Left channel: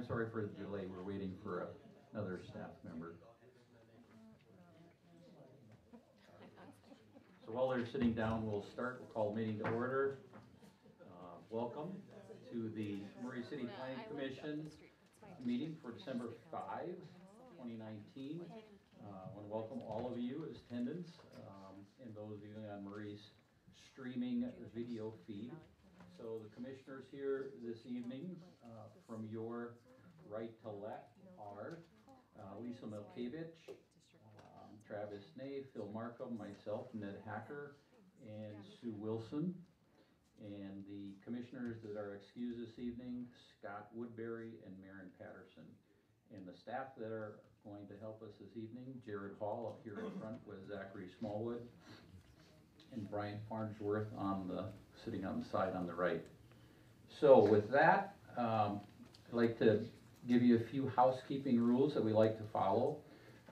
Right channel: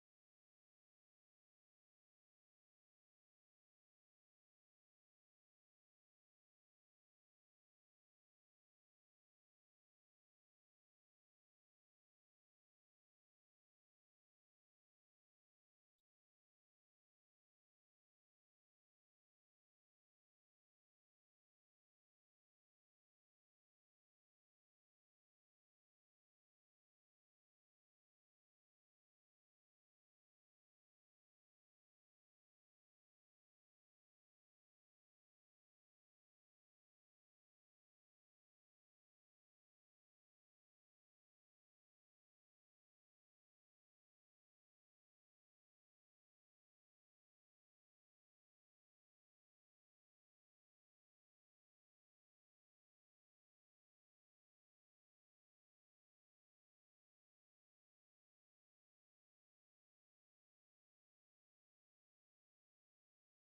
I'm sorry for the delay. We're waiting for another staff member. So while they're sitting down, we'll start. We'll call the meeting to order. Welcome to the Murray City Planning Commission meeting for December 5, 2019. I want to welcome all of you as attendants and those viewing on Murray's streaming video feed. So the commissioners here this evening, from your right to left, are Lisa Milkevich, Travis Ney, Phil Markham, myself, Ned Hacker, and Sue Wilson. And the commissioners that are excused this evening, Scott Woodbury and Maren Patterson. And the staff that are going to help us this evening, Jared Hall up here in front with Zachary Smallwood, and Brian Farnsworth sitting on the side on the right. So with that, I'd like to give you a few housekeeping rules that we like to follow.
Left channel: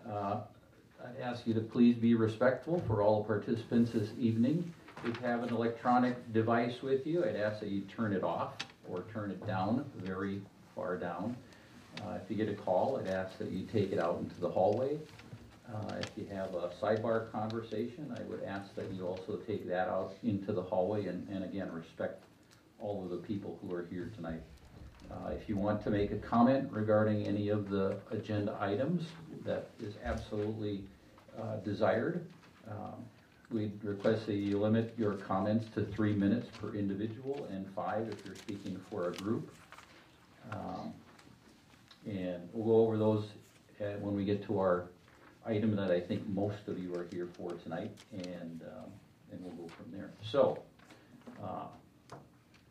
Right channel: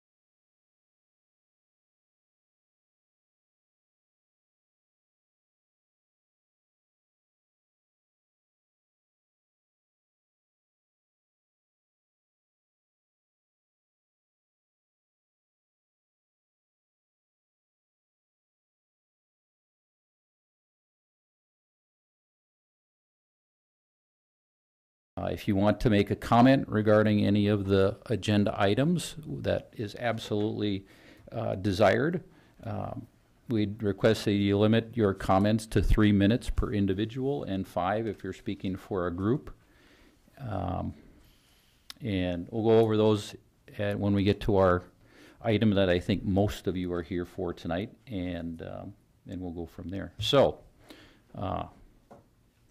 I'd ask you to please be respectful for all participants this evening. If you have an electronic device with you, I'd ask that you turn it off or turn it down, very far down. If you get a call, I'd ask that you take it out into the hallway. If you have a sidebar conversation, I would ask that you also take that out into the hallway and again, respect all of the people who are here tonight. If you want to make a comment regarding any of the agenda items, that is absolutely desired. We'd request that you limit your comments to 3 minutes per individual and 5 if you're speaking for a group. And we'll go over those when we get to our item that I think most of you are here for tonight, and we'll go from there. So,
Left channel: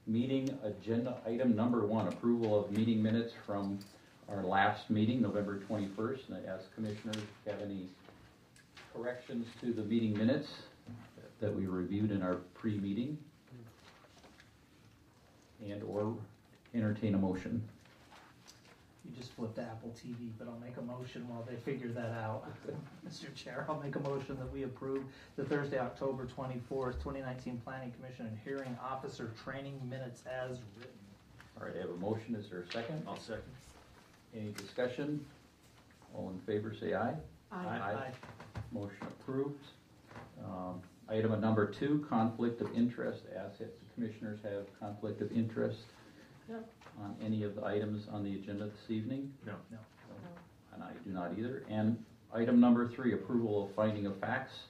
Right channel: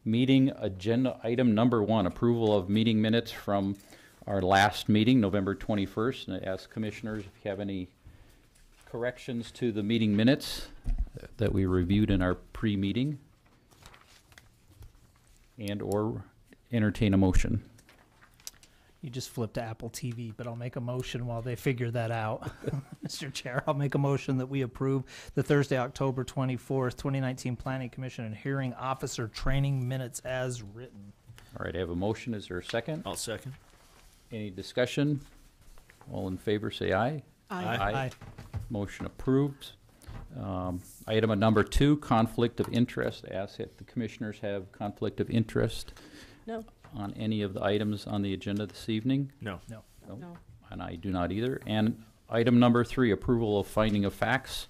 meeting agenda item number 1, approval of meeting minutes from our last meeting, November 21st. And I ask commissioners if you have any corrections to the meeting minutes that we reviewed in our pre-meeting, and or entertain a motion. You just flipped to Apple TV, but I'll make a motion while they figure that out. Mr. Chair, I'll make a motion that we approve the Thursday, October 24th, 2019 Planning Commission and Hearing Officer Training Minutes as written. All right, I have a motion. Is there a second? I'll second. Any discussion? All in favor say aye. Aye. Aye. Motion approved. Item number 2, conflict of interest. Ask if the commissioners have conflict of interest. No. On any of the items on the agenda this evening? No. No. No. And I do not either. And item number 3, approval of finding of facts.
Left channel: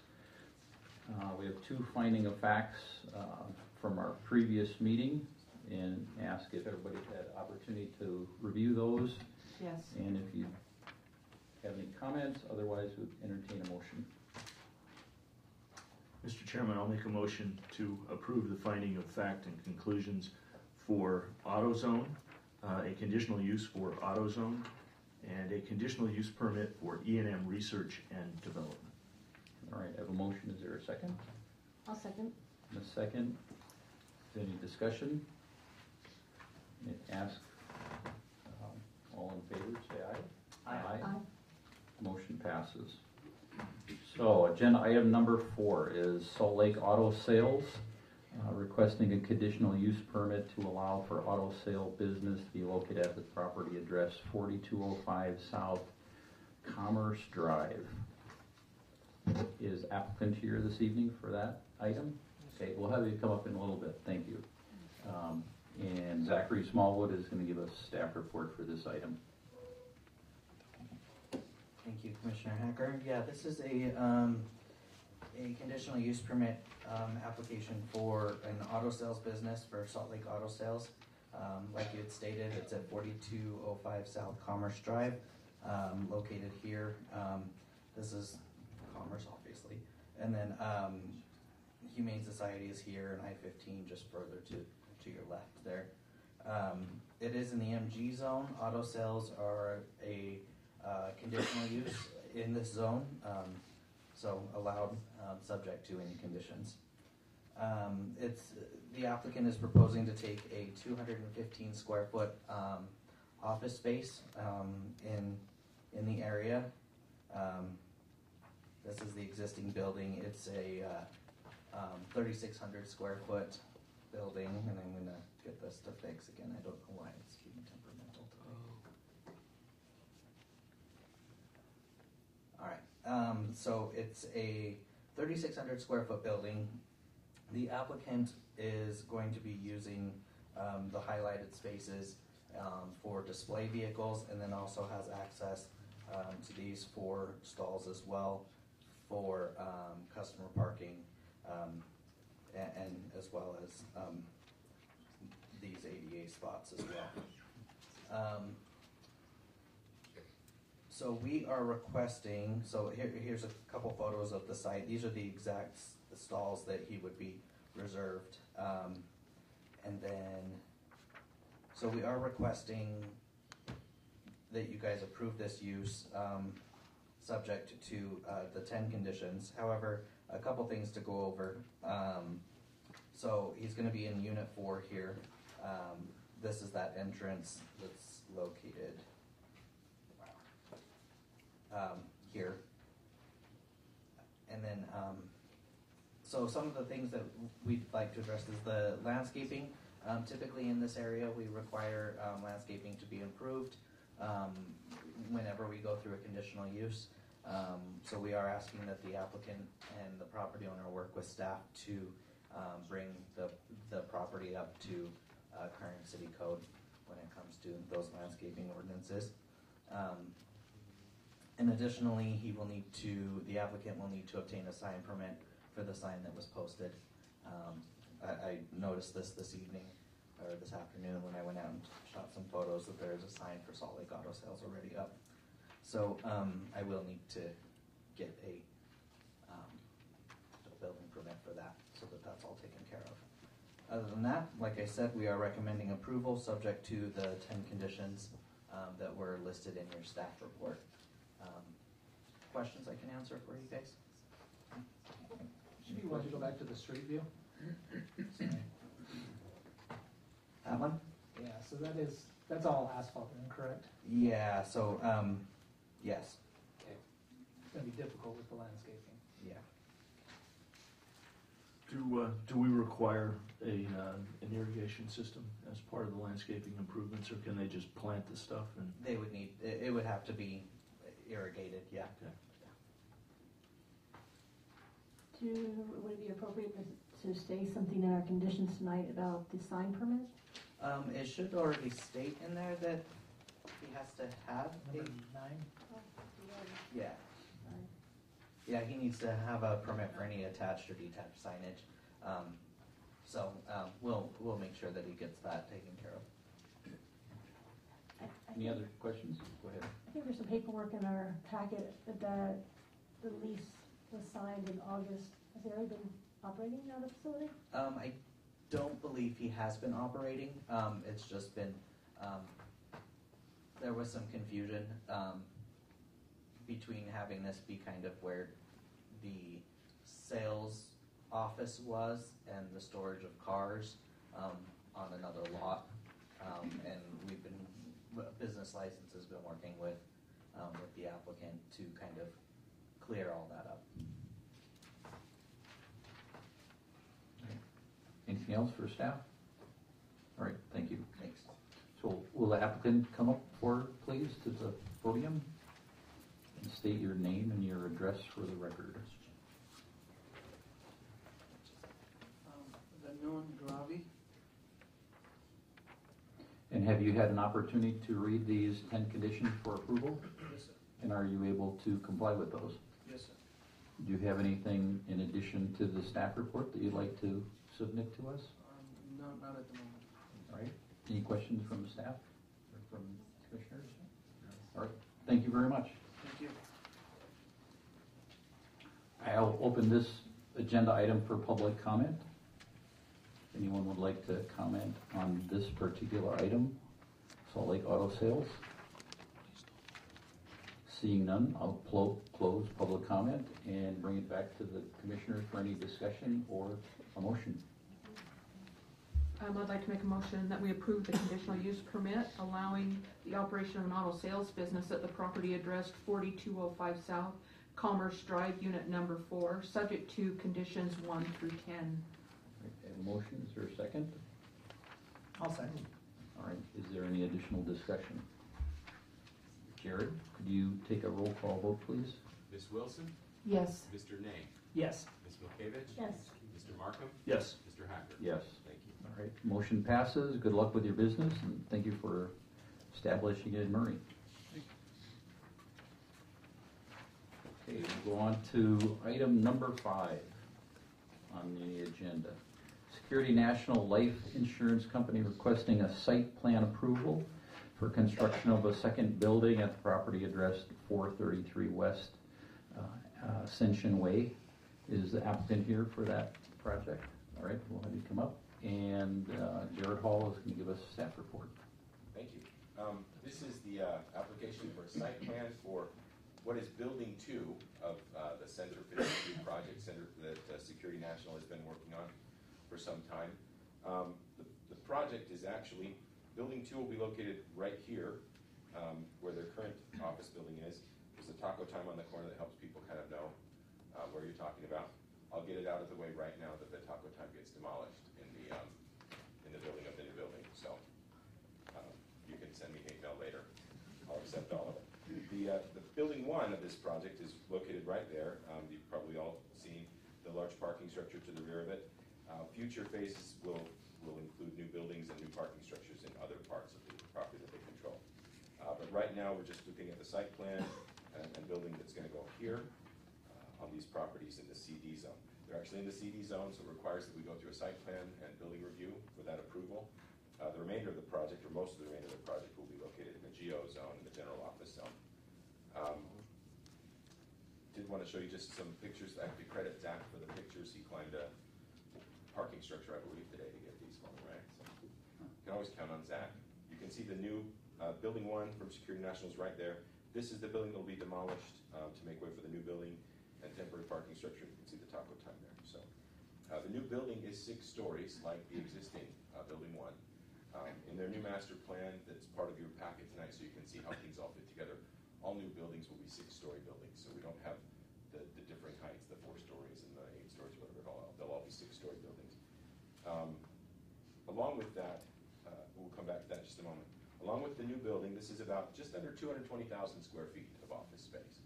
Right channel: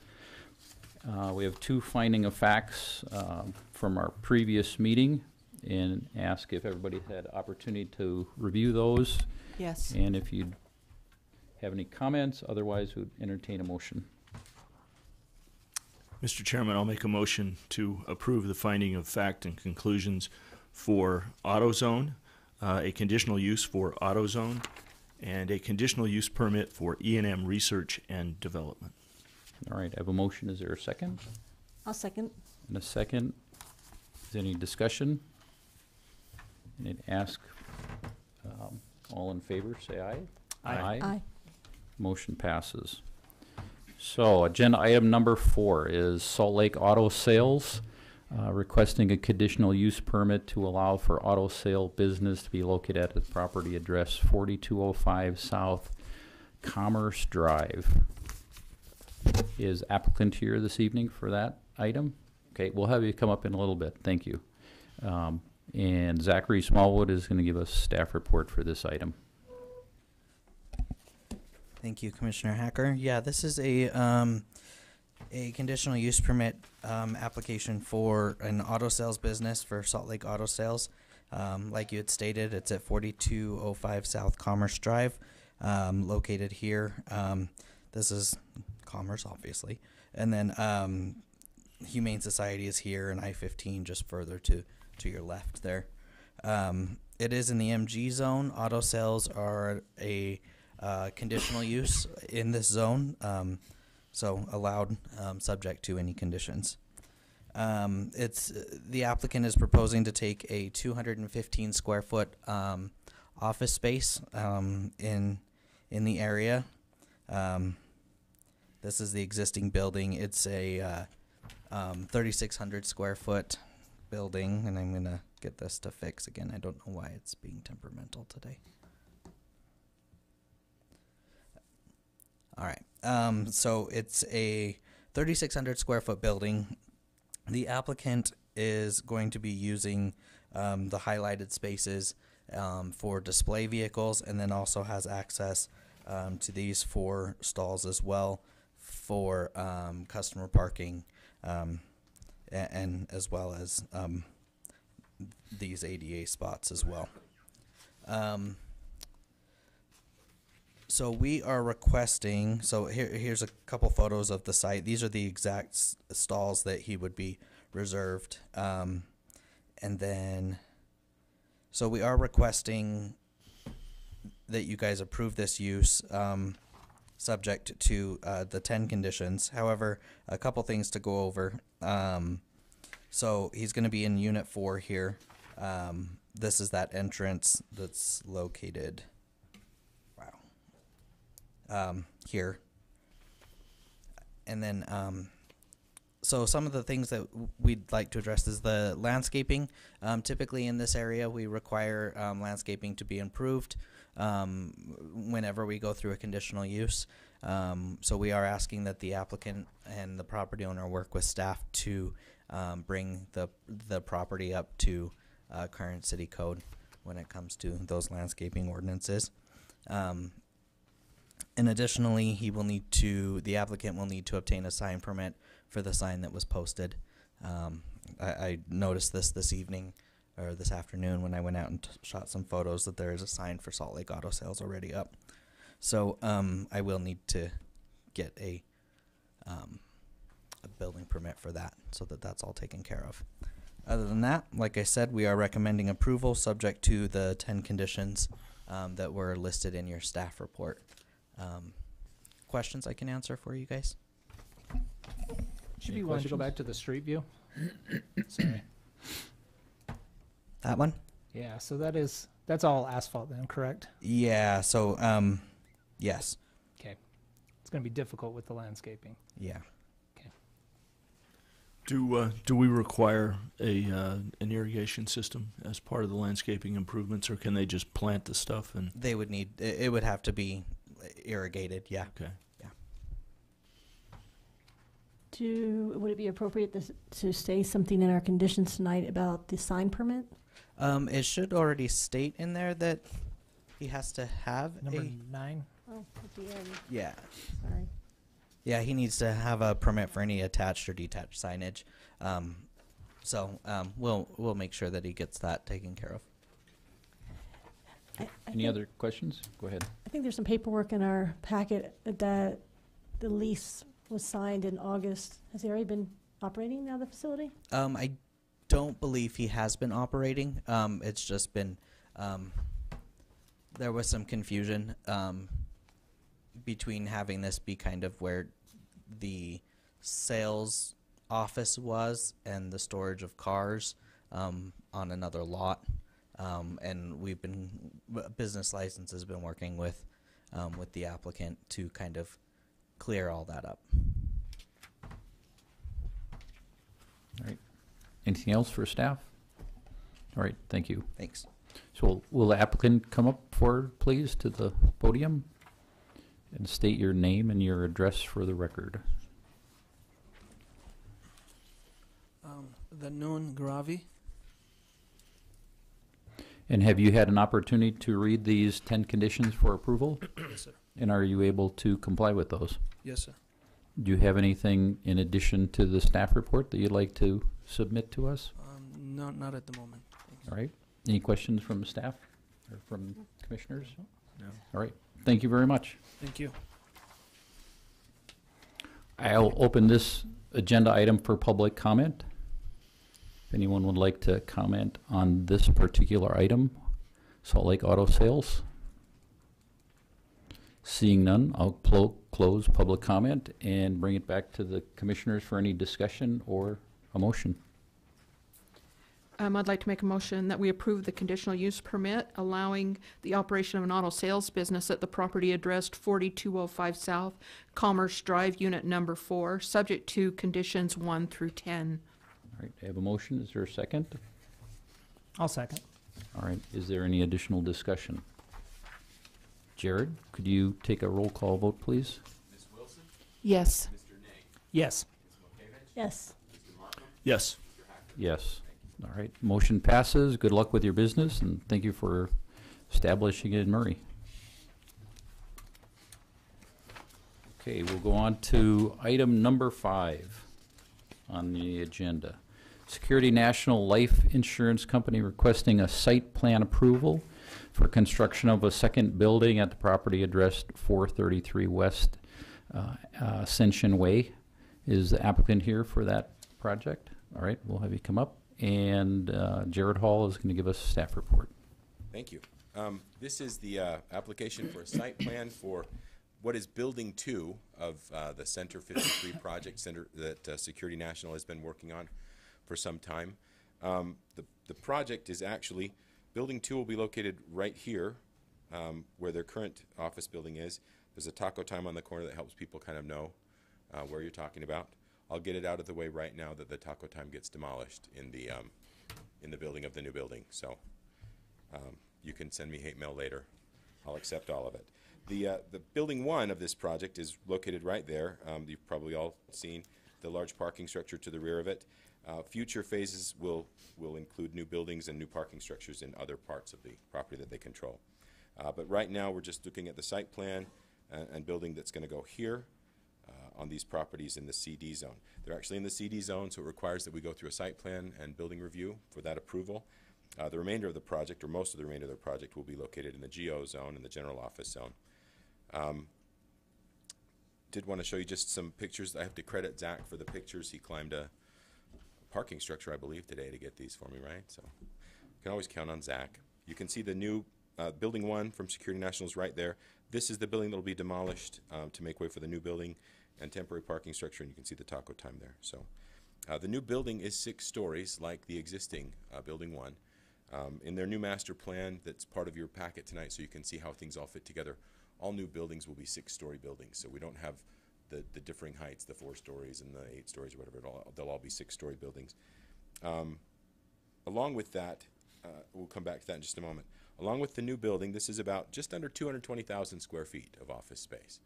We have 2 finding of facts from our previous meeting, and ask if everybody had opportunity to review those. Yes. And if you have any comments, otherwise we would entertain a motion. Mr. Chairman, I'll make a motion to approve the finding of fact and conclusions for AutoZone, a conditional use for AutoZone, and a conditional use permit for E&M Research and Development. All right, I have a motion. Is there a second? I'll second. And a second. Is there any discussion? And I'd ask all in favor, say aye. Aye. Aye. Motion passes. So agenda item number 4 is Salt Lake Auto Sales, requesting a conditional use permit to allow for auto sale business to be located at the property address 4205 South Commerce Drive. Is applicant here this evening for that item? Okay, we'll have you come up in a little bit. Thank you. And Zachary Smallwood is going to give us staff report for this item. Thank you, Commissioner Hacker. Yeah, this is a conditional use permit application for an auto sales business for Salt Lake Auto Sales. Like you had stated, it's at 4205 South Commerce Drive, located here. This is Commerce, obviously. And then Humane Society is here, and I-15 just further to your left there. It is in the MG zone. Auto sales are a conditional use in this zone, so allowed subject to any conditions. The applicant is proposing to take a 215 square foot office space in the area. This is the existing building. It's a 3,600 square foot building, and I'm gonna get this to fix again. I don't know why it's being temperamental today. All right. So it's a 3,600 square foot building. The applicant is going to be using the highlighted spaces for display vehicles, and then also has access to these 4 stalls as well for customer parking, and as well as these ADA spots as well. So we are requesting, so here's a couple photos of the site. These are the exact stalls that he would be reserved. And then, so we are requesting that you guys approve this use, subject to the 10 conditions. However, a couple things to go over. So he's going to be in Unit 4 here. This is that entrance that's located here. And then, so some of the things that we'd like to address is the landscaping. Typically in this area, we require landscaping to be improved whenever we go through a conditional use. So we are asking that the applicant and the property owner work with staff to bring the property up to current city code when it comes to those landscaping ordinances. And additionally, the applicant will need to obtain a sign permit for the sign that was posted. I noticed this evening or this afternoon when I went out and shot some photos that there is a sign for Salt Lake Auto Sales already up. So I will need to get a building permit for that so that that's all taken care of. Other than that, like I said, we are recommending approval subject to the 10 conditions that were listed in your staff report. Questions I can answer for you guys? Should Any be one to go questions? back to the street view. Sorry. That one? Yeah, so that's all asphalt then, correct? Yeah, so, yes. Okay. It's gonna be difficult with the landscaping. Yeah. Do we require an irrigation system as part of the landscaping improvements, or can they just plant the stuff and? They would need, it would have to be irrigated, yeah. Okay. Would it be appropriate to say something in our conditions tonight about the sign permit? It should already state in there that he has to have Number a, 9. Oh, at the end, yeah. sorry. Yeah, he needs to have a permit for any attached or detached signage. So we'll make sure that he gets that taken care of. Any other questions? Go ahead. I think there's some paperwork in our packet that the lease was signed in August. Has he already been operating now, the facility? I don't believe he has been operating. It's just been, there was some confusion between having this be kind of where the sales office was and the storage of cars on another lot. And business license has been working with the applicant to kind of clear all that up. All right. Anything else for staff? All right, thank you. Thanks. So will the applicant come up forward, please, to the podium and state your name and your address for the record? The Noon Gravi. And have you had an opportunity to read these 10 conditions for approval? Yes, sir. And are you able to comply with those? Yes, sir. Do you have anything in addition to the staff report that you'd like to submit to us? No, not at the moment. All right. Any questions from the staff or from commissioners? No. All right. Thank you very much. Thank you. I'll open this agenda item for public comment. If anyone would like to comment on this particular item, Salt Lake Auto Sales. Seeing none, I'll close public comment and bring it back to the commissioners for any discussion or a motion. I'd like to make a motion that we approve the conditional use permit allowing the operation of an auto sales business at the property addressed 4205 South Commerce Drive, Unit Number 4, subject to conditions 1 through 10. All right, I have a motion. Is there a second? I'll second. All right, is there any additional discussion? Jared, could you take a roll call vote, please? Ms. Wilson, Yes. Mr. Name, Yes. Ms. Milkevich, Yes. Mr. Markham, Yes. Mr. Hacker. Yes. Thank you. All right, motion passes. Good luck with your business, and thank you for establishing it in Murray. Okay, we'll go on to item number 5 on the agenda. Security National Life Insurance Company requesting a site plan approval for construction of a second building at the property addressed 433 West Ascension Way. Is the applicant here for that project? All right, we'll have you come up. And Jared Hall is going to give us a staff report. Thank you. This is the application for a site plan for what is Building 2 of the Center 53 project center that Security National has been working on for some time. The project is actually, Building 2 will be located right here where their current office building is. There's a Taco Time on the corner that helps people kind of know where you're talking about. I'll get it out of the way right now that the Taco Time gets demolished in the building of the new building. So you can send me hate mail later. I'll accept all of it. The building 1 of this project is located right there. You've probably all seen the large parking structure to the rear of it. Future phases will include new buildings and new parking structures in other parts of the property that they control. But right now we're just looking at the site plan and building that's going to go here on these properties in the CD zone. They're actually in the CD zone, so it requires that we go through a site plan and building review for that approval. The remainder of the project, or most of the remainder of the project, will be located in the GO zone, in the general office zone. Did want to show you just some pictures. I have to credit Zach for the pictures. He climbed a parking structure, I believe, today to get these for me, right? So you can always count on Zach. You can see the new Building 1 from Security National is right there. This is the building that will be demolished to make way for the new building and temporary parking structure, and you can see the Taco Time there. So the new building is 6 stories like the existing Building 1. In their new master plan that's part of your packet tonight, so you can see how things all fit together, all new buildings will be 6-story buildings, so we don't have the differing heights, the 4 stories and the 8 stories or whatever. They'll all be 6-story buildings. Along with that, we'll come back to that in just a moment. Along with the new building, this is about just under 220,000 square feet of office space.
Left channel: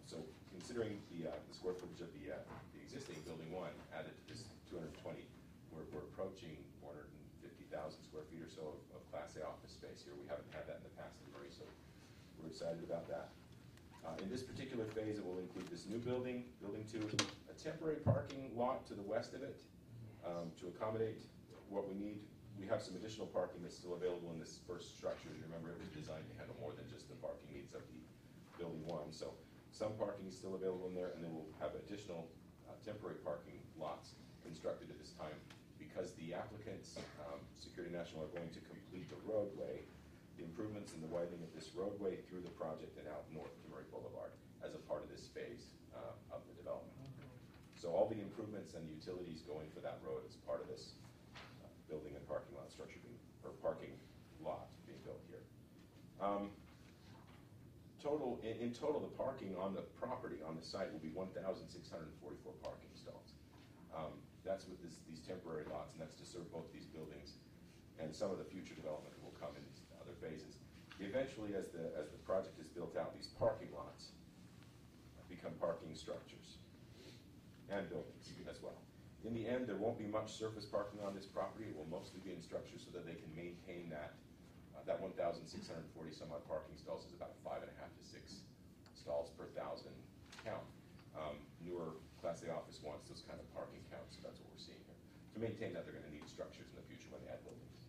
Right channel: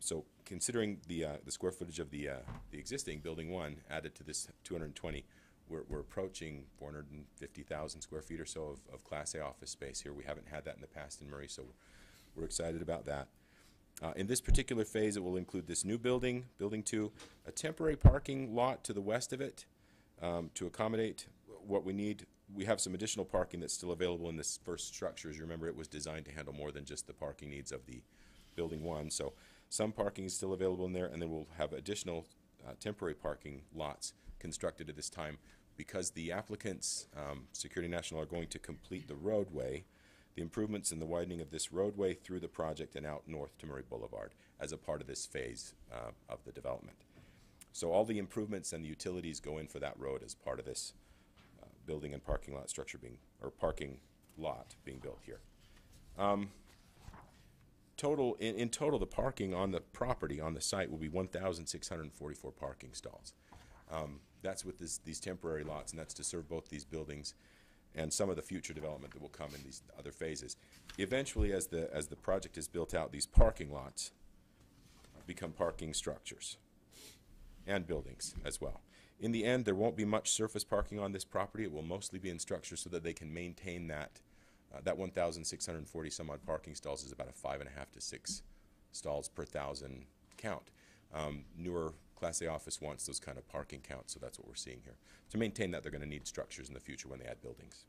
So considering the square footage of the existing Building 1 added to this 220, we're approaching 450,000 square feet or so of Class A office space here. We haven't had that in the past in Murray, so we're excited about that. In this particular phase, it will include this new building, Building 2, a temporary parking lot to the west of it to accommodate what we need. We have some additional parking that's still available in this first structure. As you remember, it was designed to handle more than just the parking needs of the Building 1. So some parking is still available in there, and then we'll have additional temporary parking lots constructed at this time because the applicants, Security National, are going to complete the roadway, the improvements in the widening of this roadway through the project and out north to Murray Boulevard as a part of this phase of the development. So all the improvements and the utilities go in for that road as part of this building and parking lot structure parking lot being built here. In total, the parking on the property, on the site, will be 1,644 parking stalls. That's with these temporary lots, and that's to serve both these buildings and some of the future development that will come in these other phases. Eventually, as the project is built out, these parking lots become parking structures and buildings as well. In the end, there won't be much surface parking on this property. It will mostly be in structures so that they can maintain that 1,640 some odd parking stalls is about a 5.5 to 6 stalls per 1,000 count. Newer Class A office wants those kind of parking counts, so that's what we're seeing here. To maintain that, they're going to need structures in the future when they add buildings.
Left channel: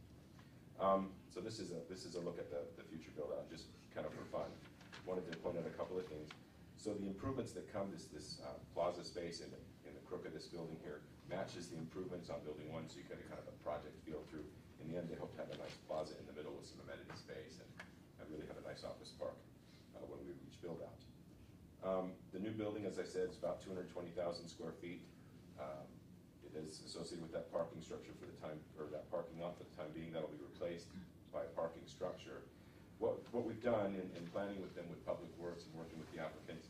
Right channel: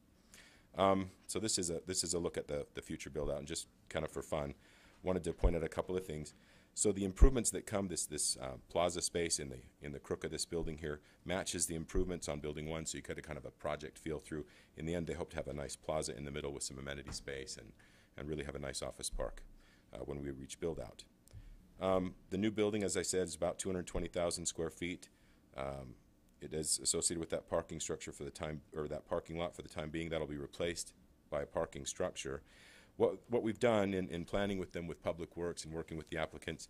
So this is a look at the future build out, and just kind of for fun, wanted to point out a couple of things. So the improvements that come, this plaza space in the crook of this building here matches the improvements on Building 1, so you get a kind of a project feel through. In the end, they hope to have a nice plaza in the middle with some amenity space and really have a nice office park when we reach build out. The new building, as I said, is about 220,000 square feet. It is associated with that parking structure for the time, or that parking lot for the time being. That'll be replaced by a parking structure. What we've done in planning with them with Public Works and working with the applicants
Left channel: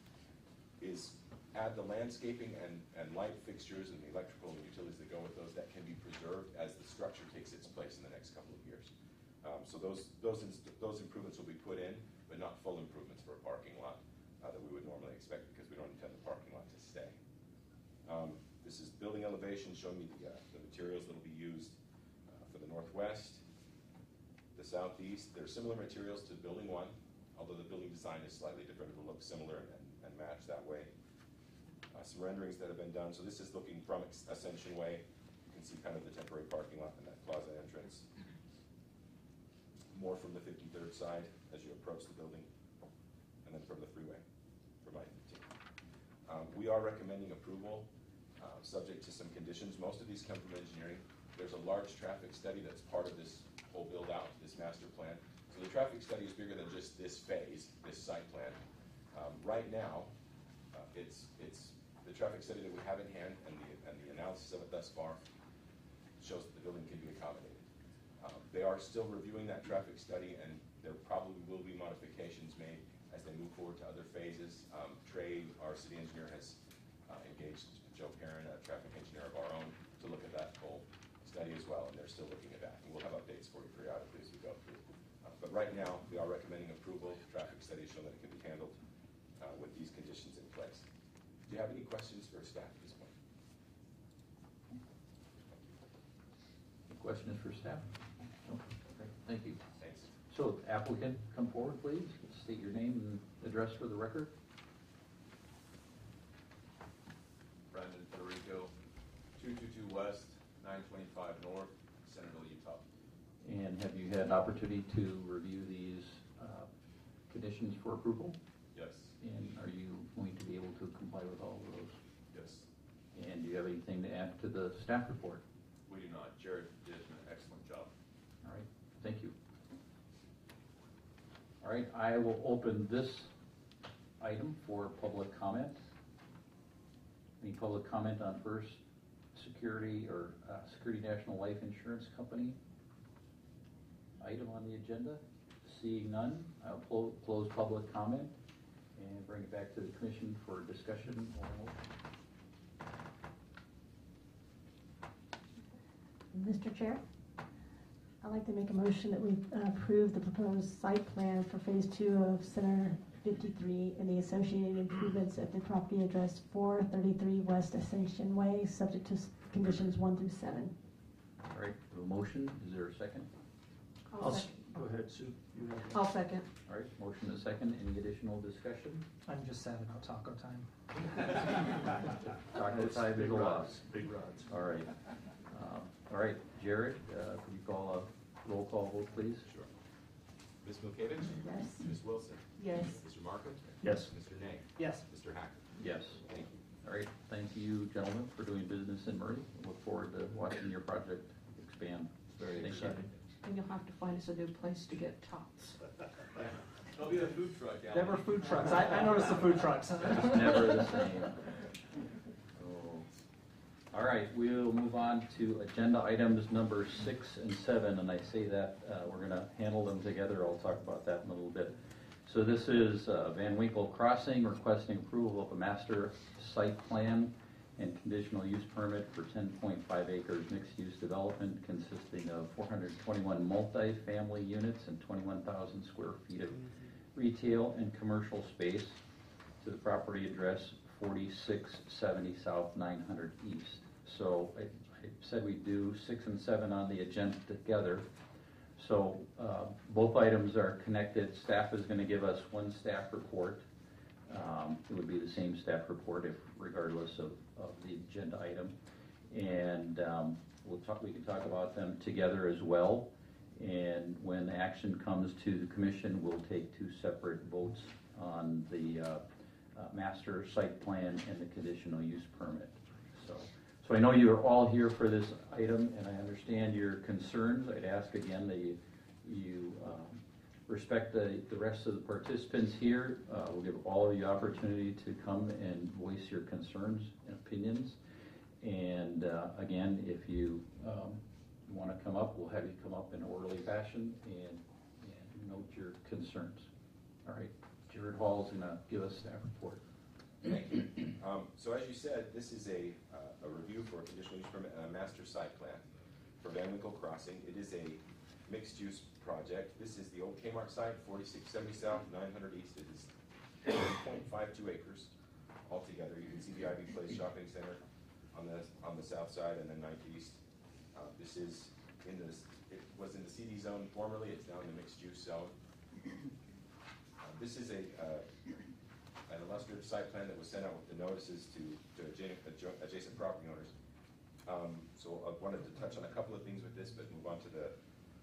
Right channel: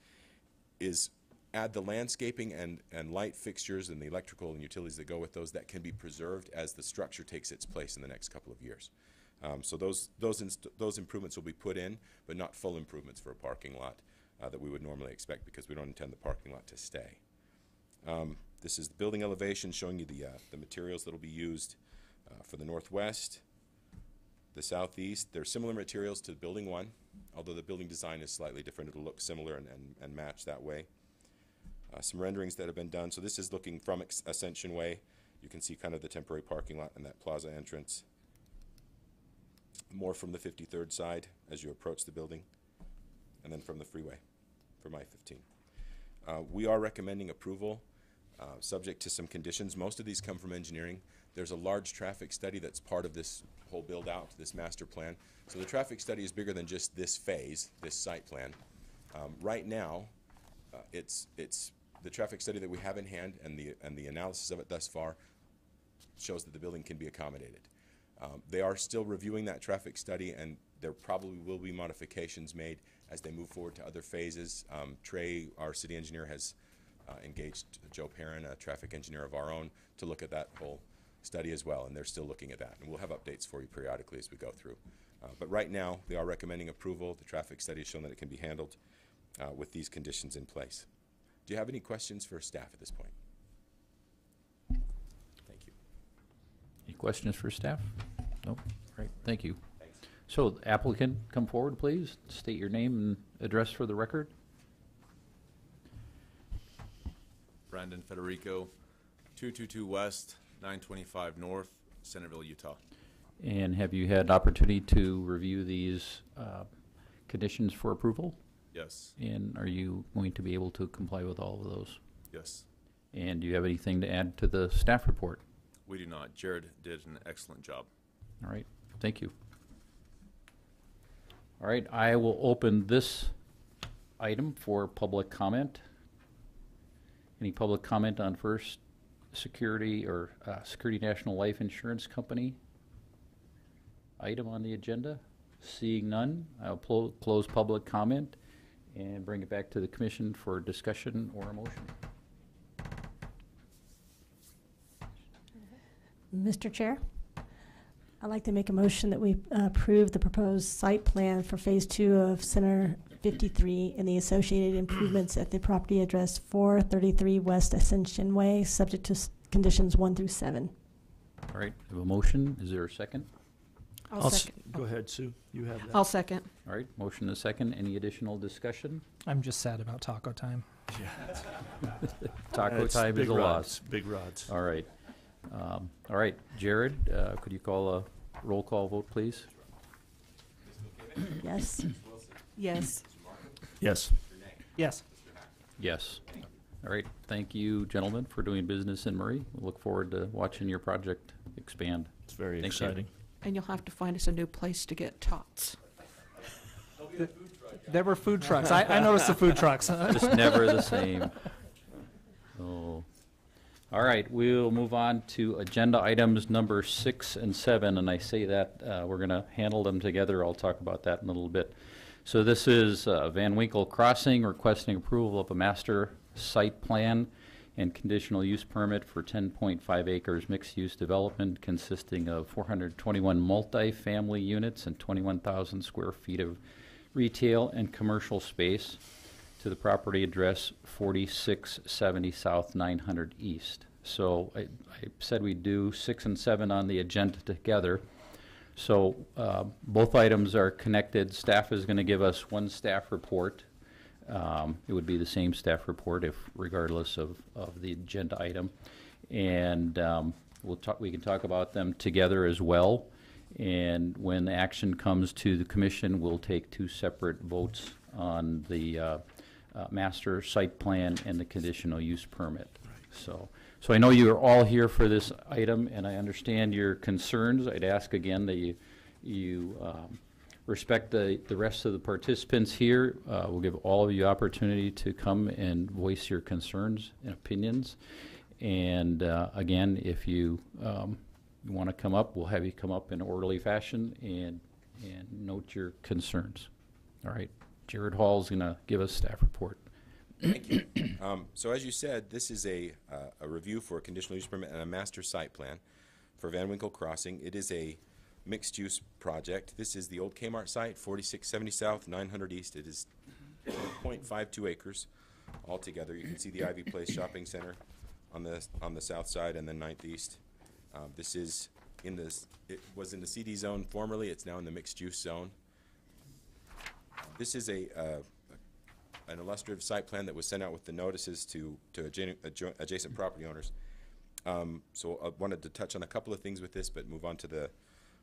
is add the landscaping and light fixtures and the electrical and utilities that go with those that can be preserved as the structure takes its place in the next couple of years. So those improvements will be put in, but not full improvements for a parking lot. that we would normally expect because we don't intend the parking lot to stay. This is the building elevation showing you the materials that will be used for the northwest, the southeast. They're similar materials to building 1, although the building design is slightly different. It'll look similar and match that way. Some renderings that have been done. So this is looking from Ascension Way. You can see kind of the temporary parking lot and that plaza entrance. More from the 53rd side as you approach the building, and then from the freeway, from I-15. We are recommending approval, subject to some conditions. Most of these come from engineering. There's a large traffic study that's part of this whole build-out, this master plan. So the traffic study is bigger than just this phase, this site plan. Right now, it's the traffic study that we have in hand, and the analysis of it thus far shows that the building can be accommodated. They are still reviewing that traffic study, and there probably will be modifications made as they move forward to other phases. Trey, our city engineer, has engaged Joe Perrin, a traffic engineer of our own, to look at that whole study as well, and they're still looking at that. And we'll have updates for you periodically as we go through. But right now, they are recommending approval. The traffic study has shown that it can be handled with these conditions in place. Do you have any questions for staff at this point? Thank you. Any questions for staff? No? Great, thank you. Thanks. So applicant, come forward, please. State your name and address for the record. Brandon Federico, 222 West, 925 North, Centerville, Utah. And have you had opportunity to review these conditions for approval? Yes, And are you going to be able to comply with all of those? yes. And do you have anything to add to the staff report? We do not. Jared did an excellent job. All right, thank you. All right, I will open this item for public comment. Any public comment on First Security or Security National Life Insurance Company item on the agenda? Seeing none, I'll close public comment and bring it back to the commission for discussion or a motion. Mr. Chair, I'd like to make a motion that we approve the proposed site plan for Phase 2 of Center 53 and the associated improvements at the property address 433 West Ascension Way, subject to conditions 1 through 7. All right, we have a motion. Is there a second? I'll second. Go ahead, Sue. You have that. I'll second. All right, motion and a second. Any additional discussion? I'm just sad about taco time. Taco That's time is big a rods, loss. Big rods. All right. All right, Jared, could you call a roll call vote, please? Ms. Milkovich? Yes? Ms. Wilson? Yes. Mr. Markham? Yes. Mr. Nay? Yes. Mr. Hacker? Yes. Thank you. All right, thank you, gentlemen, for doing business in Murray. We look forward to watching your project expand. It's very Thank you. exciting. And you'll have to find us a new place to get tots. There'll be a food truck. There were food trucks. I noticed the food trucks. Just never the same. Oh. All right, we'll move on to agenda items number 6 and 7, and I say that we're going to handle them together. I'll talk about that in a little bit. So this is Van Winkle Crossing requesting approval of a master site plan and conditional use permit for 10.5 acres mixed-use development consisting of 421 multi-family units and 21,000 square feet of retail and commercial space to the property address 4670 South 900 East. So I said we'd do 6 and 7 on the agenda together. So both items are connected. Staff is going to give us one staff report. It would be the same staff report if regardless of the agenda item. And we can talk about them together as well. And when action comes to the commission, we'll take 2 separate votes on the master site plan and the conditional use permit. So I know you are all here for this item, and I understand your concerns. I'd ask again that you respect the rest of the participants here. We'll give all of you opportunity to come and voice your concerns and opinions. And again, if you want to come up, we'll have you come up in orderly fashion and note your concerns. All right, Jared Hall is going to give us staff report. Thank you. So as you said, this is a review for a conditional use permit and a master site plan for Van Winkle Crossing. It is a mixed-use project. This is the old Kmart site, 4670 South, 900 East. It is 1.52 acres altogether. You can see the Ivy Place Shopping Center on the south side, and then 9th East. This is it was in the CD zone formerly. It's now in the mixed use zone. This is an illustrative site plan that was sent out with the notices to adjacent property owners. So I wanted to touch on a couple of things with this, but move on to the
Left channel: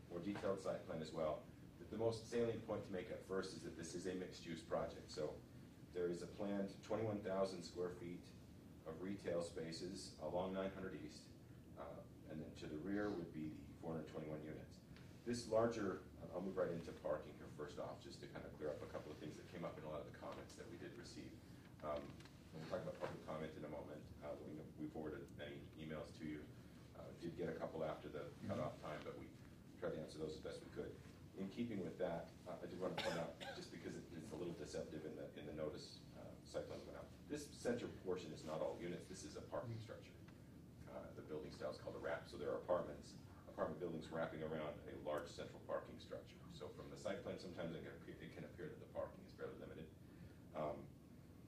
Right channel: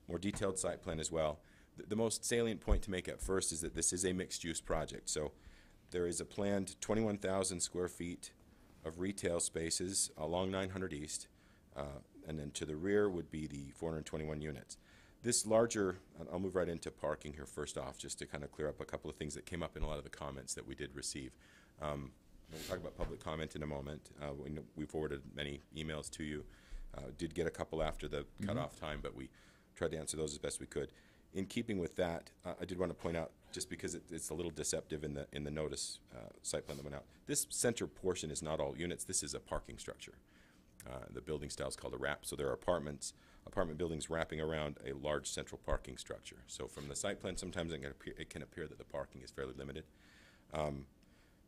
more detailed site plan as well. The most salient point to make at first is that this is a mixed-use project. So there is a planned 21,000 square feet of retail spaces along 900 East, and then to the rear would be the 421 units. This larger, I'll move right into parking here first off, just to kind of clear up a couple of things that came up in a lot of the comments that we did receive. We'll talk about public comment in a moment. We forwarded many emails to you. Did get a couple after the cutoff time, but we tried to answer those as best we could. In keeping with that, I did want to point out, just because it's a little deceptive in the notice site plan that went out, this center portion is not all units. This is a parking structure. The building style is called a wrap, so there are apartment buildings wrapping around a large central parking structure. So from the site plan, sometimes it can appear that the parking is fairly limited.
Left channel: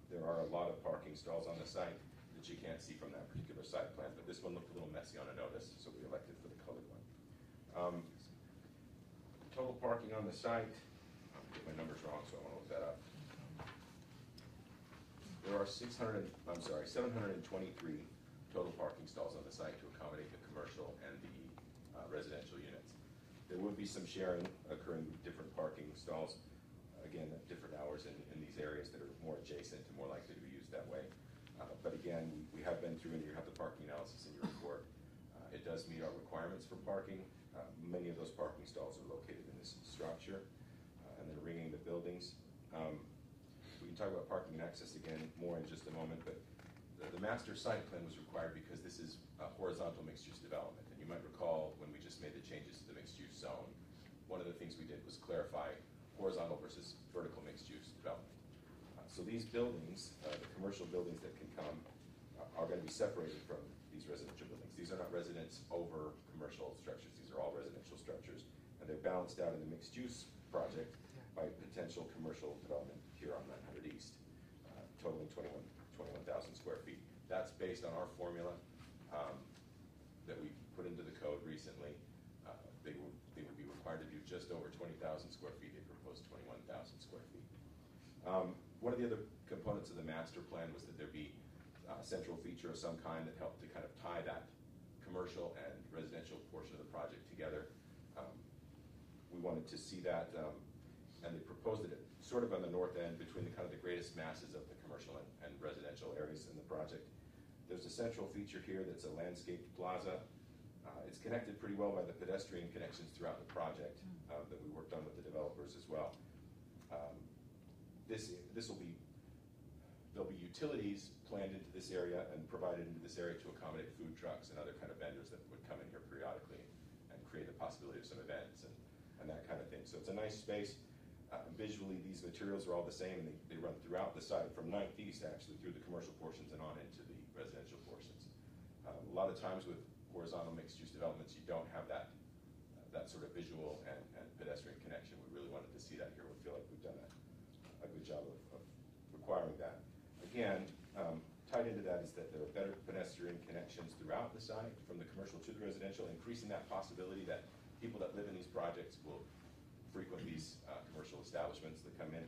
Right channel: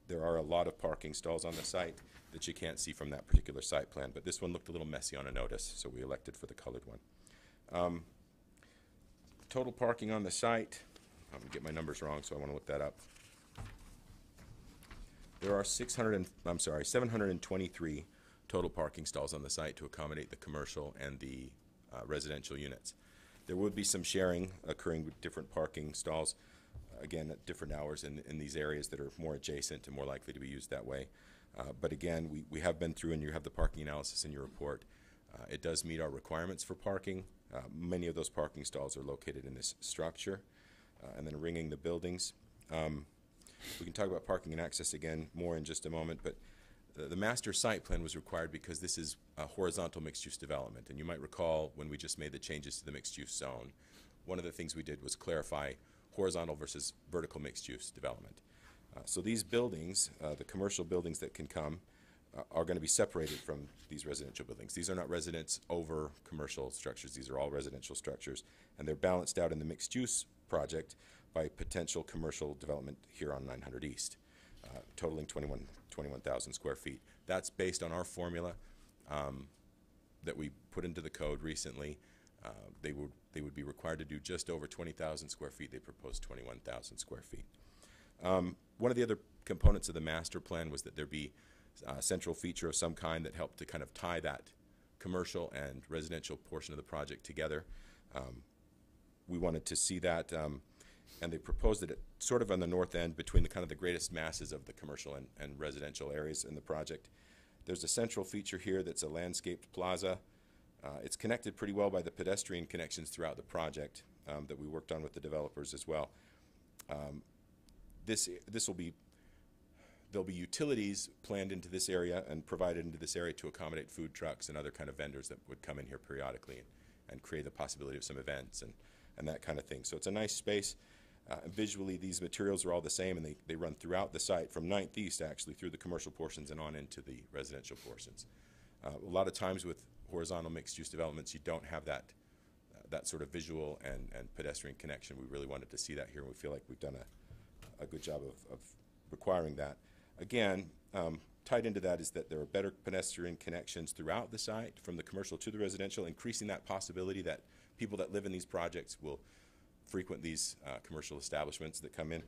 There are a lot of parking stalls on the site that you can't see from that particular site plan, but this one looked a little messy on a notice, so we elected for the colored one. Total parking on the site, I'm gonna get my numbers wrong, so I want to look that up. There are 723 total parking stalls on the site to accommodate the commercial and the residential units. There would be some sharing occurring with different parking stalls, again, at different hours in these areas that are more adjacent and more likely to be used that way. But again, we have been through, and you have the parking analysis in your report. It does meet our requirements for parking. Many of those parking stalls are located in this structure, and then ringing the buildings. We can talk about parking and access again more in just a moment, but the master site plan was required because this is a horizontal mixed-use development. And you might recall when we just made the changes to the mixed-use zone, one of the things we did was clarify horizontal versus vertical mixed-use development. So these buildings, the commercial buildings that can come, are going to be separated from these residential buildings. These are not residence over commercial structures. These are all residential structures. And they're balanced out in the mixed-use project by potential commercial development here on 900 East, totaling 21,000 square feet. That's based on our formula that we put into the code recently. They would be required to do just over 20,000 square feet. They proposed 21,000 square feet. One of the other components of the master plan was that there be a central feature of some kind that helped to kind of tie that commercial and residential portion of the project together. We wanted to see that, and they proposed it sort of on the north end between the kind of the greatest masses of the commercial and residential areas in the project. There's a central feature here that's a landscaped plaza. It's connected pretty well by the pedestrian connections throughout the project that we worked on with the developers as well. There'll be utilities planned into this area and provided into this area to accommodate food trucks and other kind of vendors that would come in here periodically and create the possibility of some events and that kind of thing. So it's a nice space. Visually, these materials are all the same, and they run throughout the site from 9th East, actually, through the commercial portions and on into the residential portions. A lot of times with horizontal mixed-use developments, you don't have that sort of visual and pedestrian connection. We really wanted to see that here, and we feel like we've done a good job of requiring that. Again, tied into that is that there are better pedestrian connections throughout the site, from the commercial to the residential, increasing that possibility that people that live in these projects will frequent these commercial establishments that come in,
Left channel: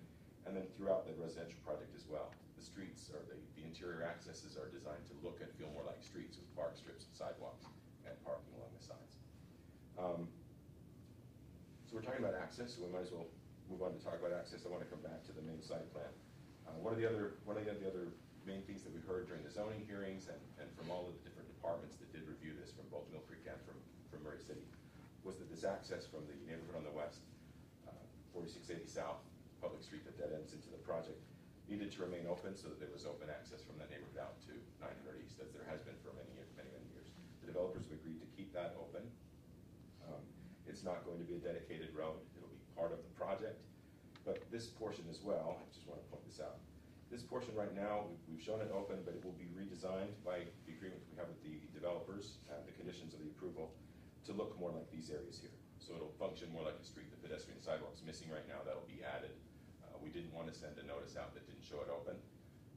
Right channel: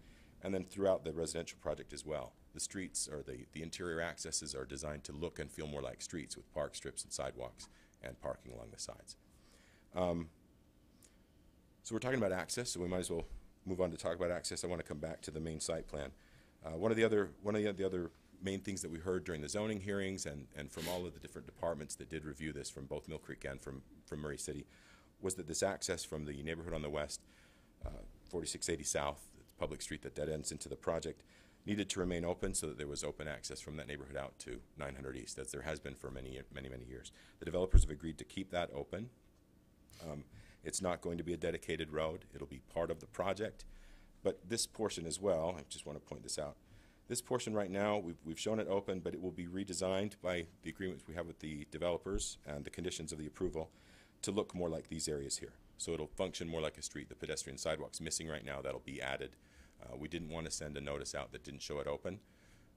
and then throughout the residential project as well. The streets, or the interior accesses, are designed to look and feel more like streets, with park strips and sidewalks and parking along the sides. So we're talking about access, so we might as well move on to talk about access. I want to come back to the main site plan. One of the other main things that we heard during the zoning hearings and from all of the different departments that did review this, from both Mill Creek and from Murray City, was that this access from the neighborhood on the west, 4680 South, public street that dead ends into the project, needed to remain open so that there was open access from that neighborhood out to 900 East, as there has been for many years. The developers have agreed to keep that open. It's not going to be a dedicated road. It'll be part of the project. But this portion as well, I just want to point this out. This portion right now, we've shown it open, but it will be redesigned by the agreements we have with the developers and the conditions of the approval to look more like these areas here. So it'll function more like a street. The pedestrian sidewalk's missing right now. That'll be added We didn't want to send a notice out that didn't show it open,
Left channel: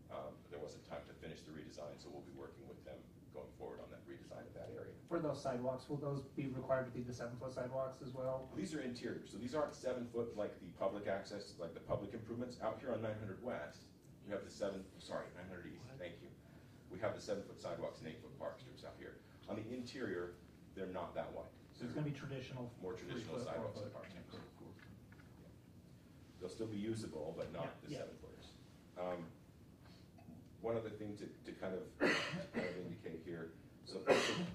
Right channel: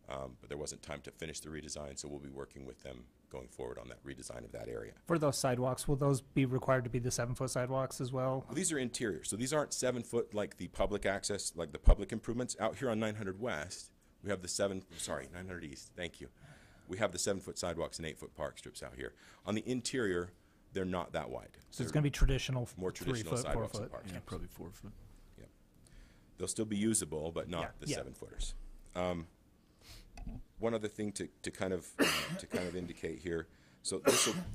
but there wasn't time to finish the redesign, so we'll be working with them going forward on that redesign of that area. For those sidewalks, will those be required to be the 7-foot sidewalks as well? Well, these are interior, so these aren't 7 foot like the public access, like the public improvements. Out here on 900 West, we have the 900 East, thank you. We have the 7-foot sidewalks and 8-foot park strips out here. On the interior, they're not that wide. So it's gonna be traditional More traditional 3-foot, sidewalks and 4-foot. park Yeah, strips. probably 4 foot. They'll still be usable, but not Yeah, the yeah. 7-footers. One other thing to kind of indicate here, so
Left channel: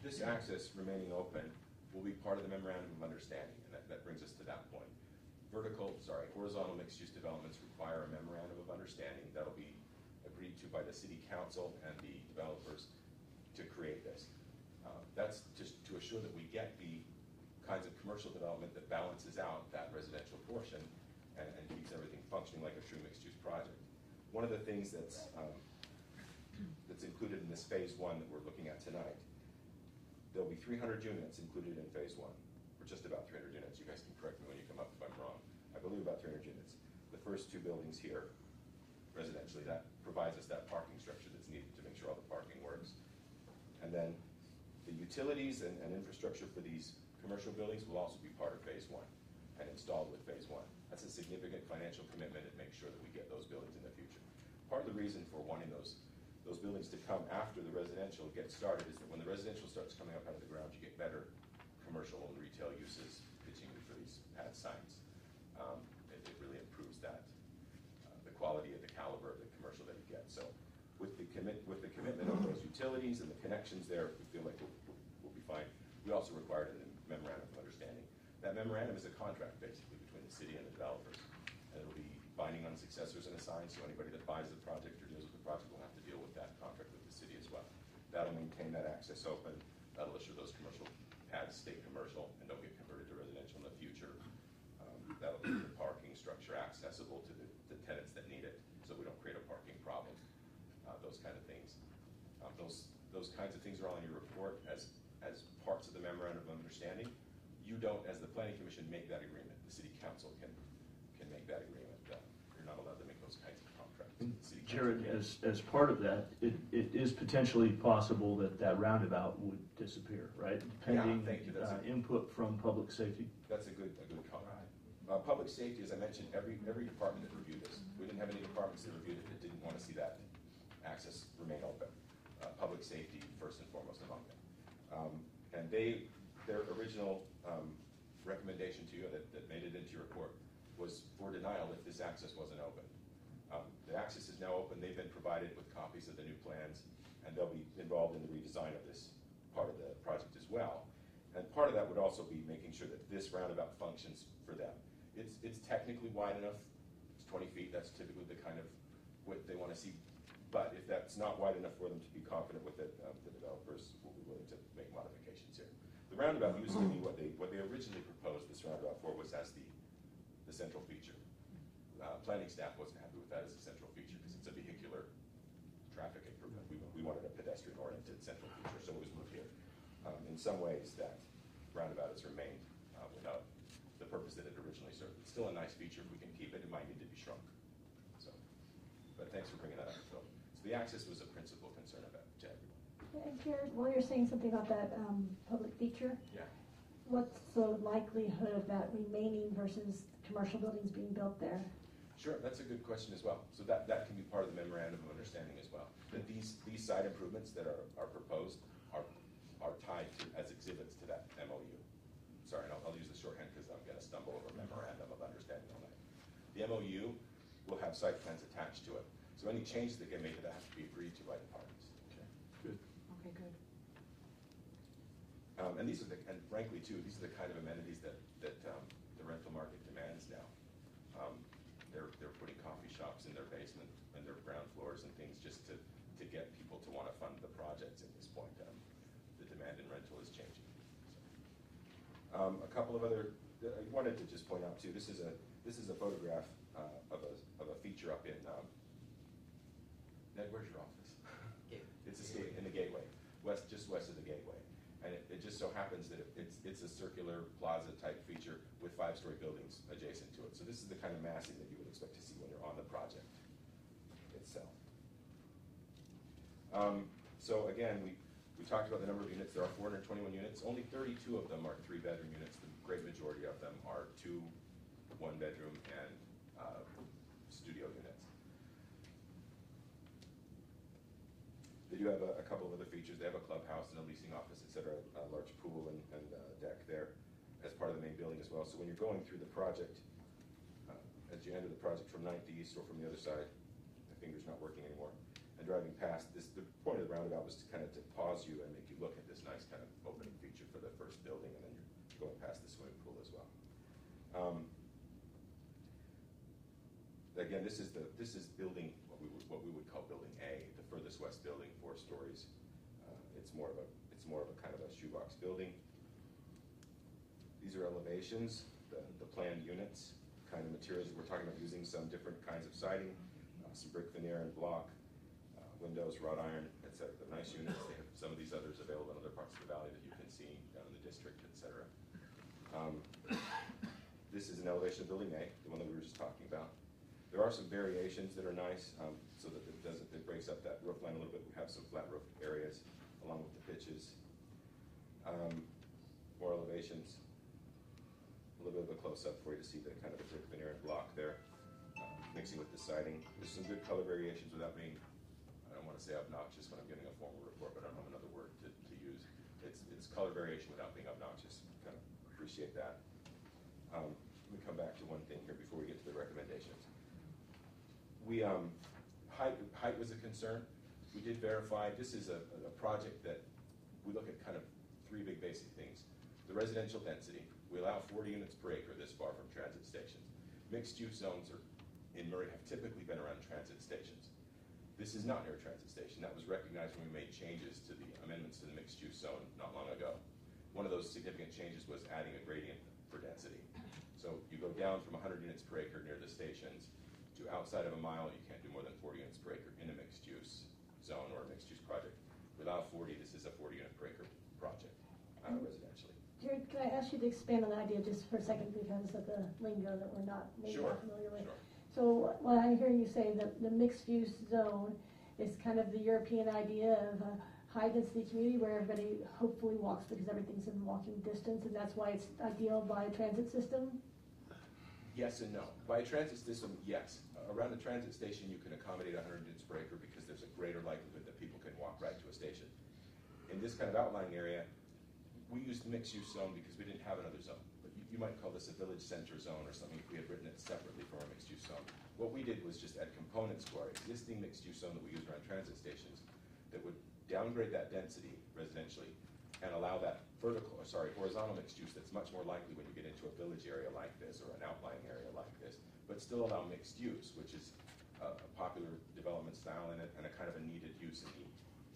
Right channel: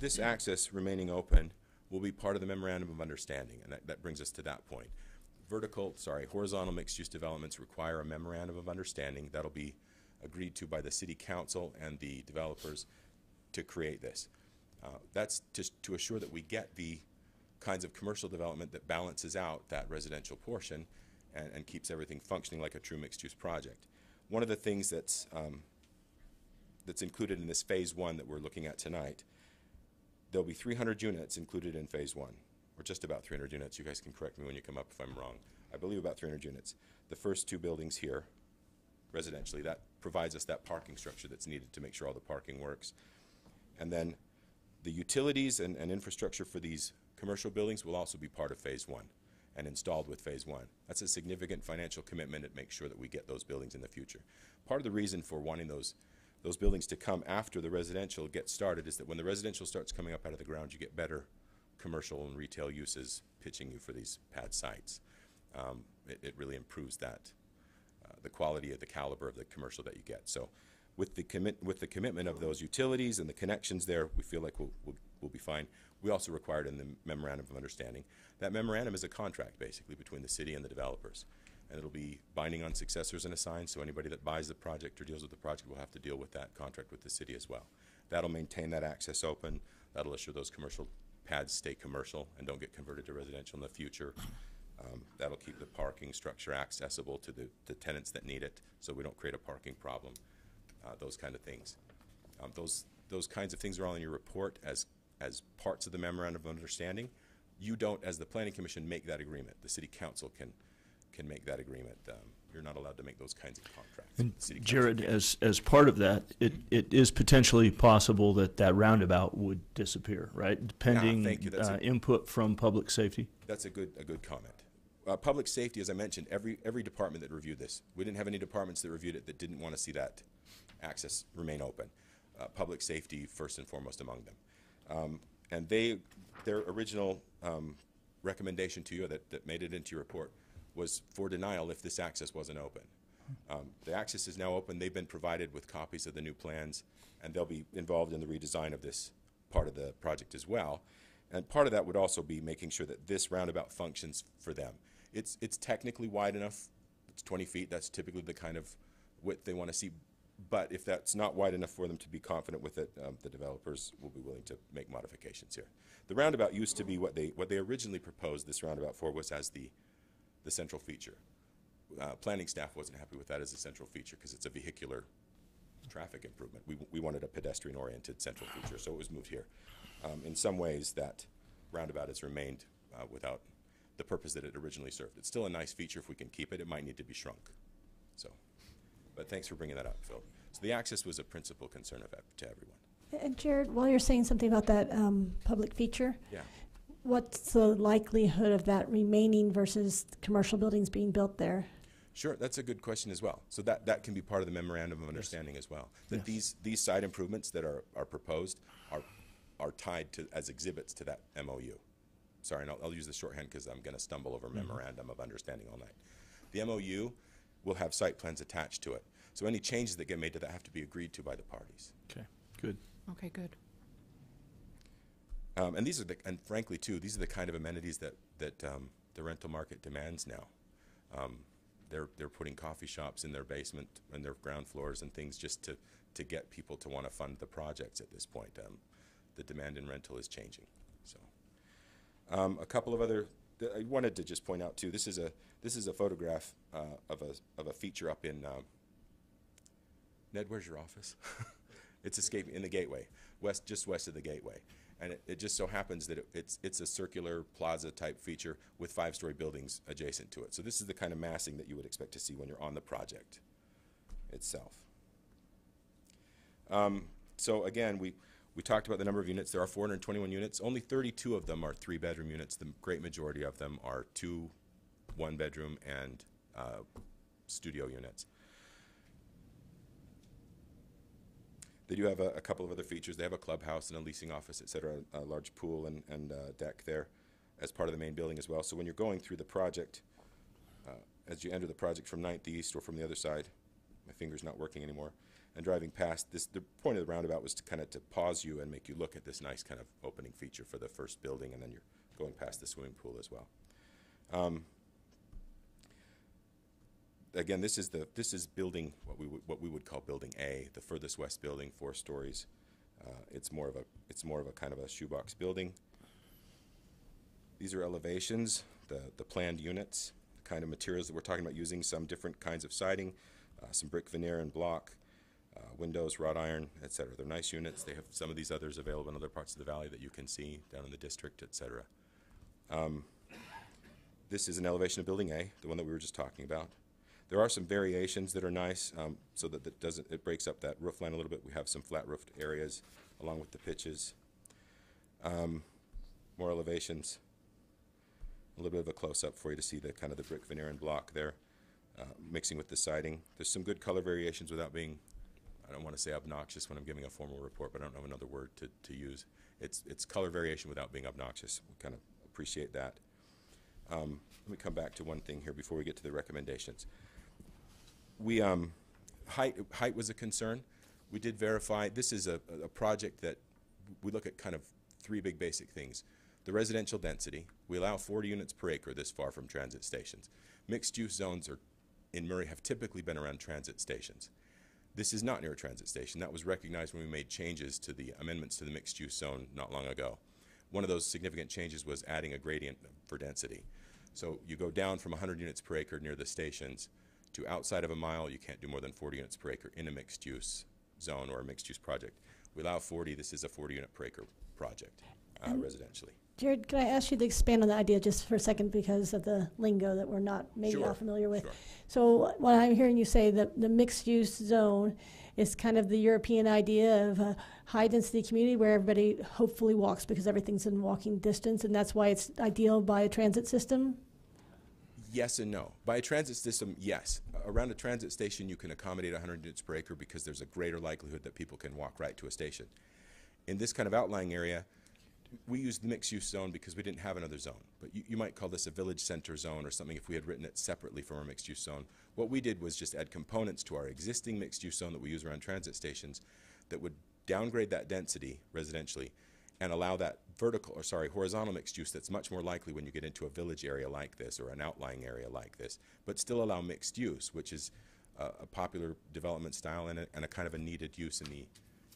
this access remaining open will be part of the memorandum of understanding, and that brings us to that point. Horizontal mixed-use developments require a memorandum of understanding that'll be agreed to by the city council and the developers to create this. That's just to assure that we get the kinds of commercial development that balances out that residential portion and keeps everything functioning like a true mixed-use project. One of the things that's included in this phase 1 that we're looking at tonight, there'll be 300 units included in phase 1, or just about 300 units. You guys can correct me when you come up if I'm wrong. I believe about 300 units. The first 2 buildings here, residentially, that provides us that parking structure that's needed to make sure all the parking works. And then the utilities and infrastructure for these commercial buildings will also be part of phase 1 and installed with phase 1. That's a significant financial commitment to make sure that we get those buildings in the future. Part of the reason for wanting those buildings to come after the residential gets started is that when the residential starts coming up out of the ground, you get better commercial and retail uses pitching you for these pad sites. It really improves that, the quality of the caliber of the commercial that you get. So with the commitment of those utilities and the connections there, we feel like we'll be fine. We also required in the memorandum of understanding. That memorandum is a contract basically between the city and the developers. And it'll be binding on successors and assigns, so anybody that buys the project or deals with the project will have to deal with that contract with the city as well. That'll maintain that access open. That'll assure those commercial pads stay commercial and don't get converted to residential in the future. That'll keep the parking structure accessible to the tenants that need it, so we don't create a parking problem. Those kind of things. Those kinds of things are all in your report as parts of the memorandum of understanding. You don't, as the planning commission, make that agreement. The city council can make that agreement. You're not allowed to make those kinds of contracts. And The city council Jared, can. as part of that, it is potentially possible that roundabout would disappear, right? Depending thank you. That's input from public safety. That's a good comment. Public safety, as I mentioned, every department that reviewed this, we didn't have any departments that reviewed it that didn't want to see that access remain open. Public safety first and foremost among them. And their original recommendation to you that made it into your report was for denial if this access wasn't open. The access is now open. They've been provided with copies of the new plans, and they'll be involved in the redesign of this part of the project as well. And part of that would also be making sure that this roundabout functions for them. It's technically wide enough. It's 20 feet. That's typically the kind of width they want to see. But if that's not wide enough for them to be confident with it, the developers will be willing to make modifications here. The roundabout used to be what they originally proposed this roundabout for was as the central feature. Planning staff wasn't happy with that as a central feature because it's a vehicular traffic improvement. We wanted a pedestrian-oriented central feature, so it was moved here. In some ways, that roundabout has remained without the purpose that it originally served. It's still a nice feature if we can keep it. It might need to be shrunk. So, but thanks for bringing that up, Phil. So the access was a principal concern to everyone. And Jared, while you're saying something about that public feature, Yeah. what's the likelihood of that remaining versus commercial buildings being built there? Sure, that's a good question as well. So that can be part of the memorandum of understanding as well. That these side improvements that are proposed are tied to as exhibits to that MOU. Sorry, and I'll use the shorthand because I'm going to stumble over memorandum of understanding all night. The MOU will have site plans attached to it. So any changes that get made to that have to be agreed to by the parties. Okay, good. Okay, good. And and frankly too, these are the kind of amenities that the rental market demands now. They're putting coffee shops in their basement and their ground floors and things just to get people to want to fund the projects at this point. The demand in rental is changing. So, a couple of other. I wanted to just point out too. This is a photograph of a feature up in. Ned, where's your office? It's in the Gateway, just west of the Gateway. And it just so happens that it's a circular plaza-type feature with 5-story buildings adjacent to it. So this is the kind of massing that you would expect to see when you're on the project itself. So again, we talked about the number of units. There are 421 units. Only 32 of them are 3-bedroom units. The great majority of them are 2 1-bedroom and studio units. They do have a couple of other features. They have a clubhouse and a leasing office, et cetera, a large pool and deck there as part of the main building as well. So when you're going through the project, as you enter the project from 9th East or from the other side, my finger's not working anymore, and driving past this, the point of the roundabout was to kind of to pause you and make you look at this nice kind of opening feature for the first building, and then you're going past the swimming pool as well. Again, this is building what we would call building A, the furthest west building, 4 stories. It's more of a kind of a shoebox building. These are elevations, the planned units, kind of materials that we're talking about using, some different kinds of siding, some brick veneer and block, windows, wrought iron, et cetera. They're nice units. They have some of these others available in other parts of the valley that you can see down in the district, et cetera. This is an elevation of building A, the one that we were just talking about. There are some variations that are nice, so that it breaks up that roof line a little bit. We have some flat roofed areas along with the pitches. More elevations. A little bit of a close-up for you to see the kind of the brick veneer and block there, mixing with the siding. There's some good color variations without being, I don't want to say obnoxious when I'm giving a formal report, but I don't know another word to use. It's color variation without being obnoxious. Kind of appreciate that. Let me come back to one thing here before we get to the recommendations. Height was a concern. We did verify. This is a project that we look at kind of 3 big basic things. The residential density. We allow 40 units per acre this far from transit stations. Mixed-use zones in Murray have typically been around transit stations. This is not near a transit station. That was recognized when we made changes to the amendments to the mixed-use zone not long ago. One of those significant changes was adding a gradient for density. So you go down from 100 units per acre near the stations to outside of a mile, you can't do more than 40 units per acre in a mixed-use zone or a mixed-use project. We allow 40. This is a 40 unit per acre project residentially. Jared, can I ask you to expand on that idea just for a second because of the lingo that we're not maybe all familiar with? Sure. So what I'm hearing you say, that the mixed-use zone is kind of the European idea of a high-density community where everybody hopefully walks because everything's in walking distance, and that's why it's ideal by a transit system? Yes and no. By a transit system, yes. Around a transit station, you can accommodate 100 units per acre because there's a greater likelihood that people can walk right to a station. In this kind of outlying area, we used the mixed-use zone because we didn't have another zone. But you might call this a village center zone or something if we had written it separately from our mixed-use zone. What we did was just add components to our existing mixed-use zone that we use around transit stations that would downgrade that density residentially and allow that horizontal mixed use that's much more likely when you get into a village area like this or an outlying area like this, but still allow mixed use, which is a popular development style and a kind of a needed use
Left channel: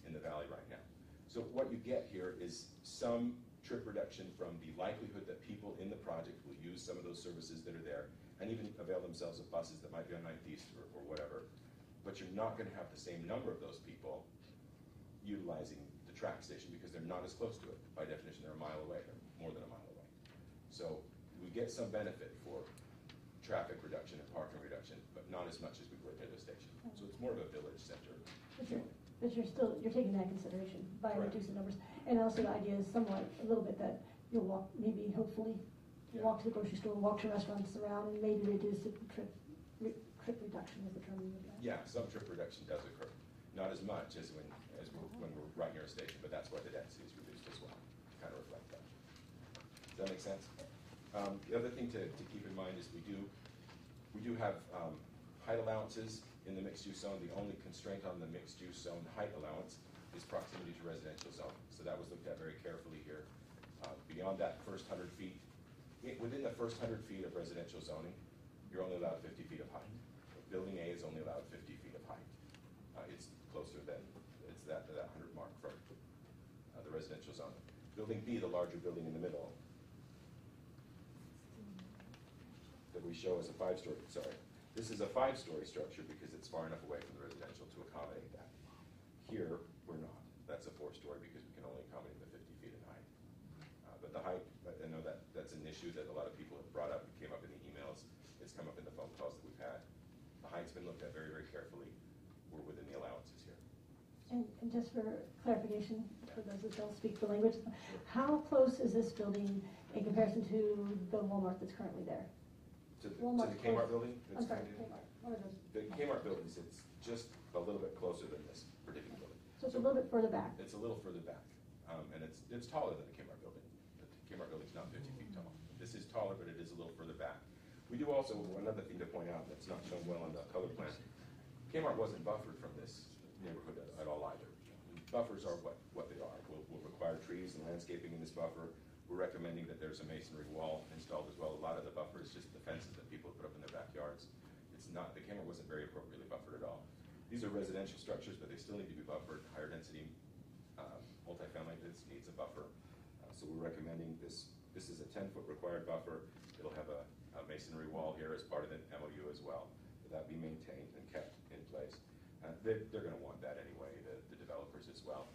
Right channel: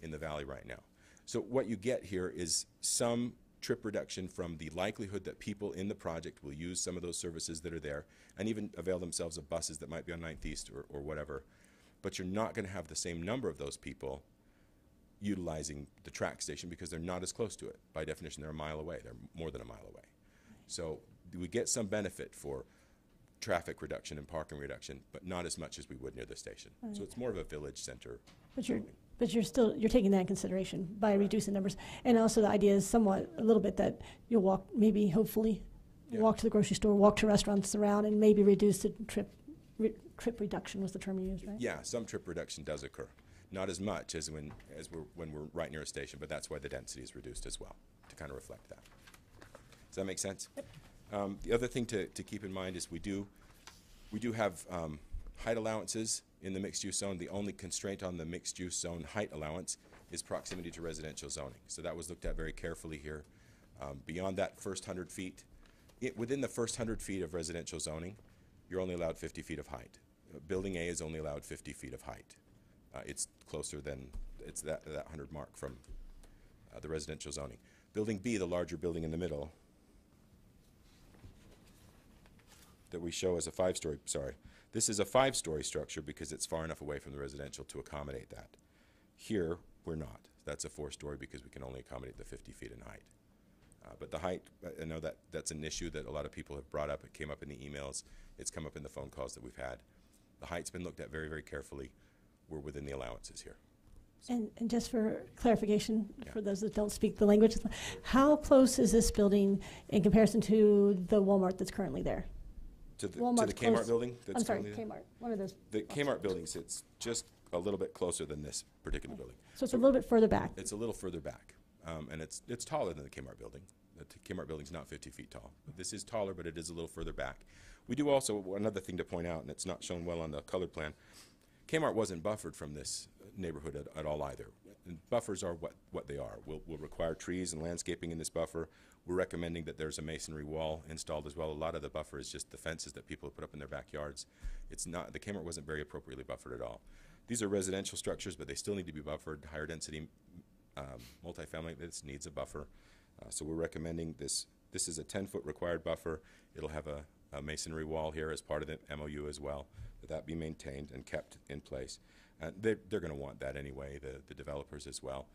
in the valley right now. So what you get here is some trip reduction from the likelihood that people in the project will use some of those services that are there and even avail themselves of buses that might be on 9th East or whatever. But you're not going to have the same number of those people utilizing the track station because they're not as close to it. By definition, they're a mile away. They're more than a mile away. So we get some benefit for traffic reduction and parking reduction, but not as much as we would near the station. Right. So it's more of a village center. But you're taking that in consideration by reducing numbers. And also the idea is a little bit that you'll walk, maybe, hopefully, walk to the grocery store, walk to restaurants around, and maybe reduce the trip reduction was the term you used, right? Yeah, some trip reduction does occur. Not as much as when we're right near a station, but that's why the density is reduced as well, to kind of reflect that. Does that make sense? The other thing to keep in mind is we do have height allowances in the mixed-use zone. The only constraint on the mixed-use zone height allowance is proximity to residential zoning. So that was looked at very carefully here. Beyond that first 100 feet, within the first 100 feet of residential zoning, you're only allowed 50 feet of height. Building A is only allowed 50 feet of height. It's closer than, it's that 100 mark from the residential zoning. Building B, the larger building in the middle, that we show as a 5-story, this is a 5-story structure because it's far enough away from the residential to accommodate that. Here, we're not. That's a 4-story because we can only accommodate the 50 feet in height. But the height, I know that's an issue that a lot of people have brought up. It came up in the emails. It's come up in the phone calls that we've had. The height's been looked at very, very carefully. We're within the allowances here. And just for clarification, Yeah. for those that don't speak the language, how close is this building in comparison to the Walmart that's currently there? To the Walmart's Kmart close. building? I'm sorry, currently there? Kmart. One of those. The Kmart building sits just a little bit closer than this particular building. So it's a little bit further back. It's a little further back, and it's taller than the Kmart building. The Kmart building's not 50 feet tall. This is taller, but it is a little further back. We do also, another thing to point out, and it's not shown well on the color plan, Kmart wasn't buffered from this neighborhood at all either. And buffers are what they are. We'll require trees and landscaping in this buffer. We're recommending that there's a masonry wall installed as well. A lot of the buffer is just the fences that people put up in their backyards. It's not, the Kmart wasn't very appropriately buffered at all. These are residential structures, but they still need to be buffered. Higher density multifamily, this needs a buffer. So we're recommending this. This is a 10-foot required buffer. It'll have a masonry wall here as part of the MOU as well. That be maintained and kept in place. They're going to want that anyway, the developers as well.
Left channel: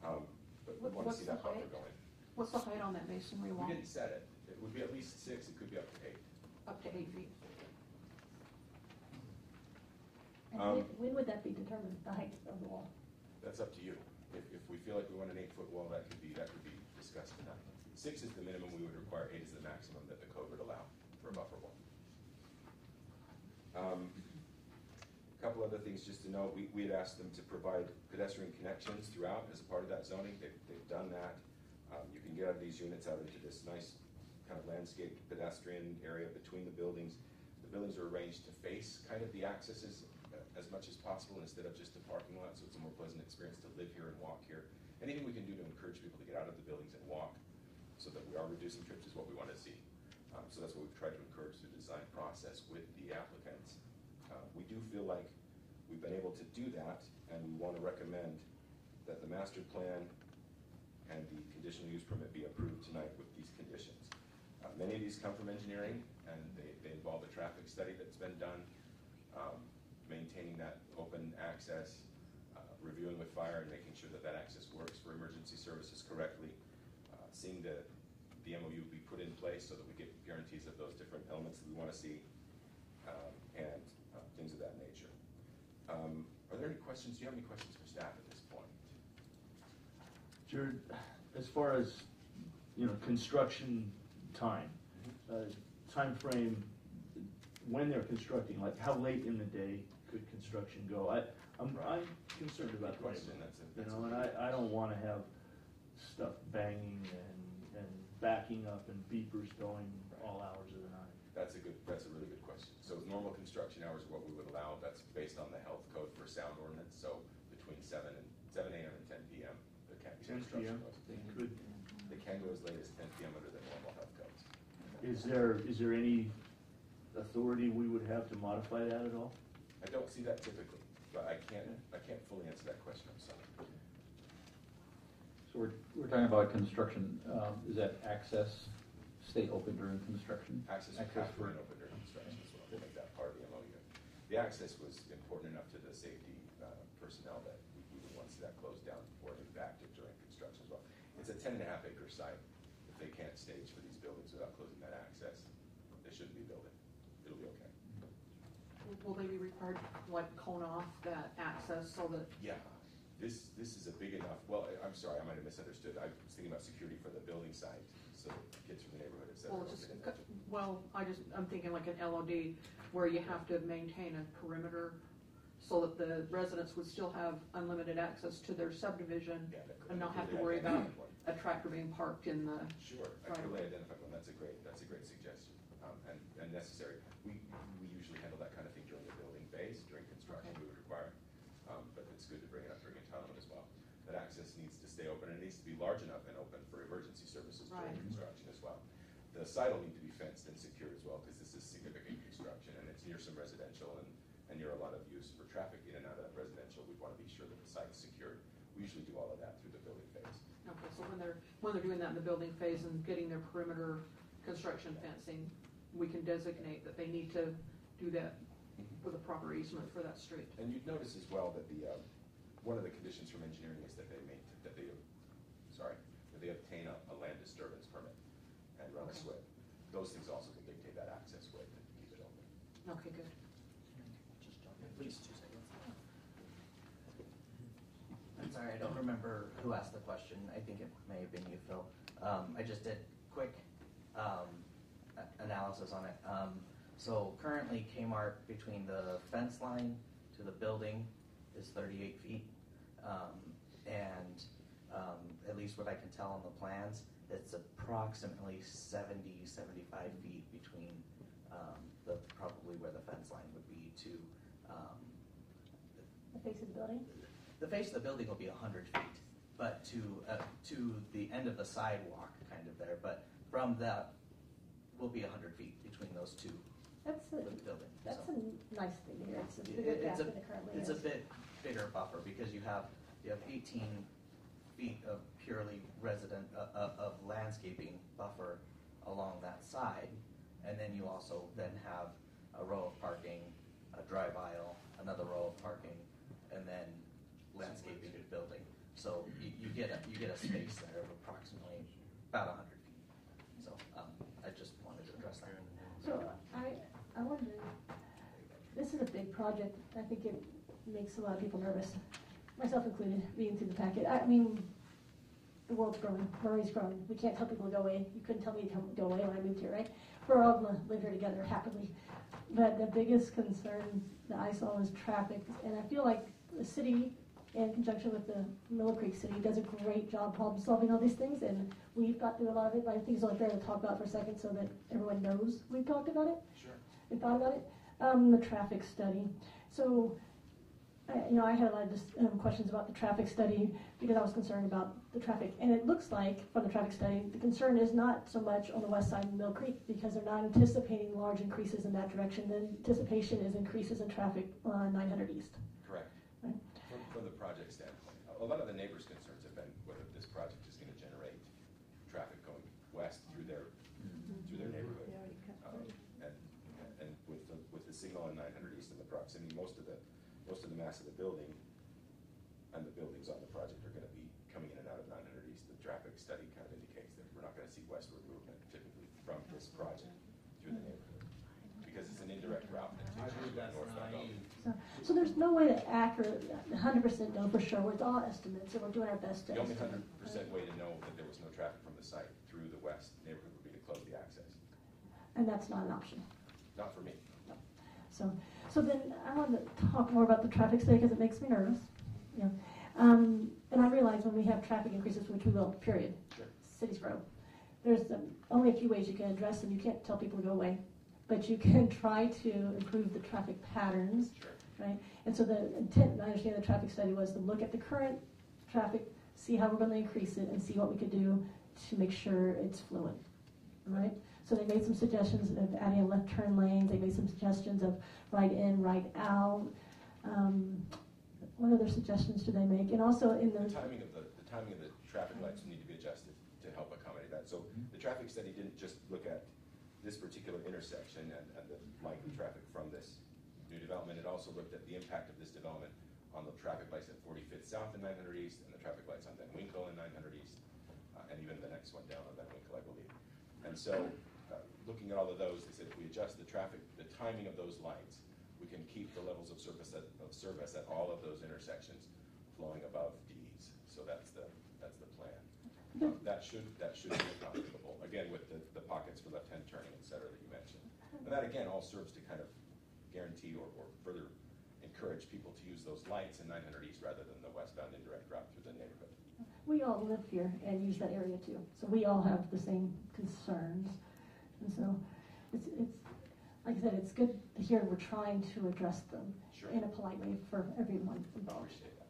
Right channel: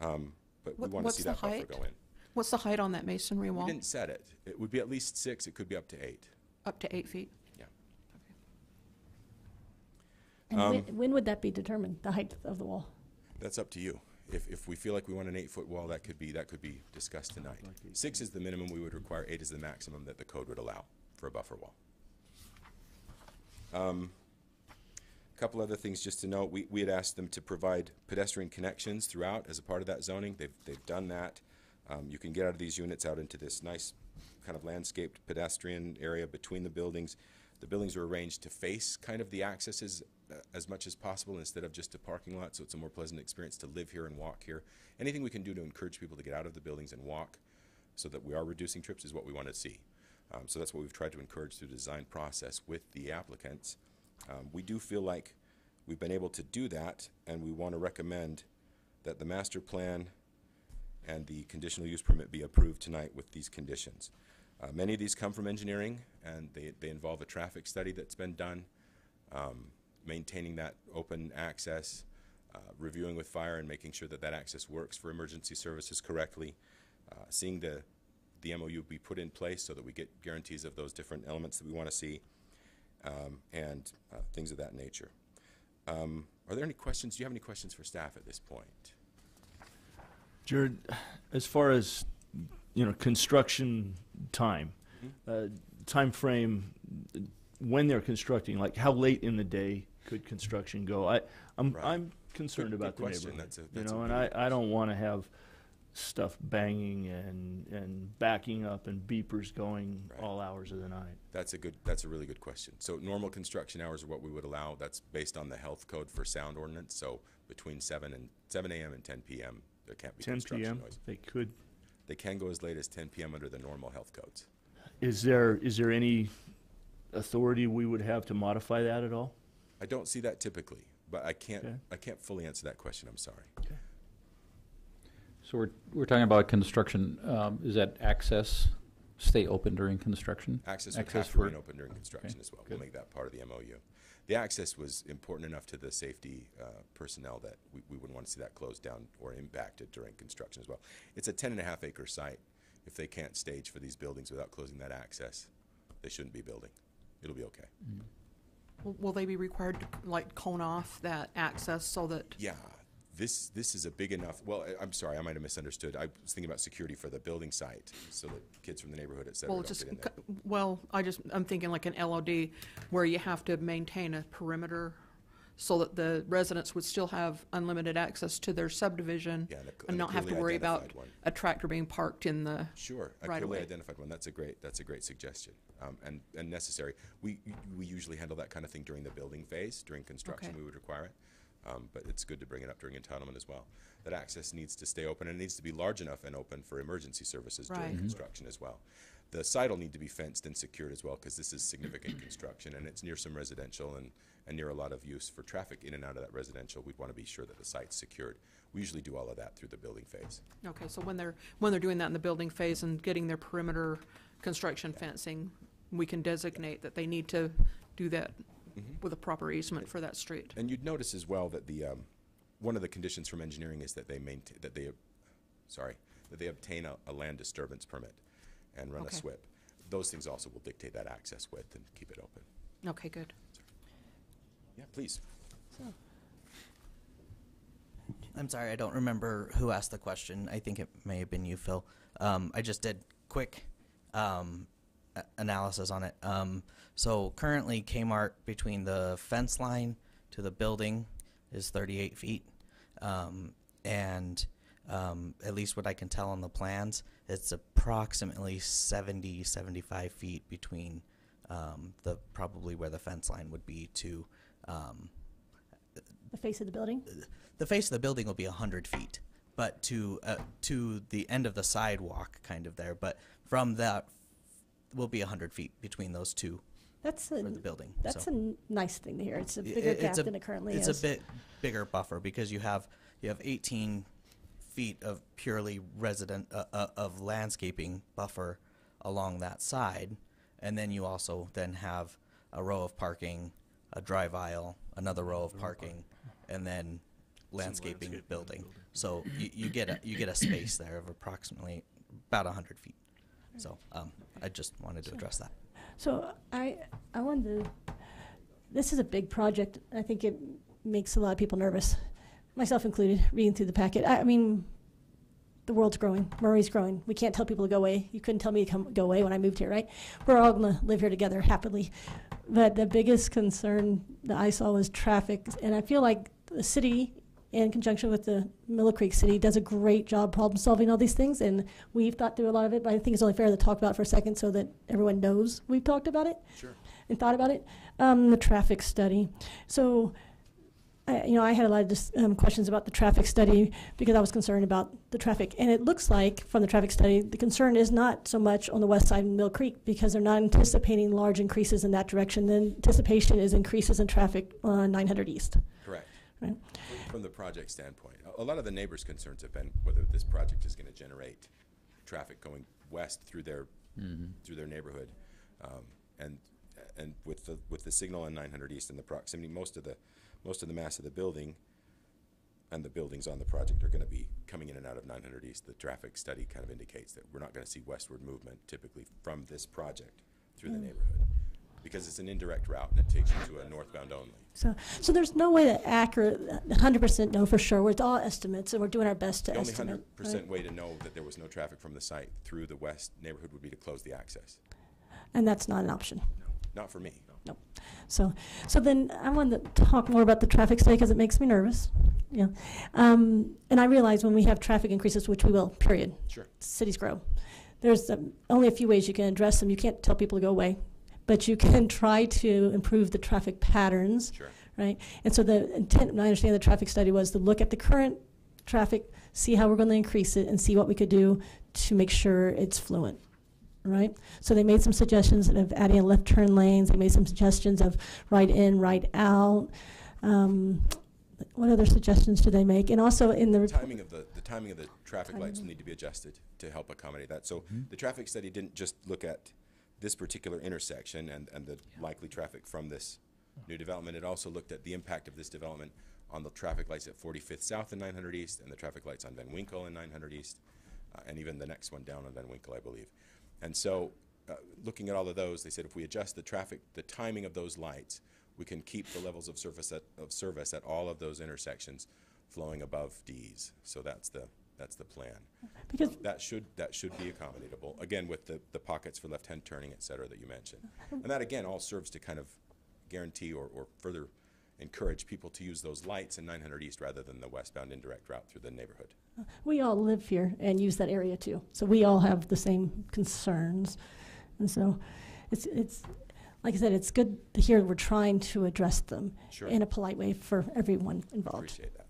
But we want to What's see the that buffer height? go in. What's the height on that masonry wall? We didn't set it. It would be at least 6. It could be up to 8. Up to 8 feet. And when would that be determined, the height of the wall? That's up to you. If we feel like we want an 8-foot wall, that could be discussed tonight. 6 is the minimum we would require. 8 is the maximum that the code would allow for a buffer wall. A couple other things just to note. We had asked them to provide pedestrian connections throughout as a part of that zoning. They've done that. You can get out of these units out into this nice kind of landscaped pedestrian area between the buildings. The buildings are arranged to face kind of the accesses as much as possible instead of just a parking lot, so it's a more pleasant experience to live here and walk here. Anything we can do to encourage people to get out of the buildings and walk so that we are reducing trips is what we want to see. So that's what we've tried to encourage through the design process with the applicants. We do feel like we've been able to do that, and we want to recommend that the master plan and the conditional use permit be approved tonight with these conditions. Many of these come from engineering, and they involve a traffic study that's been done, maintaining that open access, reviewing with fire and making sure that that access works for emergency services correctly, seeing the MOU be put in place so that we get guarantees of those different elements that we want to see, and things of that nature. Are there any questions? Do you have any questions for staff at this point? Jared, as far as, construction time, time frame, when they're constructing, like how late in the day could construction go? I'm concerned about the question. neighborhood, That's a and really I don't want to have stuff banging and backing up and beepers going Right. all hours of the night. That's a really good question. So normal construction hours are what we would allow. That's based on the health code for sound ordinance. So between 7 a.m. and 10 p.m. there can't be 10 construction p.m. noise. They could. They can go as late as 10 p.m. under the normal health codes. Is there any authority we would have to modify that at all? I don't see that typically, but I Okay. can't fully answer that question. I'm sorry. So we're talking about construction, is that access stay open during construction? Access would Access have to for- remain open during construction Okay, as well. good. We'll make that part of the MOU. The access was important enough to the safety personnel that we wouldn't want to see that closed down or impacted during construction as well. It's a 10.5 acre site. If they can't stage for these buildings without closing that access, they shouldn't be building. It'll be okay. Will they be required to like cone off that access so that, Yeah, this is a big enough, well, I'm sorry, I might have misunderstood. I was thinking about security for the building site, so that kids from the neighborhood, et cetera, well, don't just, get in there. I'm thinking like an LOD where you have to maintain a perimeter so that the residents would still have unlimited access to their subdivision Yeah, and not have to clearly worry about identified one. a tractor being parked in the, Sure, a right clearly away. identified one. That's a great suggestion, and necessary. We usually handle that kind of thing during the building phase. During construction, Okay. we would require it, but it's good to bring it up during entitlement as well. That access needs to stay open, and it needs to be large enough and open for emergency services during Right. construction as well. The site will need to be fenced and secured as well, because this is significant construction, and it's near some residential and near a lot of use for traffic in and out of that residential. We'd want to be sure that the site's secured. We usually do all of that through the building phase. okay, so when they're doing that in the building phase and getting their perimeter construction fencing, we can designate that they need to do that Mhm. with a proper easement for that street. And you'd notice as well that one of the conditions from engineering is that they obtain a land disturbance permit and run a Okay. SWIP. Those things also will dictate that access width and keep it open. Okay, good. Yeah, please. I'm sorry, I don't remember who asked the question. I think it may have been you, Phil. I just did quick analysis on it. So currently Kmart between the fence line to the building is 38 feet. And at least what I can tell on the plans, it's approximately 70, 75 feet between probably where the fence line would be to The face of the building? the face of the building will be 100 feet, but to the end of the sidewalk, kind of there. But from that will be 100 feet between those two That's for the building. That's so a nice thing to hear. It's a I- bigger it's gap a- than it currently it's is. a bit bigger buffer because you have 18 feet of purely resident of landscaping buffer along that side, and then you also then have a row of parking, a drive aisle, another row of parking, and then landscaping building. So you get a space there of approximately about 100 feet. So I just wanted to address that. So I wanted to, this is a big project. I think it makes a lot of people nervous, myself included, reading through the packet. I mean, the world's growing, Murray's growing. We can't tell people to go away. You couldn't tell me to go away when I moved here, right? We're all gonna live here together happily. But the biggest concern that I saw was traffic, and I feel like the city, in conjunction with the Miller Creek City, does a great job problem solving all these things, and we've thought through a lot of it, but I think it's only fair to talk about it for a second so that everyone knows we've talked about it. Sure. And thought about it. The traffic study. So, I had a lot of questions about the traffic study because I was concerned about the traffic. And it looks like from the traffic study, the concern is not so much on the west side of Mill Creek because they're not anticipating large increases in that direction. The anticipation is increases in traffic on 900 East. Correct. Right. From the project standpoint, a lot of the neighbors' concerns have been whether this project is going to generate traffic going west through their neighborhood, and with the signal on 900 East and the proximity, most of the mass of the building and the buildings on the project are going to be coming in and out of 900 East. The traffic study kind of indicates that we're not going to see westward movement typically from this project through the neighborhood because it's an indirect route and it takes you to a northbound only. So there's no way to accurate 100% know for sure. It's all estimates, and we're doing our best to The only estimate. 100% way to know that there was no traffic from the site through the west neighborhood would be to close the access. And that's not an option. Not for me. So then I want to talk more about the traffic study because it makes me nervous. Yeah. And I realize when we have traffic increases, which we will, period. Sure. Cities grow. There's only a few ways you can address them. You can't tell people to go away, but you can try to improve the traffic patterns, Sure. right? And so the intent, and I understand the traffic study was to look at the current traffic, see how we're going to increase it, and see what we could do to make sure it's fluent. Right? So they made some suggestions of adding left turn lanes. They made some suggestions of right in, right out. What other suggestions did they make? And also in the The timing of the traffic lights will need to be adjusted to help accommodate that. So the traffic study didn't just look at this particular intersection and the likely traffic from this new development. It also looked at the impact of this development on the traffic lights at 45th South and 900 East and the traffic lights on Van Winkle and 900 East and even the next one down on Van Winkle, I believe. And so, looking at all of those, they said if we adjust the timing of those lights, we can keep the levels of service at all of those intersections flowing above D's. So that's the plan. because That should be accommodatable. Again, with the pockets for left-hand turning, et cetera, that you mentioned. And that again all serves to kind of guarantee or further encourage people to use those lights in 900 East rather than the westbound indirect route through the neighborhood. we all live here and use that area too. So we all have the same concerns. And so it's like I said, it's good to hear we're trying to address them Sure. in a polite way for everyone involved. Appreciate that.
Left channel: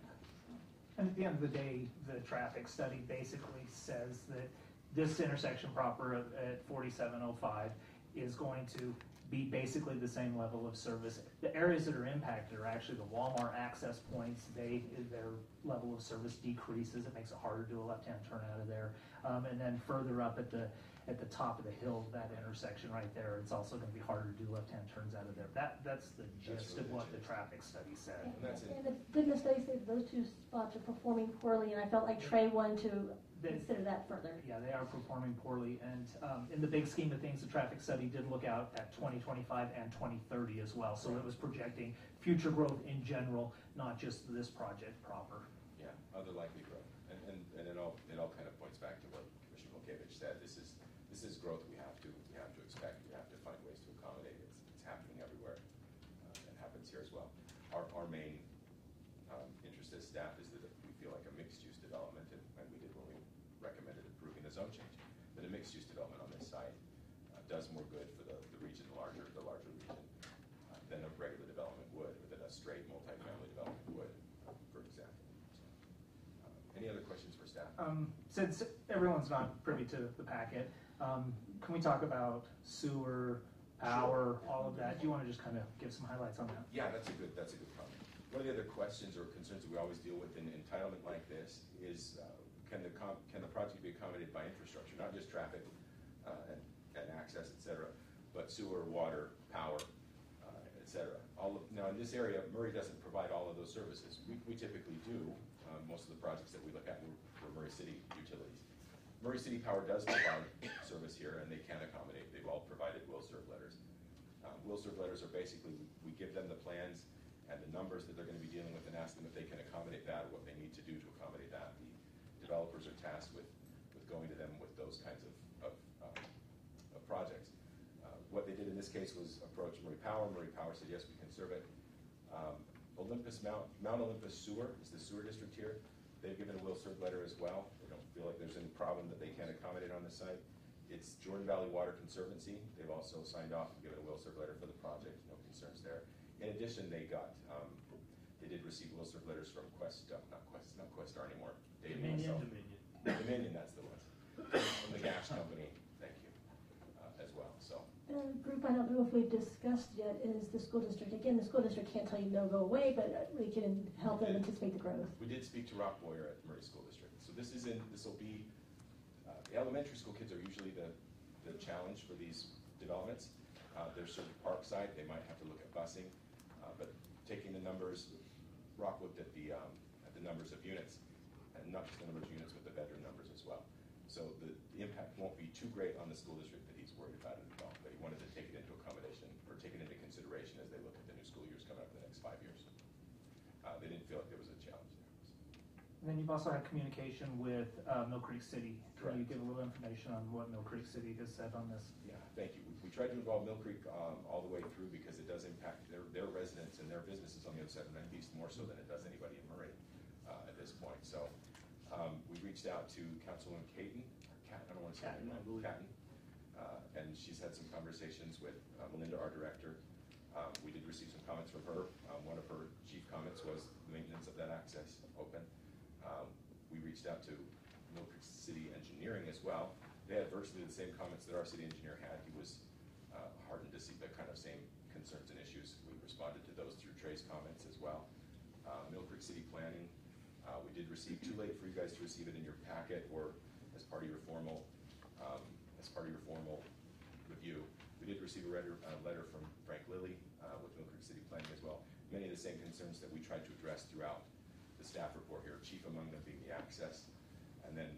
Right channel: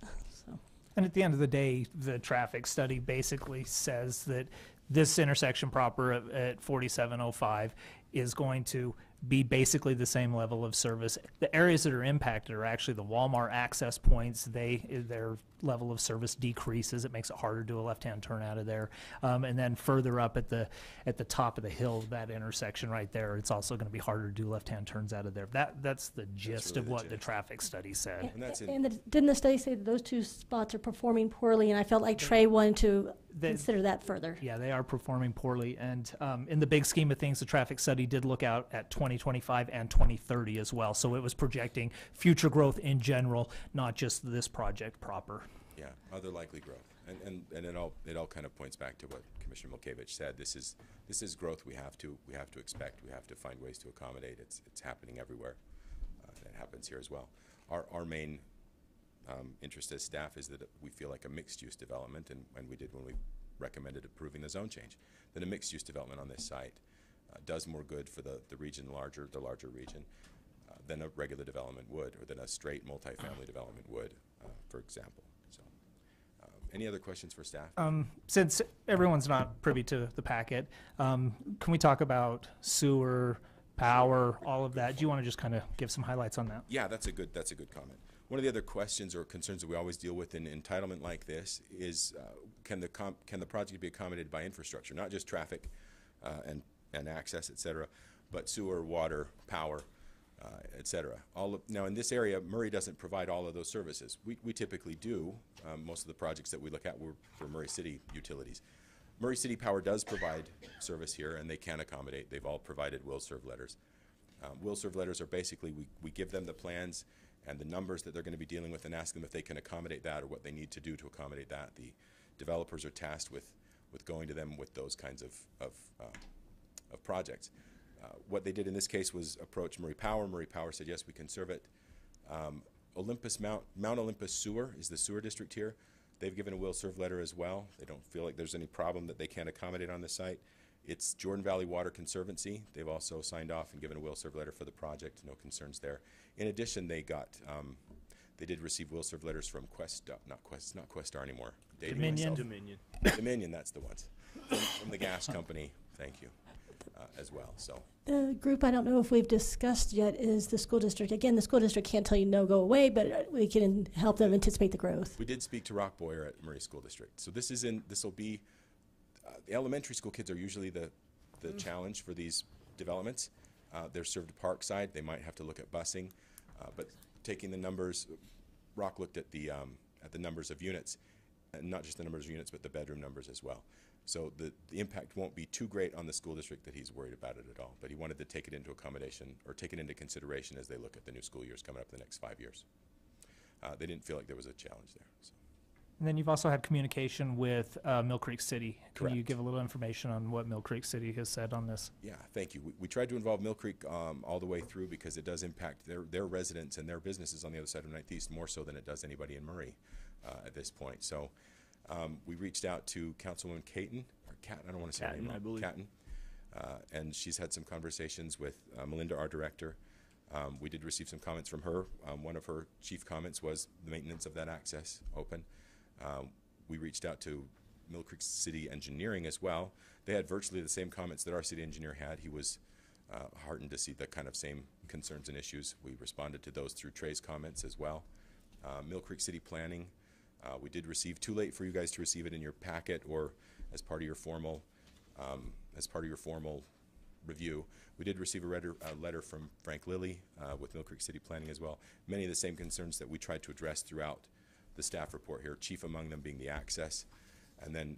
So. And at the end of the day, the traffic study basically says that this intersection proper at 4705 is going to be basically the same level of service. The areas that are impacted are actually the Walmart access points. Their level of service decreases. It makes it harder to do a left-hand turn out of there. And then further up at the top of the hill, that intersection right there, it's also going to be harder to do left-hand turns out of there. That's the gist really of the what the gist. traffic study said. And that's it. And didn't the study say that those two spots are performing poorly? And I felt like Trey wanted to consider that further. Yeah, they are performing poorly. And in the big scheme of things, the traffic study did look out at 2025 and 2030 as well. So it was projecting future growth in general, not just this project proper. Yeah, other likely growth. And it all kind of points back to what Commissioner Milkevich said. This is growth we have to expect. We have to find ways to accommodate. It's happening everywhere. It happens here as well. Our main interest as staff is that we feel like a mixed-use development, and we did when we recommended approving the zone change, that a mixed-use development on this site does more good for the region, the larger region, than a regular development would, or than a straight multifamily development would, for example. So, any other questions for staff? Since everyone's not privy to the packet, can we talk about sewer, power, all of that? Do you want to just kind of give some highlights on that? Yeah, that's a good comment. One of the other questions or concerns that we always deal with in entitlement like this is can the project be accommodated by infrastructure, not just traffic and access, et cetera, but sewer, water, power, et cetera. Now in this area, Murray doesn't provide all of those services. We typically do. Most of the projects that we look at were for Murray City utilities. Murray City Power does provide service here, and they can accommodate. They've all provided will-serve letters. Will-serve letters are basically, we give them the plans and the numbers that they're going to be dealing with and ask them if they can accommodate that or what they need to do to accommodate that. The developers are tasked with going to them with those kinds of projects. What they did in this case was approach Murray Power. Murray Power said, yes, we can serve it. Mount Olympus Sewer is the sewer district here. They've given a will-serve letter as well. They don't feel like there's any problem that they can't accommodate on this site. It's Jordan Valley Water Conservancy. They've also signed off and given a will-serve letter for the project. No concerns there. In addition, they did receive will-serve letters from not Questar anymore. Dominion. Dominion, that's the ones. From the gas company, thank you, as well. So The group I don't know if we've discussed yet is the school district. Again, the school district can't tell you no, go away, but we can help them anticipate the growth. we did speak to Rock Boyer at Murray School District. So this will be, the elementary school kids are usually the challenge for these developments. They're served Parkside. They might have to look at busing, but taking the numbers, Rock looked at the numbers of units, and not just the numbers of units, but the bedroom numbers as well. So the impact won't be too great on the school district that he's worried about it at all, but he wanted to take it into accommodation, or take it into consideration as they look at the new school years coming up in the next 5 years. They didn't feel like there was a challenge there. So. And then you've also had communication with Mill Creek City. Can you Correct. give a little information on what Mill Creek City has said on this? Yeah, thank you. We tried to involve Mill Creek all the way through because it does impact their residents and their businesses on the other side of Northeast more so than it does anybody in Murray at this point. So we reached out to Councilwoman Caton, or Catton, I don't want to say her Catton, name I believe. Catton, and she's had some conversations with Melinda, our director. We did receive some comments from her. One of her chief comments was the maintenance of that access open. We reached out to Mill Creek City Engineering as well. They had virtually the same comments that our city engineer had. He was heartened to see the kind of same concerns and issues. We responded to those through Trey's comments as well. Mill Creek City Planning, we did receive, too late for you guys to receive it in your packet or as part of your formal review. We did receive a letter from Frank Lilly with Mill Creek City Planning as well. Many of the same concerns that we tried to address throughout the staff report here, chief among them being the access. And then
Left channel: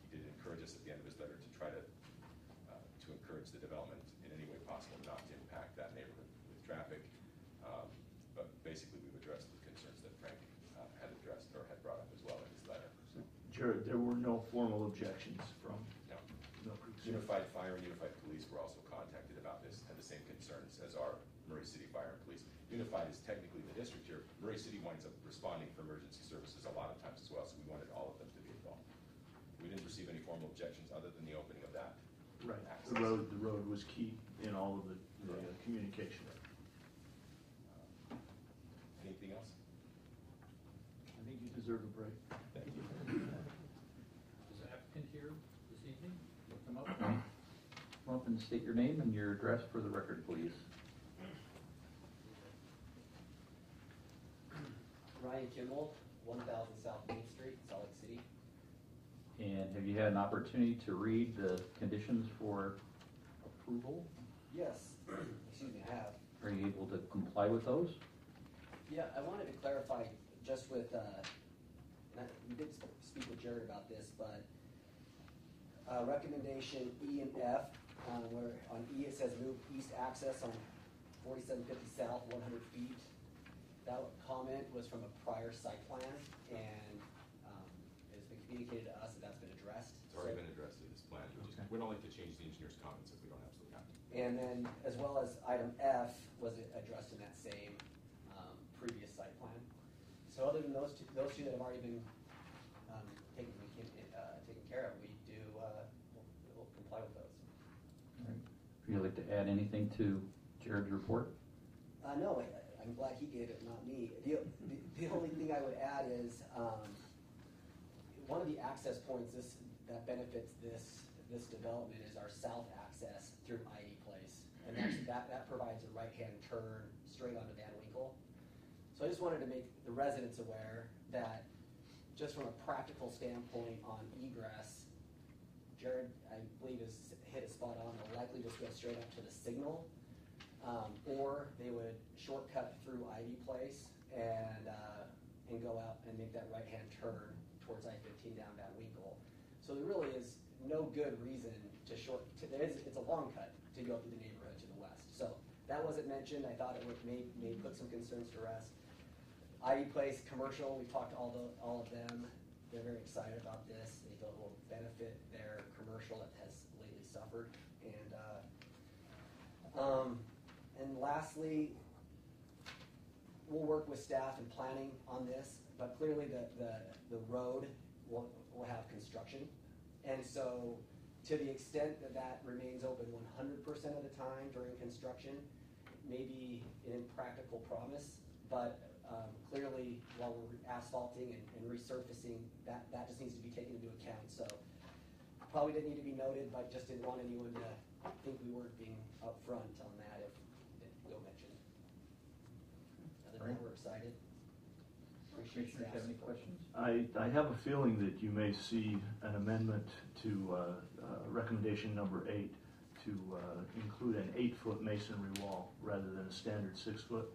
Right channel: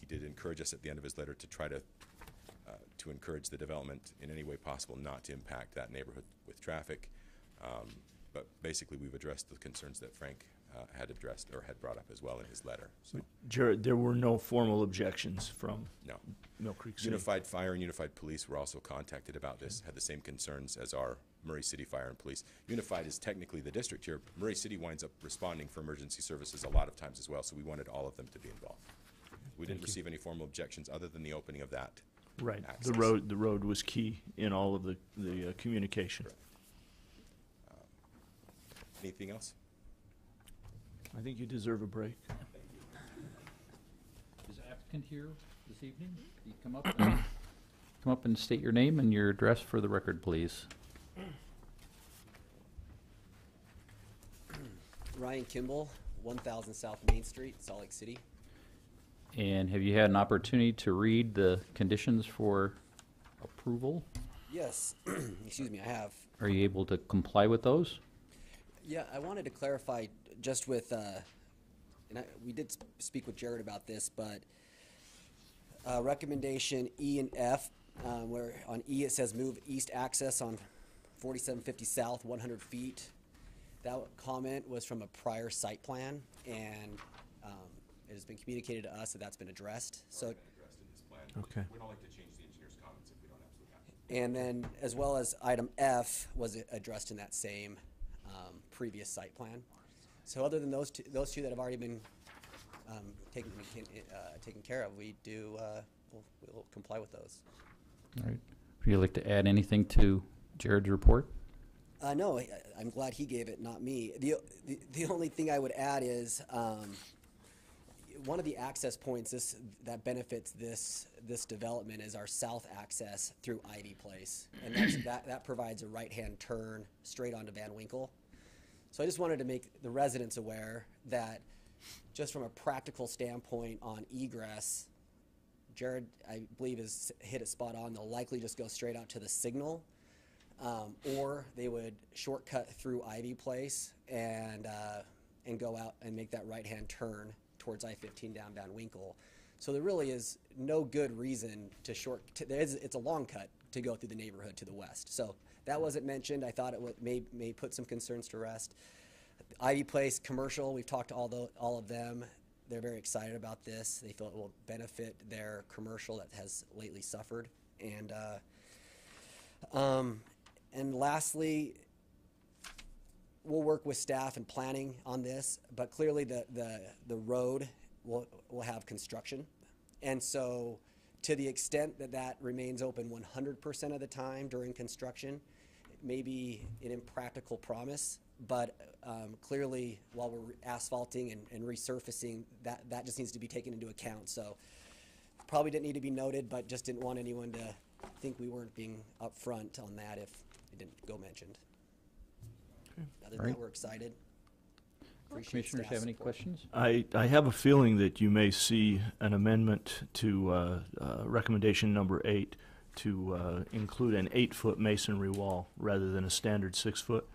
he did encourage us at the end of his letter to try to encourage the development in any way possible not to impact that neighborhood with traffic. But basically we've addressed the concerns that Frank had addressed or had brought up as well in his letter. So, Jared, there were no formal objections from no. Mill Creek City. Unified Fire and Unified Police were also contacted about this, had the same concerns as our Murray City Fire and Police. Unified is technically the district here. Murray City winds up responding for emergency services a lot of times as well, so we wanted all of them to be involved. We didn't receive any formal objections other than the opening of that. Right, access. the road was key in all of the communication. Anything else? I think you deserve a break. Is the applicant here this evening? Can you come up? Come up and state your name and your address for the record, please. Ryan Kimball, 1000 South Main Street, Salt Lake City. And have you had an opportunity to read the conditions for approval? Yes, excuse me, I have. Are you able to comply with those? Yeah, I wanted to clarify just with, we did speak with Jared about this, but recommendation E and F, where on E it says move east access on 4750 South 100 feet. That comment was from a prior site plan, and it has been communicated to us that that's been addressed. It's already been addressed in this plan. Okay. We don't like to change the engineer's comments if we don't absolutely have to. And then, as well as item F was addressed in that same previous site plan. So other than those two that have already been taken care of, we'll comply with those. All right. Would you like to add anything to Jared's report? No, I'm glad he gave it, not me. The only thing I would add is one of the access points that benefits this development is our south access through Ivy Place, and that provides a right-hand turn straight onto Van Winkle. So I just wanted to make the residents aware that just from a practical standpoint on egress, Jared, I believe, has hit it spot on. They'll likely just go straight onto the signal, or they would shortcut through Ivy Place and go out and make that right-hand turn towards I-15 down Van Winkle. So there really is no good reason to it's a long cut to go through the neighborhood to the west. So that wasn't mentioned. I thought it may put some concerns to rest. Ivy Place commercial, we've talked to all of them. They're very excited about this. They feel it will benefit their commercial that has lately suffered. And lastly, we'll work with staff and planning on this, but clearly the road will have construction. And so to the extent that remains open 100% of the time during construction, maybe an impractical promise, but clearly while we're asphalting and resurfacing, that just needs to be taken into account. So probably didn't need to be noted, but just didn't want anyone to think we weren't being upfront on that if it didn't go mentioned. Other than that, we're excited. Appreciate Commissioners have staff's any support. questions? I have a feeling that you may see an amendment to recommendation number 8 to include an 8-foot masonry wall rather than a standard 6-foot.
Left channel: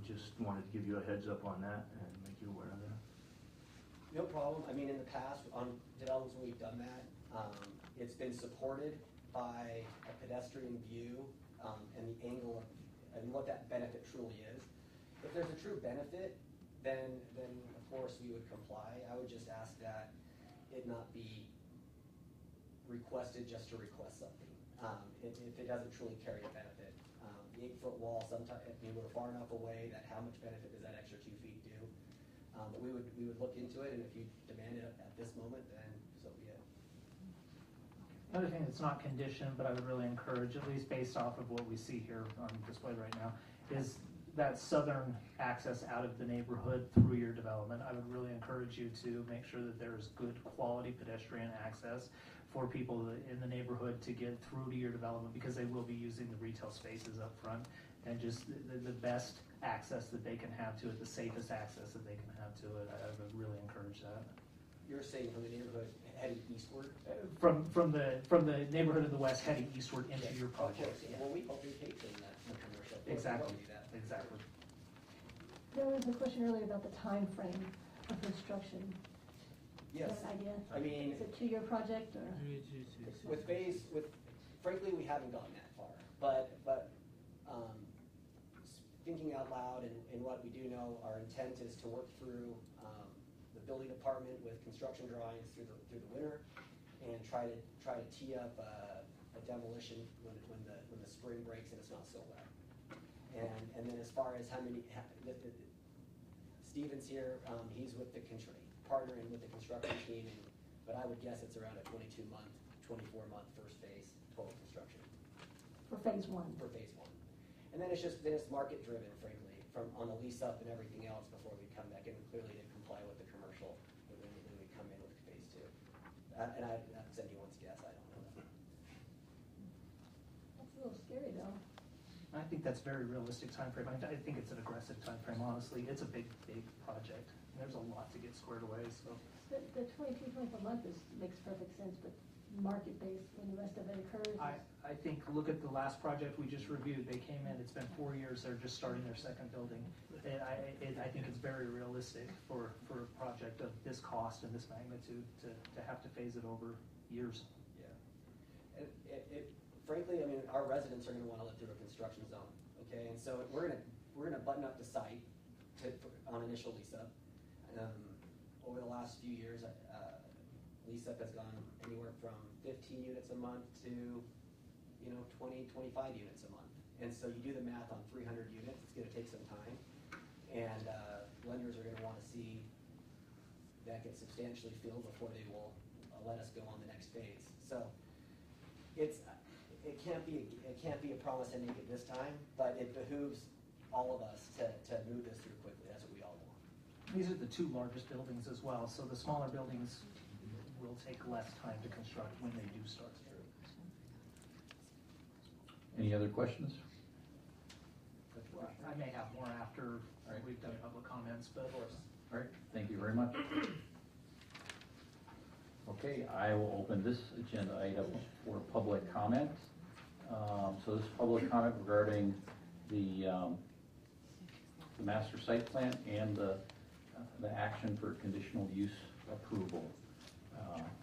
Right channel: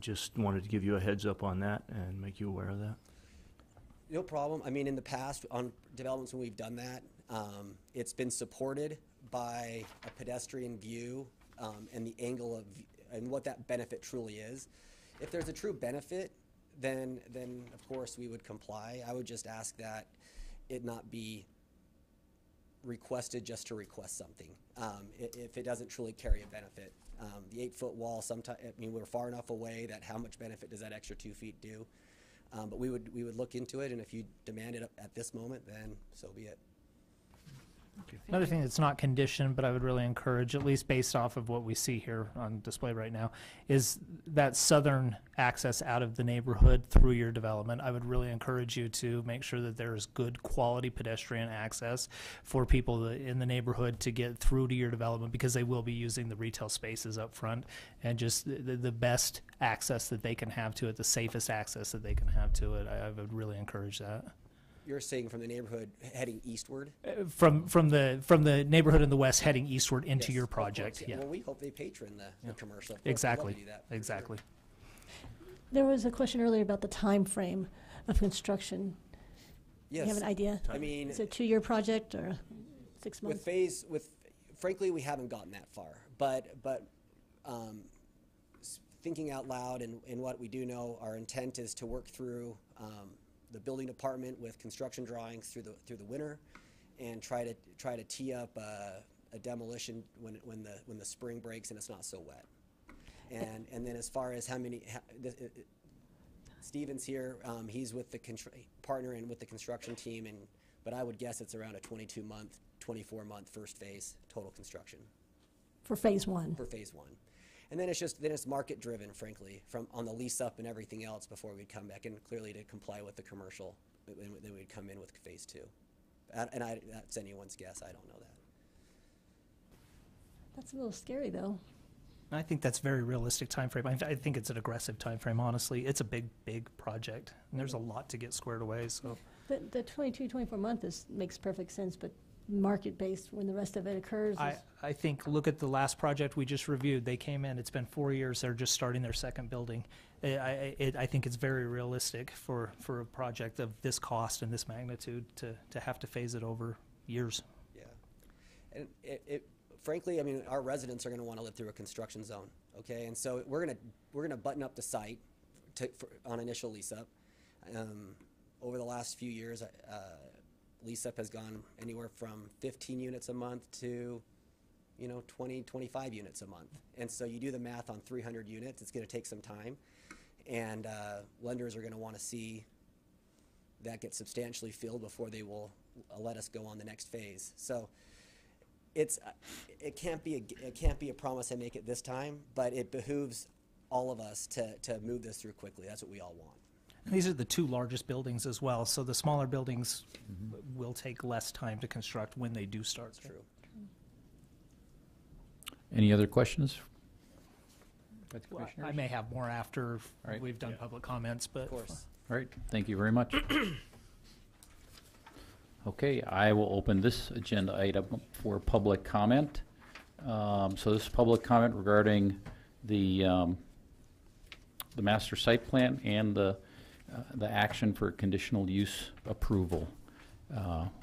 Just wanted to give you a heads up on that and make you aware of that. No problem. I mean, in the past, on developments when we've done that, it's been supported by a pedestrian view and the angle and what that benefit truly is. If there's a true benefit, then of course we would comply. I would just ask that it not be requested just to request something. If it doesn't truly carry a benefit. The 8-foot wall, sometimes, I mean, we're far enough away that how much benefit does that extra 2 feet do? But we would look into it, and if you demand it at this moment, then so be it. Another thing that's not conditioned, but I would really encourage, at least based off of what we see here on display right now, is that southern access out of the neighborhood through your development. I would really encourage you to make sure that there is good quality pedestrian access for people in the neighborhood to get through to your development, because they will be using the retail spaces up front, and just the best access that they can have to it, the safest access that they can have to it. I would really encourage that. You're saying from the neighborhood heading eastward? From the neighborhood in the west heading eastward into Yes, your of course, project. Yeah, Well, we hopefully patron the commercial. exactly, We'd love to do that. exactly. There was a question earlier about the time frame of construction. Do you have Yes, an idea? I mean, Is it a 2-year project or 6 months? frankly, we haven't gotten that far, but thinking out loud and what we do know, our intent is to work through the building department with construction drawings through the winter, and try to tee up a demolition when the spring breaks and it's not so wet. And then as far as Steven's here, he's with the partnering with the construction team, but I would guess it's around a 22-month, 24-month first phase total construction For phase 1? for phase 1. And then it's market driven, frankly, on the lease up and everything else before we'd come back, and clearly to comply with the commercial, then we'd come in with phase 2. And that's anyone's guess. I don't know that. That's a little scary, though. I think that's a very realistic timeframe. I think it's an aggressive timeframe, honestly. It's a big, big project, and there's a lot to get squared away, so. But the 24 month makes perfect sense, but market-based, when the rest of it occurs is... I think, look at the last project we just reviewed. They came in, it's been 4 years, they're just starting their second building. I think it's very realistic for a project of this cost and this magnitude to have to phase it over years. Yeah. And frankly, I mean, our residents are gonna wanna live through a construction zone, okay? And so we're gonna button up the site on initial lease-up. Over the last few years, lease-up has gone anywhere from 15 units a month to, 20, 25 units a month. And so you do the math on 300 units, it's gonna take some time. And lenders are gonna wanna see that get substantially filled before they will let us go on the next phase. So it can't be a promise I make it this time, but it behooves all of us to move this through quickly. That's what we all want. These are the two largest buildings as well, so the smaller buildings will take less time to construct when they do start. That's true. Any other questions? With the Well, commissioners? I may have more after All right. we've done Yeah. public comments, but. Of course. All right, thank you very much. Okay, I will open this agenda item for public comment. So this is public comment regarding the master site plan and the action for conditional use approval.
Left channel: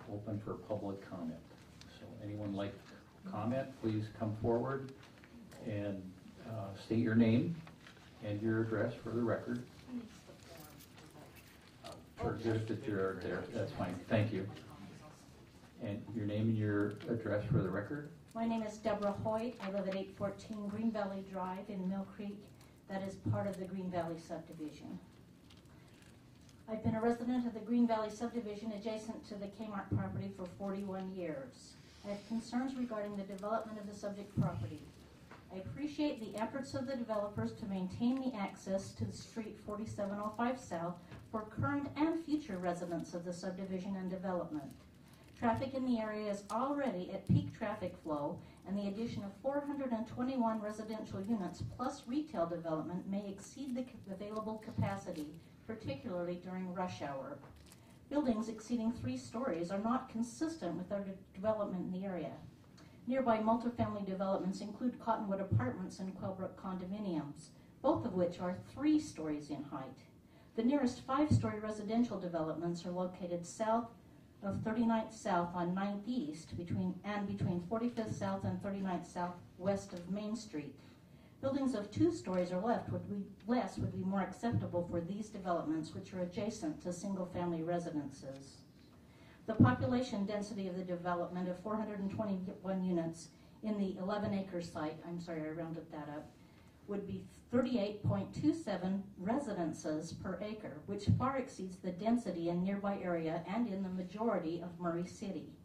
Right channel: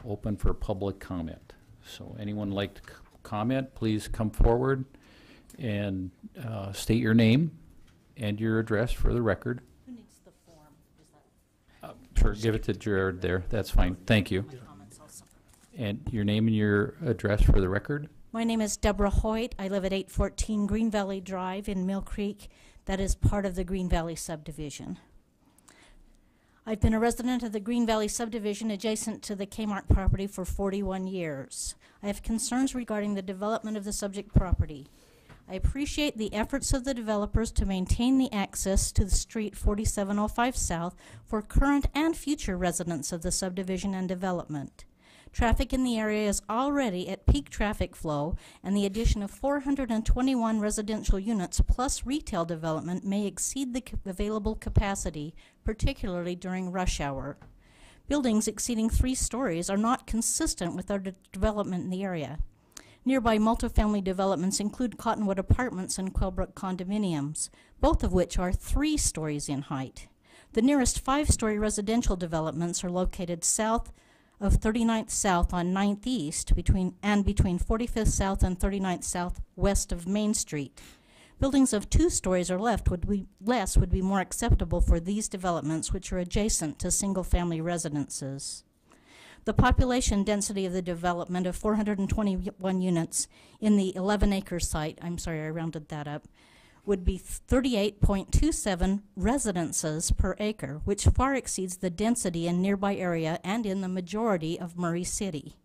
Open for public comment. So anyone like to comment, please come forward and state your name and your address for the record. Sure, give it to Jared there, that's fine, thank you. And your name and your address for the record? My name is Deborah Hoyt. I live at 814 Green Valley Drive in Mill Creek. That is part of the Green Valley subdivision. I've been a resident of the Green Valley subdivision adjacent to the Kmart property for 41 years. I have concerns regarding the development of the subject property. I appreciate the efforts of the developers to maintain the access to the street 4705 South for current and future residents of the subdivision and development. Traffic in the area is already at peak traffic flow, and the addition of 421 residential units plus retail development may exceed the available capacity, particularly during rush hour. Buildings exceeding 3 stories are not consistent with our development in the area. Nearby multifamily developments include Cottonwood Apartments and Quailbrook condominiums, both of which are 3 stories in height. The nearest 5-story residential developments are located south of 39th South on 9th East between 45th South and 39th South west of Main Street. Buildings of 2 stories or less would be more acceptable for these developments, which are adjacent to single-family residences. The population density of the development of 421 units in the 11-acre site, I'm sorry, I rounded that up, would be 38.27 residences per acre, which far exceeds the density in nearby area and in the majority of Murray City.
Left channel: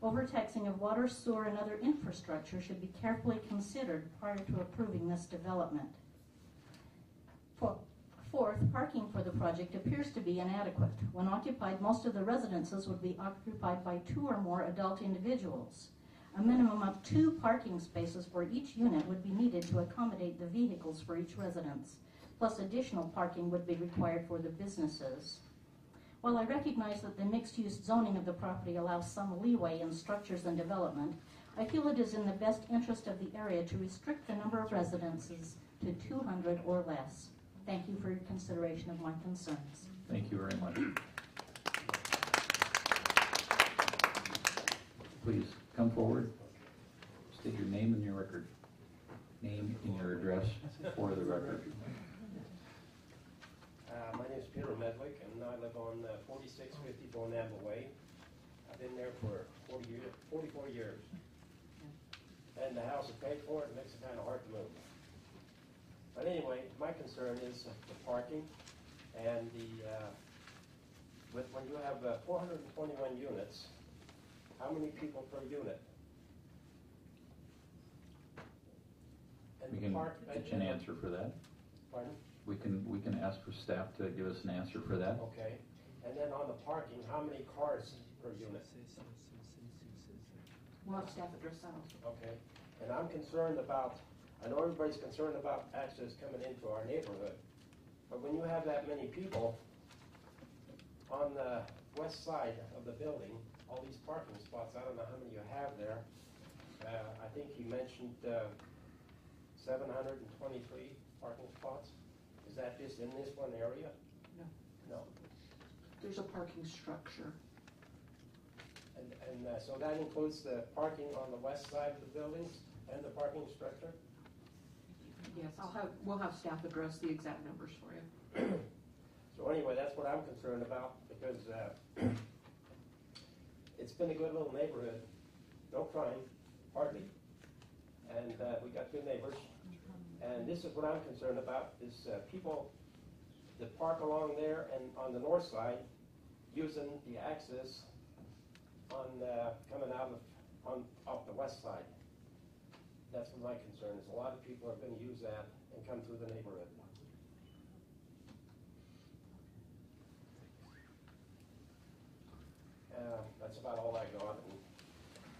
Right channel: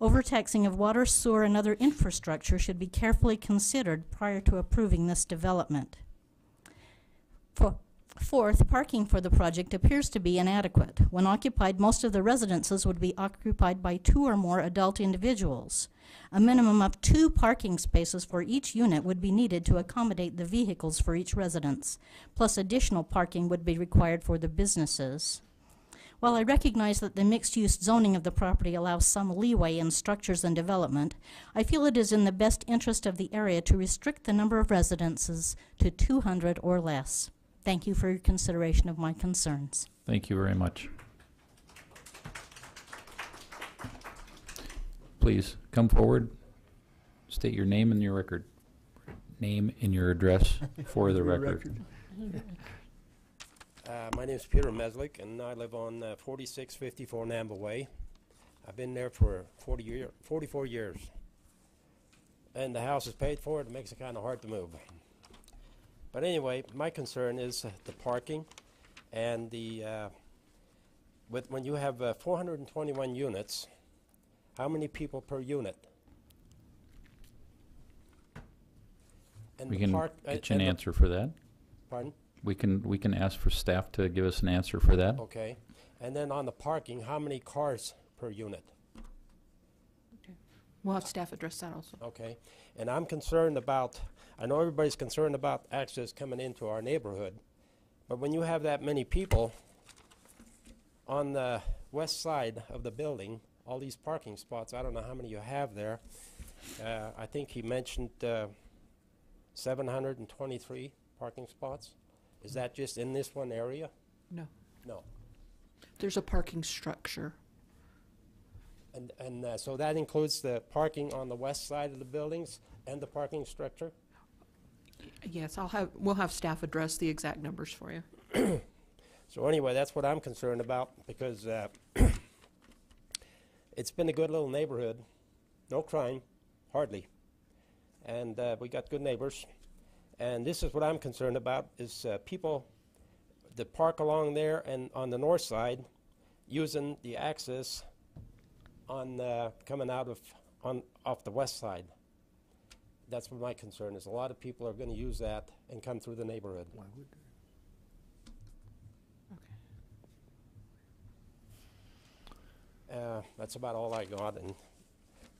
Overtaxing of water, sewer, and other infrastructure should be carefully considered prior to approving this development. Fourth, parking for the project appears to be inadequate. When occupied, most of the residences would be occupied by 2 or more adult individuals. A minimum of 2 parking spaces for each unit would be needed to accommodate the vehicles for each residence, plus additional parking would be required for the businesses. While I recognize that the mixed-use zoning of the property allows some leeway in structures and development, I feel it is in the best interest of the area to restrict the number of residences to 200 or less. Thank you for your consideration of my concerns. Thank you very much. Please come forward, state your name and your record. Name and your address for the record. My name is Peter Meslick, and I live on 4654 Namba Way. I've been there for 44 years. And the house is paid for. It makes it kind of hard to move. But anyway, my concern is the parking and when you have 421 units, how many people per unit? And We the can park- get you an and the- answer for that. Pardon? We can ask for staff to give us an answer for that. Okay. And then on the parking, how many cars per unit? We'll have staff address that also. Okay, and I'm concerned about, I know everybody's concerned about access coming into our neighborhood, but when you have that many people on the west side of the building, all these parking spots, I don't know how many you have there. I think he mentioned 723 parking spots. Is that just in this one area? No. No. There's a parking structure. And so that includes the parking on the west side of the buildings and the parking structure? Yes, we'll have staff address the exact numbers for you. So anyway, that's what I'm concerned about, because it's been a good little neighborhood, no crime, hardly, and we got good neighbors. And this is what I'm concerned about, is people that park along there and on the north side using the access on coming out of off the west side. That's what my concern is. A lot of people are going to use that and come through the neighborhood. That's about all I got, and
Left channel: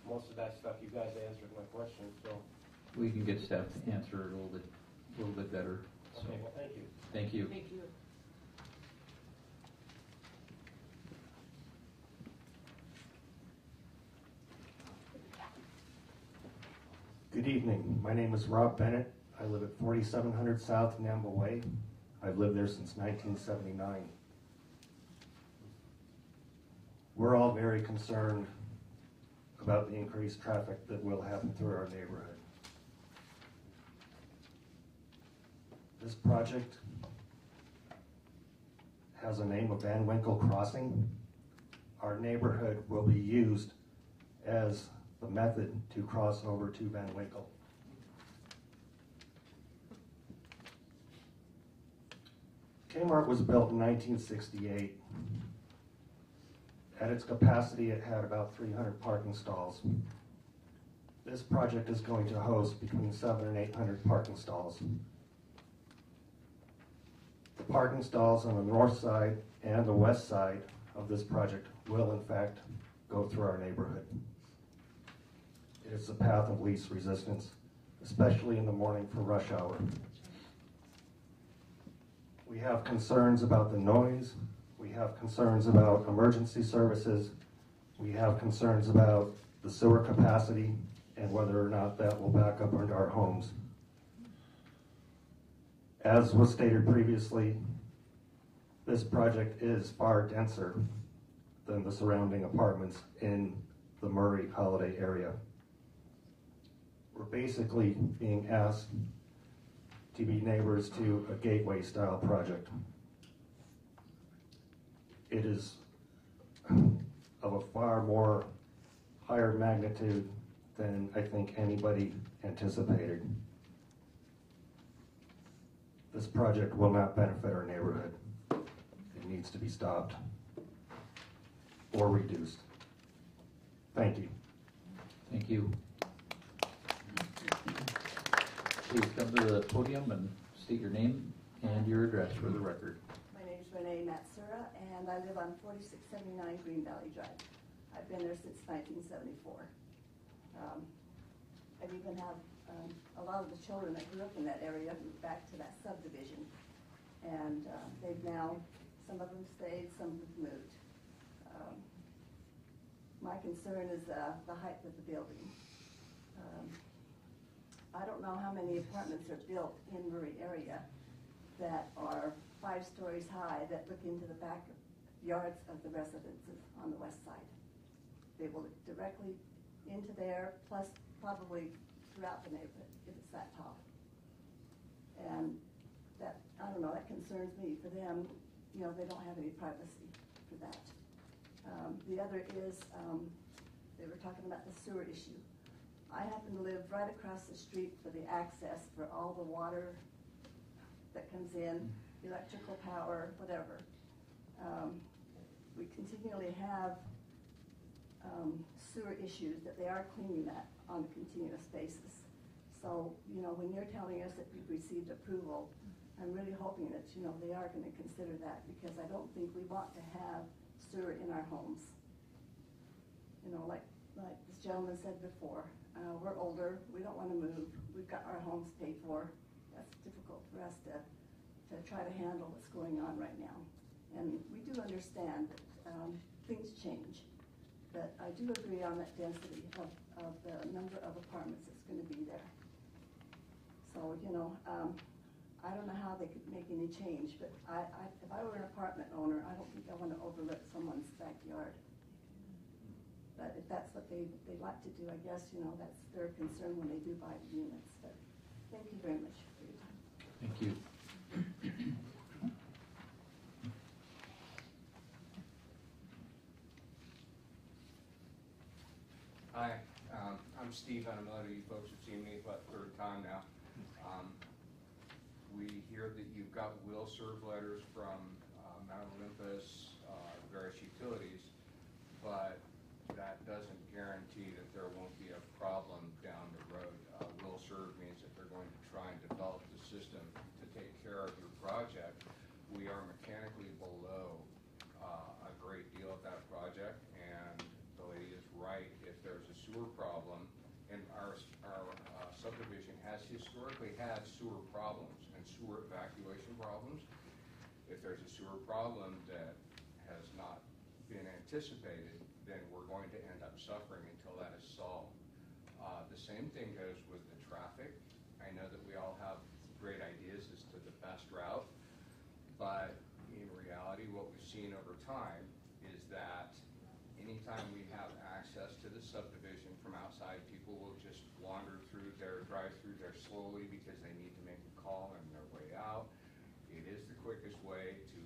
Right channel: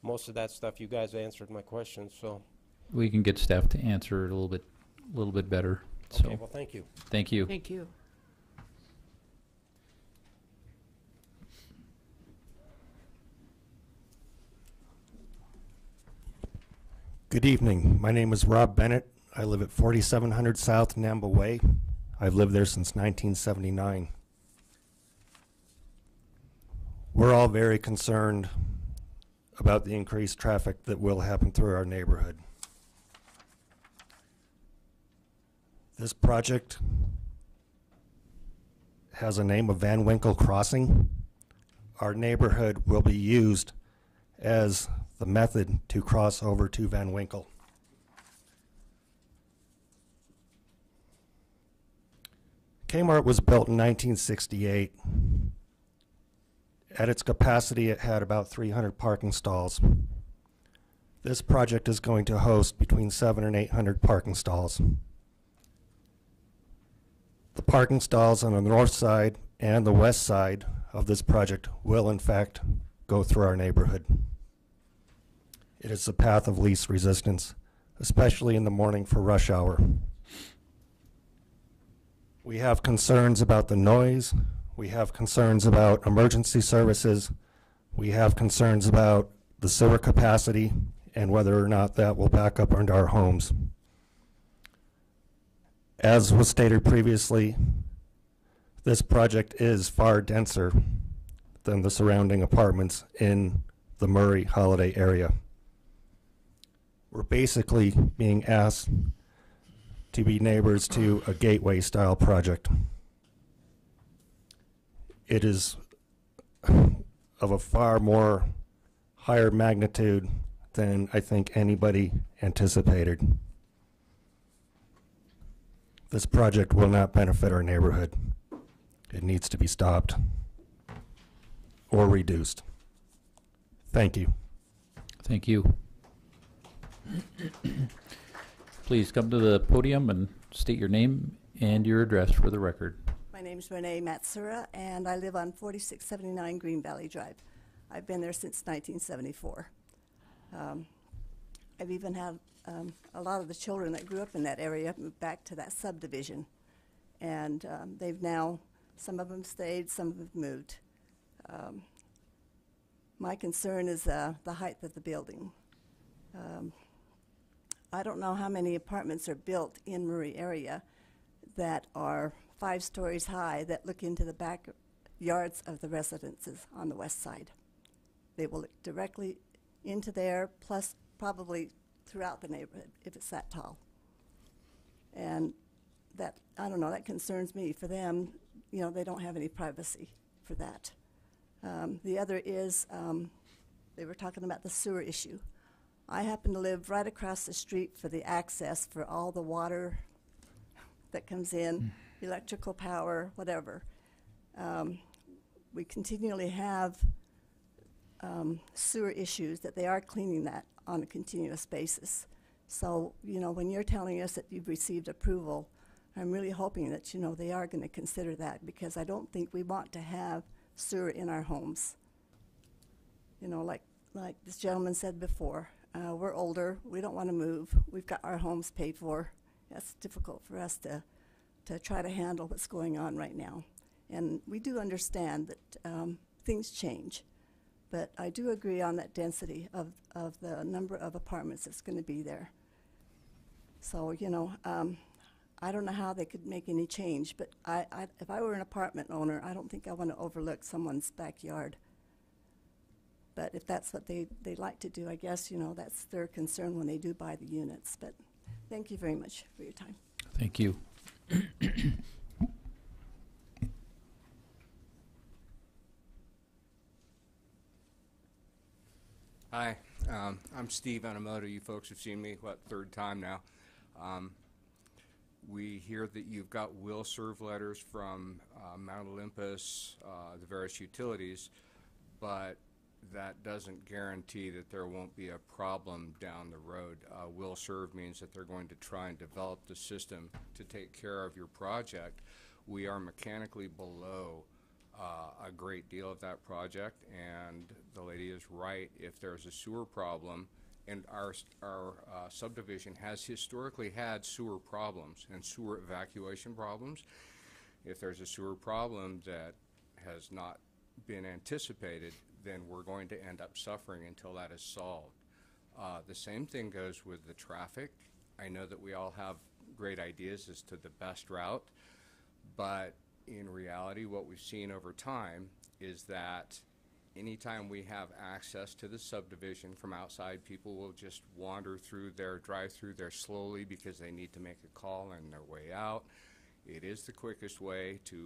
most of that stuff you guys answered my questions. So We can get staff to answer it a little bit better. So, okay, well, thank you. thank you. Thank you. Good evening. My name is Rob Bennett. I live at 4700 South Namba Way. I've lived there since 1979. We're all very concerned about the increased traffic that will happen through our neighborhood. This project has a name of Van Winkle Crossing. Our neighborhood will be used as the method to cross over to Van Winkle. Kmart was built in 1968. At its capacity, it had about 300 parking stalls. This project is going to host between 700 and 800 parking stalls. The parking stalls on the north side and the west side of this project will, in fact, go through our neighborhood. It is a path of least resistance, especially in the morning for rush hour. We have concerns about the noise. We have concerns about emergency services. We have concerns about the sewer capacity and whether or not that will back up into our homes. As was stated previously, this project is far denser than the surrounding apartments in the Murray Holiday area. We're basically being asked to be neighbors to a gateway style project. It is of a far more higher magnitude than I think anybody anticipated. This project will not benefit our neighborhood. It needs to be stopped or reduced. Thank you. Thank you. Please come to the podium and state your name and your address for the record. My name's Renee Matsura, and I live on 4679 Green Valley Drive. I've been there since 1974. I've even had a lot of the children that grew up in that area moved back to that subdivision. And they've now, some of them stayed, some have moved. My concern is the height of the building. I don't know how many apartments are built in Murray area that are 5 stories high that look into the backyards of the residences on the west side. They will look directly into there, plus probably throughout the neighborhood if it's that tall. And that, I don't know, that concerns me. For them, you know, they don't have any privacy for that. The other is, they were talking about the sewer issue. I happen to live right across the street for the access for all the water that comes in, electrical power, whatever. We continually have sewer issues that they are cleaning that on a continuous basis. So, you know, when you're telling us that you've received approval, I'm really hoping that, you know, they are going to consider that, because I don't think we want to have sewer in our homes. You know, like like this gentleman said before, we're older, we don't want to move, we've got our homes paid for. That's difficult for us to try to handle what's going on right now. And we do understand that things change, but I do agree on that density of the number of apartments that's going to be there. So, you know, I don't know how they could make any change, but if I were an apartment owner, I don't think I want to overlook someone's backyard. But if that's what they like to do, I guess, you know, that's their concern when they do buy the units. But thank you very much for your time. Thank you. Hi, I'm Steve Anamoto. You folks have seen me, third time now. We hear that you've got will serve letters from Mount Olympus, the various utilities, but that doesn't guarantee that there won't be a problem down the road. Will serve means that they're going to try and develop the system to take care of your project. We are mechanically below a great deal of that project, and the lady is right. If there's a sewer problem, and our subdivision has historically had sewer problems and sewer evacuation problems. If there's a sewer problem that has not been anticipated, then we're going to end up suffering until that is solved. The same thing goes with the traffic. I know that we all have great ideas as to the best route, but in reality, what we've seen over time is that anytime we have access to the subdivision from outside, people will just wander through their drive-through there slowly because they need to make a call on their way out. It is the quickest way to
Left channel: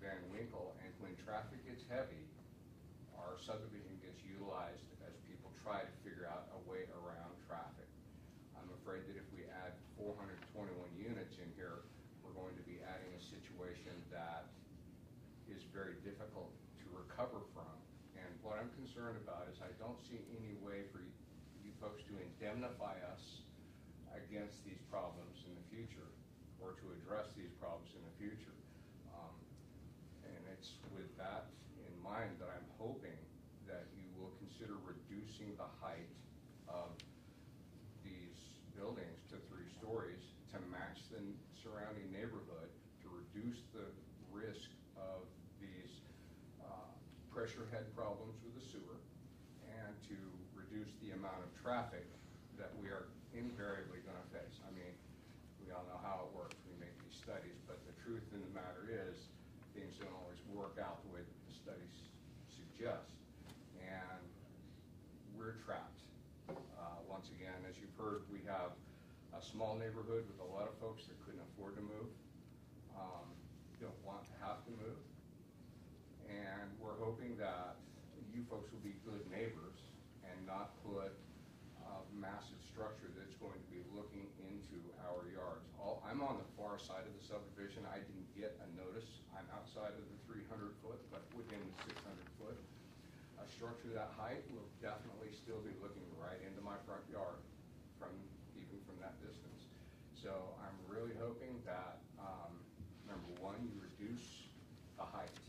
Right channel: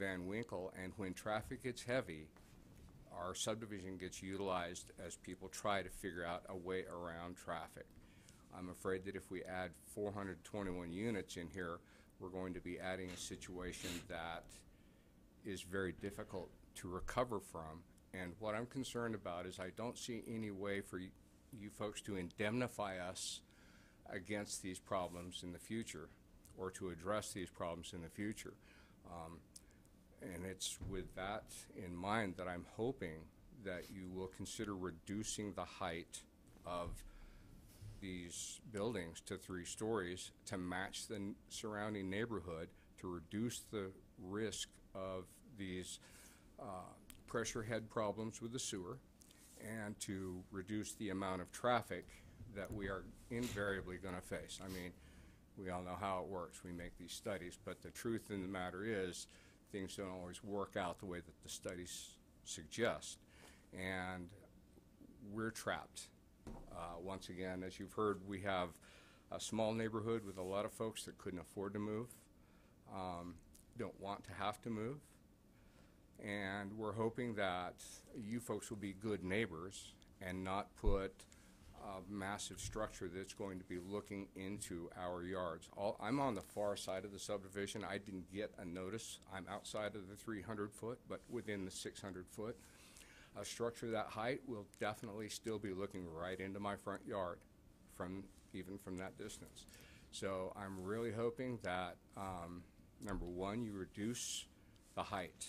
Van Winkle, and when traffic gets heavy, our subdivision gets utilized as people try to figure out a way around traffic. I'm afraid that if we add 421 units in here, we're going to be adding a situation that is very difficult to recover from. And what I'm concerned about is I don't see any way for you folks to indemnify us against these problems in the future, or to address these problems in the future. And it's with that in mind that I'm hoping that you will consider reducing the height of these buildings to 3 stories to match the surrounding neighborhood, to reduce the risk of these pressure head problems with the sewer, and to reduce the amount of traffic that we are invariably going to face. I mean, we all know how it works. We make these studies, but the truth in the matter is things don't always work out the way that the studies suggest, and we're trapped. Once again, as you've heard, we have a small neighborhood with a lot of folks that couldn't afford to move, don't want to have to move, and we're hoping that you folks will be good neighbors and not put a massive structure that's going to be looking into our yards. I'm on the far side of the subdivision. I didn't get a notice. I'm outside of the 300 foot, but within the 600 foot. A structure that height will definitely still be looking right into my front yard even from that distance. So I'm really hoping that, number one, you reduce the height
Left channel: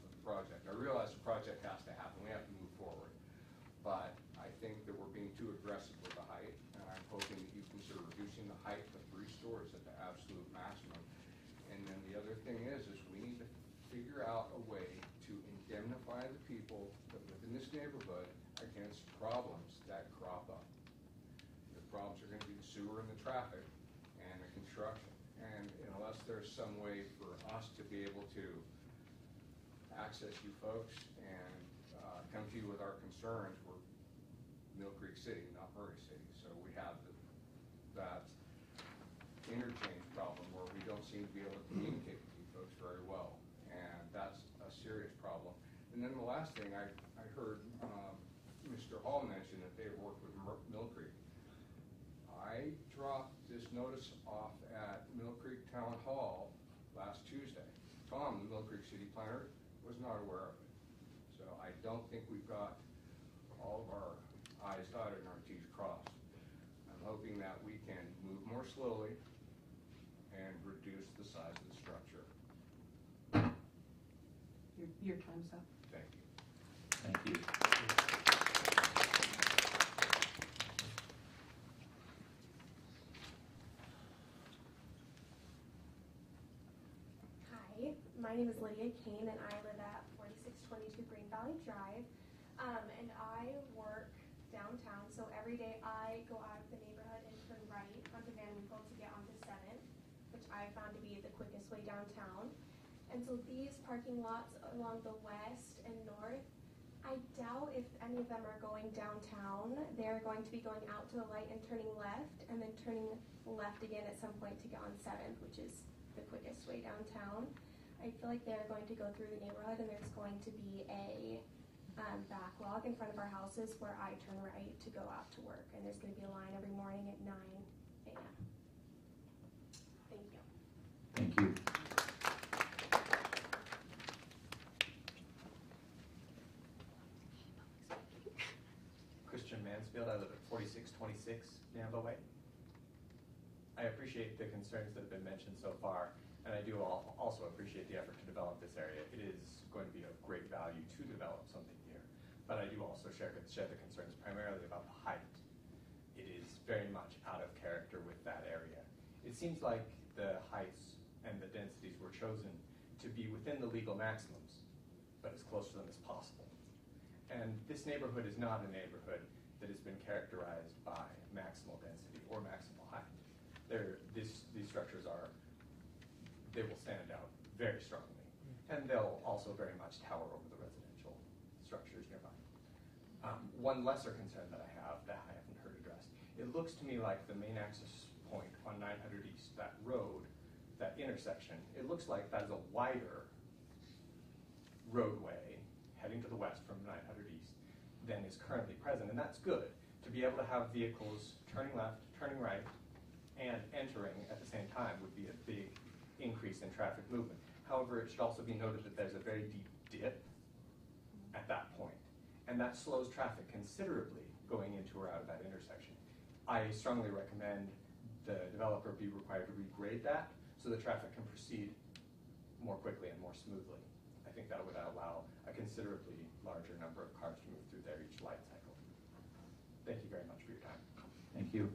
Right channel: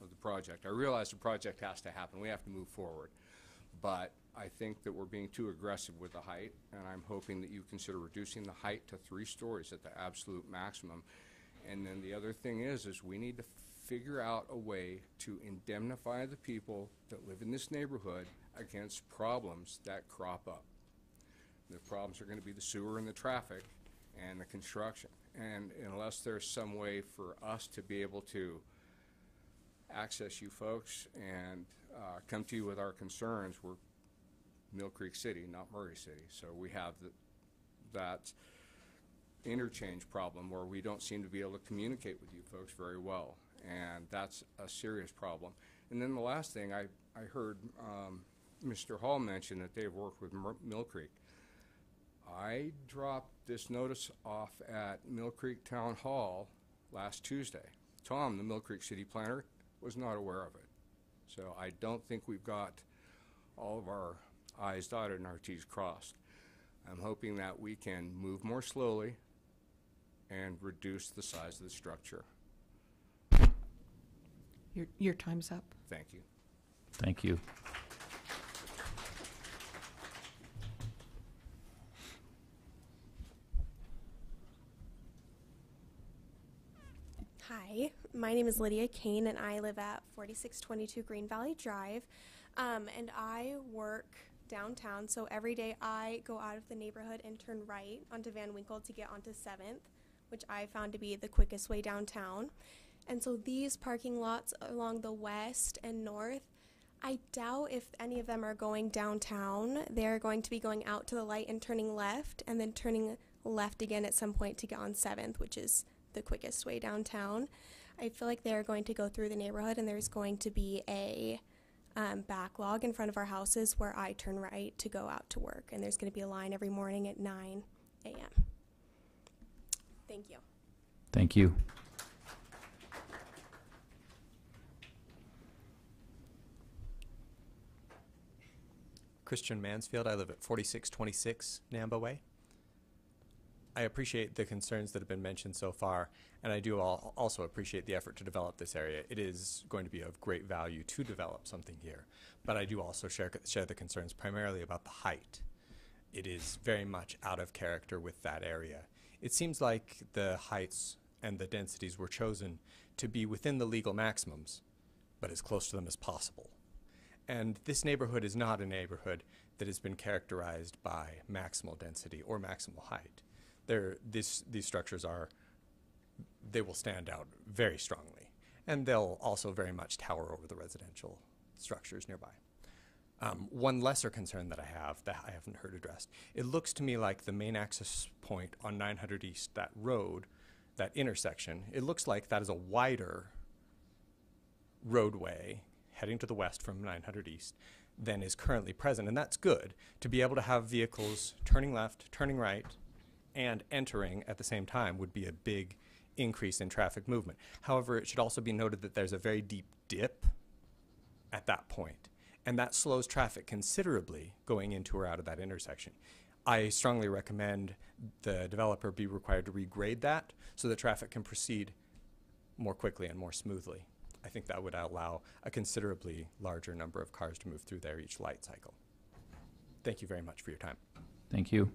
of the project. I realize the project has to happen. We have to move forward. But I think that we're being too aggressive with the height, and I'm hoping that you consider reducing the height to 3 stories at the absolute maximum. And then the other thing is we need to figure out a way to indemnify the people that live in this neighborhood against problems that crop up. The problems are going to be the sewer and the traffic and the construction. And unless there's some way for us to be able to access you folks and come to you with our concerns, we're Mill Creek City, not Murray City. So we have that interchange problem where we don't seem to be able to communicate with you folks very well. And that's a serious problem. And then the last thing, I heard Mr. Hall mention that they've worked with Mill Creek. I dropped this notice off at Mill Creek Town Hall last Tuesday. Tom, the Mill Creek City Planner, was not aware of it. So I don't think we've got all of our I's dotted and our T's crossed. I'm hoping that we can move more slowly and reduce the size of the structure. Your time's up. Thank you. Thank you. Hi, my name is Lydia Kane, and I live at 4622 Green Valley Drive, and I work downtown, so every day I go out of the neighborhood and turn right onto Van Winkle to get onto 7th, which I found to be the quickest way downtown. And so these parking lots along the west and north, I doubt if any of them are going downtown. They're going to be going out to the light and turning left, and then turning left again at some point to get on 7th, which is the quickest way downtown. I feel like they're going to go through the neighborhood, and there's going to be a backlog in front of our houses where I turn right to go out to work, and there's going to be a line every morning at 9 a.m. Thank you. Thank you. Christian Mansfield. I live at 4626 Namba Way. I appreciate the concerns that have been mentioned so far, and I do also appreciate the effort to develop this area. It is going to be of great value to develop something here, but I do also share the concerns primarily about the height. It is very much out of character with that area. It seems like the heights and the densities were chosen to be within the legal maximums, but as close to them as possible. And this neighborhood is not a neighborhood that has been characterized by maximal density or maximal height. These structures they will stand out very strongly, and they'll also very much tower over the residential structures nearby. One lesser concern that I have that I haven't heard addressed, it looks to me like the main access point on 900 East, that road, that intersection, it looks like that is a wider roadway heading to the west from 900 East than is currently present, and that's good to be able to have vehicles turning left, turning right, and entering at the same time would be a big increase in traffic movement. However, it should also be noted that there's a very deep dip at that point, and that slows traffic considerably going into or out of that intersection. I strongly recommend the developer be required to regrade that so the traffic can proceed more quickly and more smoothly. I think that would allow a considerably larger number of cars to move through there each light cycle. Thank you very much for your time. Thank you.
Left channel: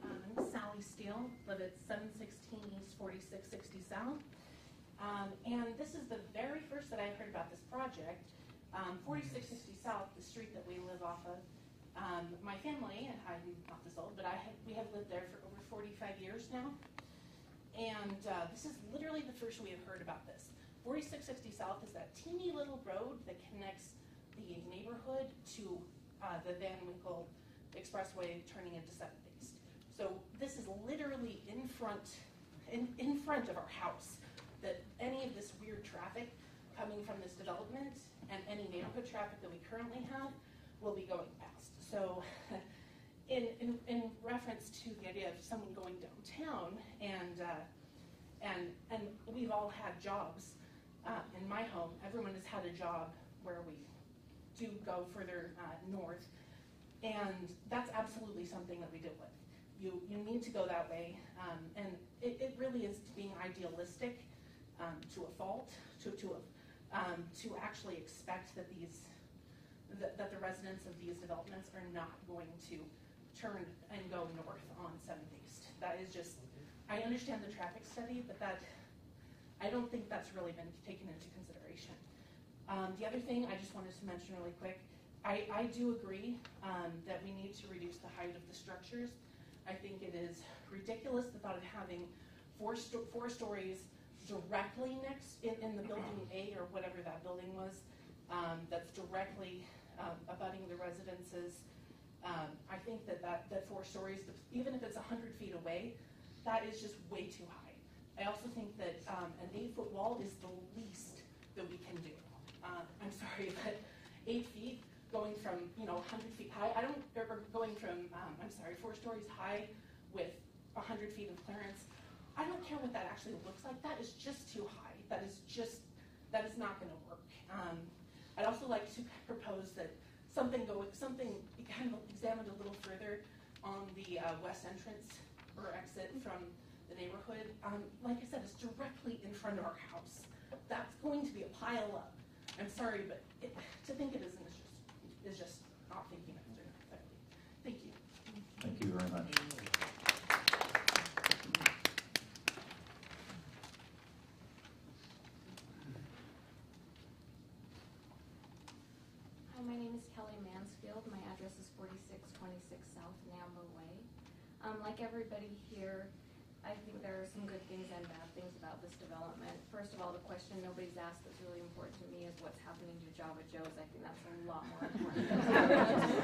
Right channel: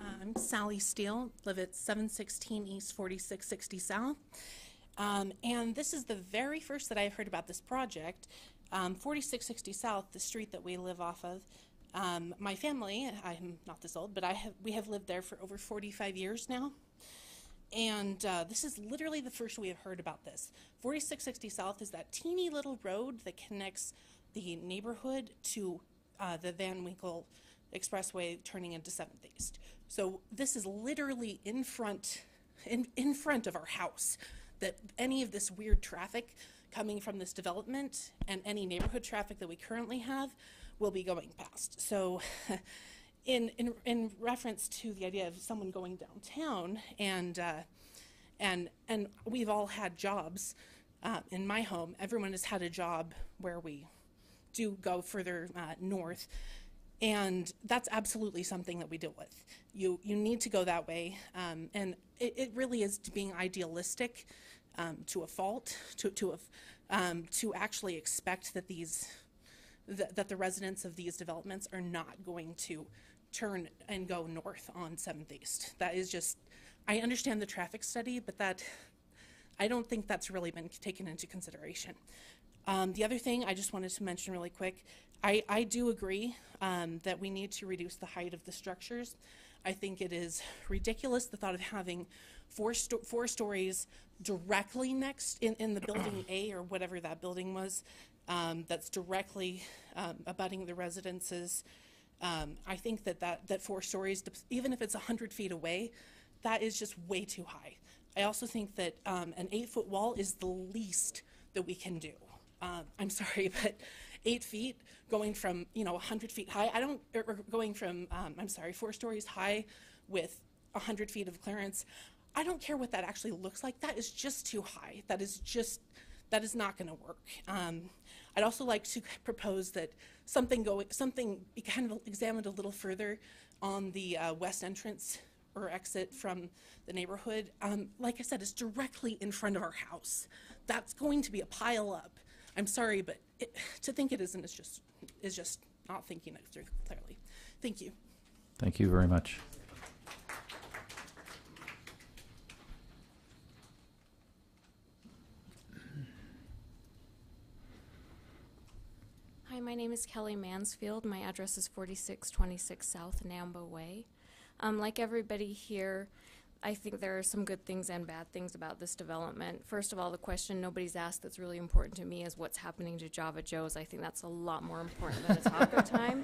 I'm Sally Steele, live at 716 East, 4660 South. And this is the very first that I've heard about this project. 4660 South, the street that we live off of. My family, I'm not this old, but we have lived there for over 45 years now. And this is literally the first we have heard about this. 4660 South is that teeny little road that connects the neighborhood to the Van Winkle Expressway turning into 7th East. So this is literally in front of our house, that any of this weird traffic coming from this development and any neighborhood traffic that we currently have will be going past. So in reference to the idea of someone going downtown, and we've all had jobs in my home, everyone has had a job where we do go further north, and that's absolutely something that we deal with. You need to go that way, and it really is being idealistic to a fault, to actually expect that that the residents of these developments are not going to turn and go north on 7th East. That is just, I understand the traffic study, but I don't think that's really been taken into consideration. The other thing I just wanted to mention really quick, I do agree that we need to reduce the height of the structures. I think it is ridiculous, the thought of having four stories directly next in the building A, or whatever that building was, that's directly abutting the residences. I think that 4 stories, even if it's 100 feet away, that is just way too high. I also think that an 8-foot wall is the least that we can do. I'm sorry, but 8 feet going from 100 feet high, or going from 4 stories high with 100 feet of clearance. I don't care what that actually looks like. That is just too high. That is not going to work. I'd also like to propose that something be kind of examined a little further on the west entrance or exit from the neighborhood. Like I said, it's directly in front of our house. That's going to be a pile up. I'm sorry, but to think it isn't is just is just not thinking it through clearly. Thank you. Thank you very much. Hi, my name is Kelly Mansfield. My address is 4626 South Namba Way. Like everybody here, I think there are some good things and bad things about this development. First of all, the question nobody's asked that's really important to me is what's happening to Java Joe's. I think that's a lot more important than it's happening tonight.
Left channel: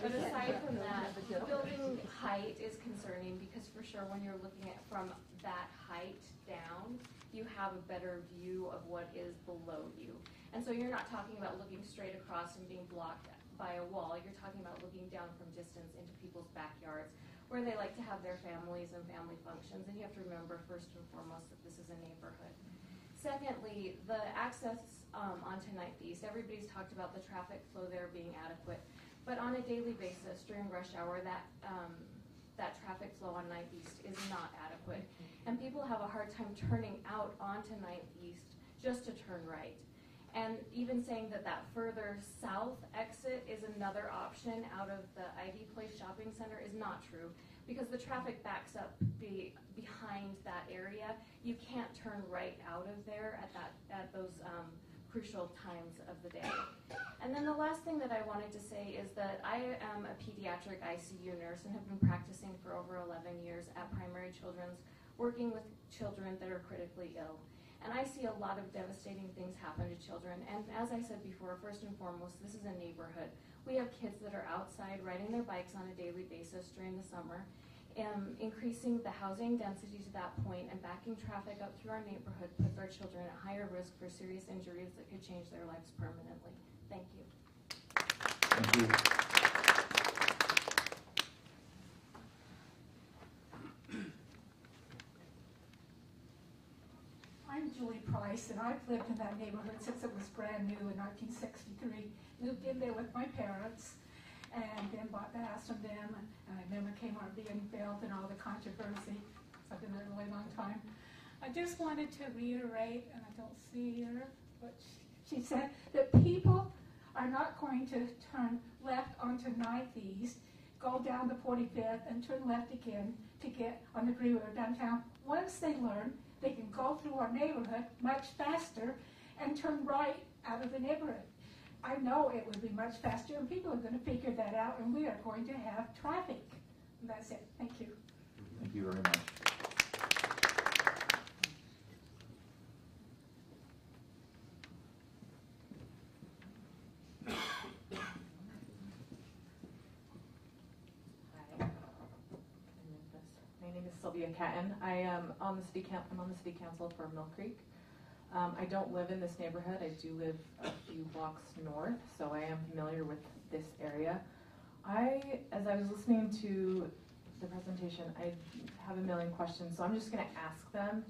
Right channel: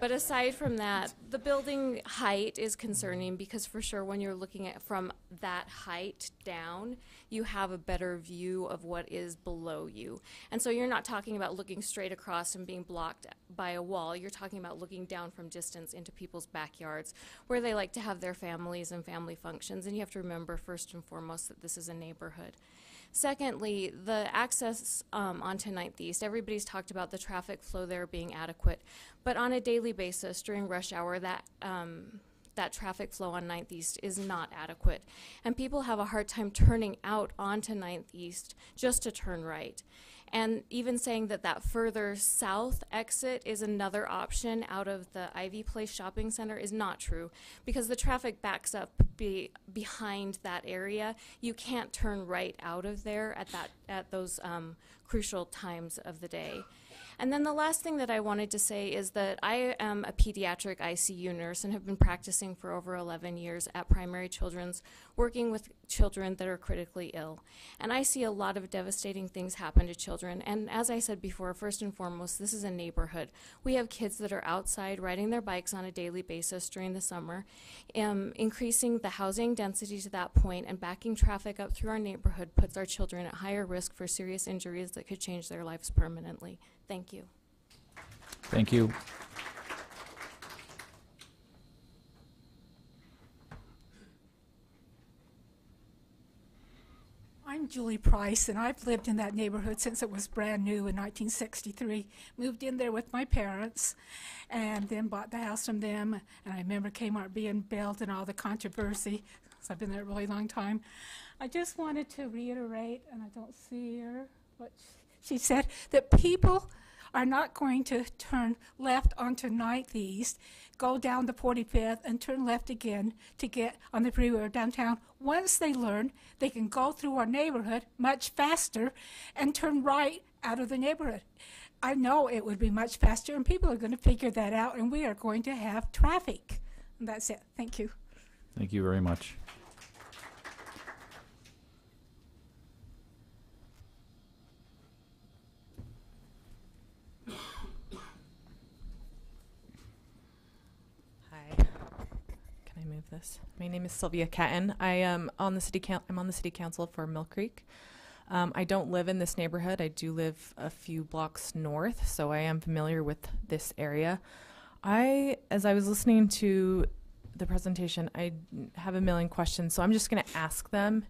But aside from that, the building height is concerning because for sure when you're looking at from that height down, you have a better view of what is below you. And so you're not talking about looking straight across and being blocked by a wall. You're talking about looking down from distance into people's backyards where they like to have their families and family functions. And you have to remember first and foremost that this is a neighborhood. Secondly, the access onto 9th East, everybody's talked about the traffic flow there being adequate. But on a daily basis during rush hour, that traffic flow on 9th East is not adequate. And people have a hard time turning out onto 9th East just to turn right. And even saying that that further south exit is another option out of the Ivy Place Shopping Center is not true because the traffic backs up behind that area. You can't turn right out of there at those crucial times of the day. And then the last thing that I wanted to say is that I am a pediatric ICU nurse and have been practicing for over 11 years at Primary Children's, working with children that are critically ill. And I see a lot of devastating things happen to children. And as I said before, first and foremost, this is a neighborhood. We have kids that are outside riding their bikes on a daily basis during the summer. Increasing the housing density to that point and backing traffic up through our neighborhood puts our children at higher risk for serious injuries that could change their lives permanently. Thank you. Thank you. I'm Julie Price, and I've lived in that neighborhood since it was brand new in 1963. Moved in there with my parents, and then bought the house from them. And I remember Kmart being built and all the controversy, because I've been there a really long time. I just wanted to reiterate, and I don't see her, but she said that people are not going to turn left onto 9th East, go down the 45th, and turn left again to get on the freeway or downtown. Once they learn, they can go through our neighborhood much faster and turn right out of the neighborhood. I know it would be much faster, and people are going to figure that out, and we are going to have traffic. And that's it. Thank you. Thank you very much. My name is Sylvia Catton. I am on the city I'm on the city council for Mill Creek. I don't live in this neighborhood. I do live a few blocks north, so I am familiar with this area. As I was listening to the presentation, I have a million questions, so I'm just going to ask them,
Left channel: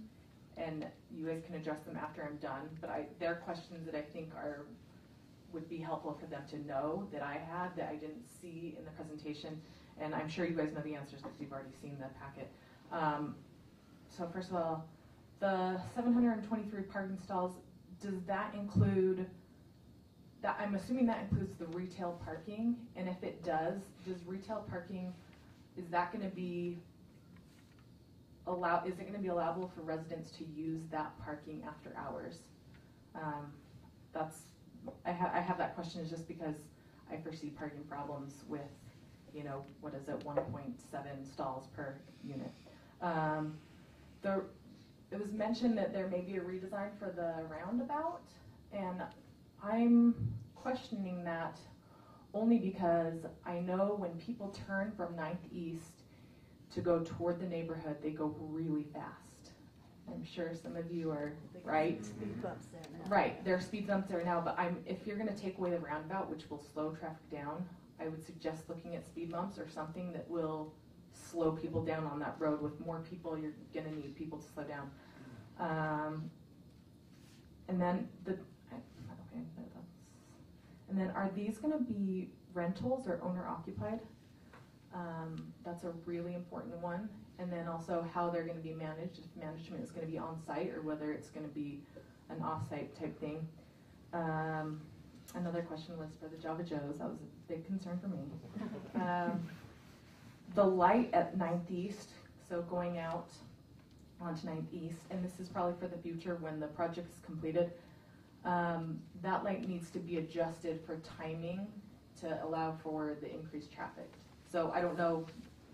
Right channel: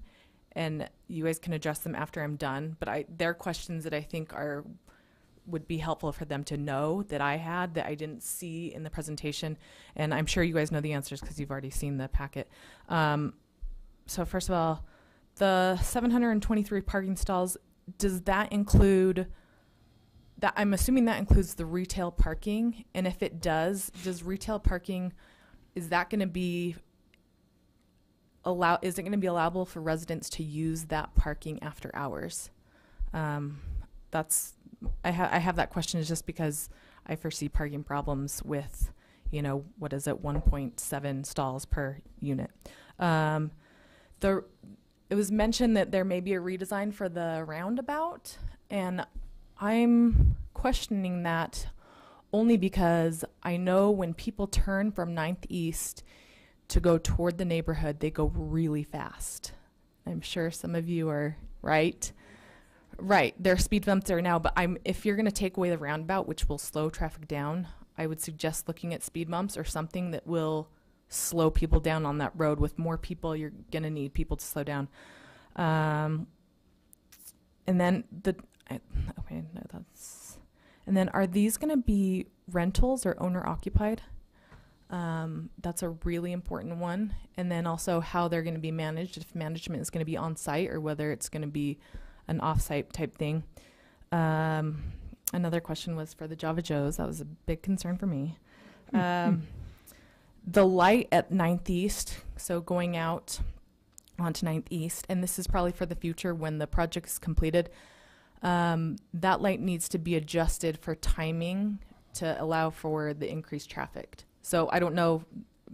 and you guys can address them after I'm done. But they're questions that I think would be helpful for them to know that I had that I didn't see in the presentation. And I'm sure you guys know the answers because you've already seen the packet. So first of all, the 723 parking stalls, does that include, I'm assuming that includes the retail parking? And if it does retail parking, is that going to be is it going to be allowable for residents to use that parking after hours? I have that question just because I foresee parking problems with, 1.7 stalls per unit. It was mentioned that there may be a redesign for the roundabout, and I'm questioning that only because I know when people turn from 9th East to go toward the neighborhood, they go really fast. I'm sure some of you are right. Right, there are speed bumps there now, but if you're going to take away the roundabout, which will slow traffic down, I would suggest looking at speed bumps or something that will slow people down on that road. With more people, you're going to need people to slow down. And then and then are these going to be rentals or owner occupied? That's a really important one. And then also how they're going to be managed, if management is going to be on site or whether it's going to be an off-site type thing. Another question was for the Java Joes. That was a big concern for me. The light at 9th East, so going out onto 9th East, and this is probably for the future when the project is completed, that light needs to be adjusted for timing to allow for the increased traffic. So I don't know,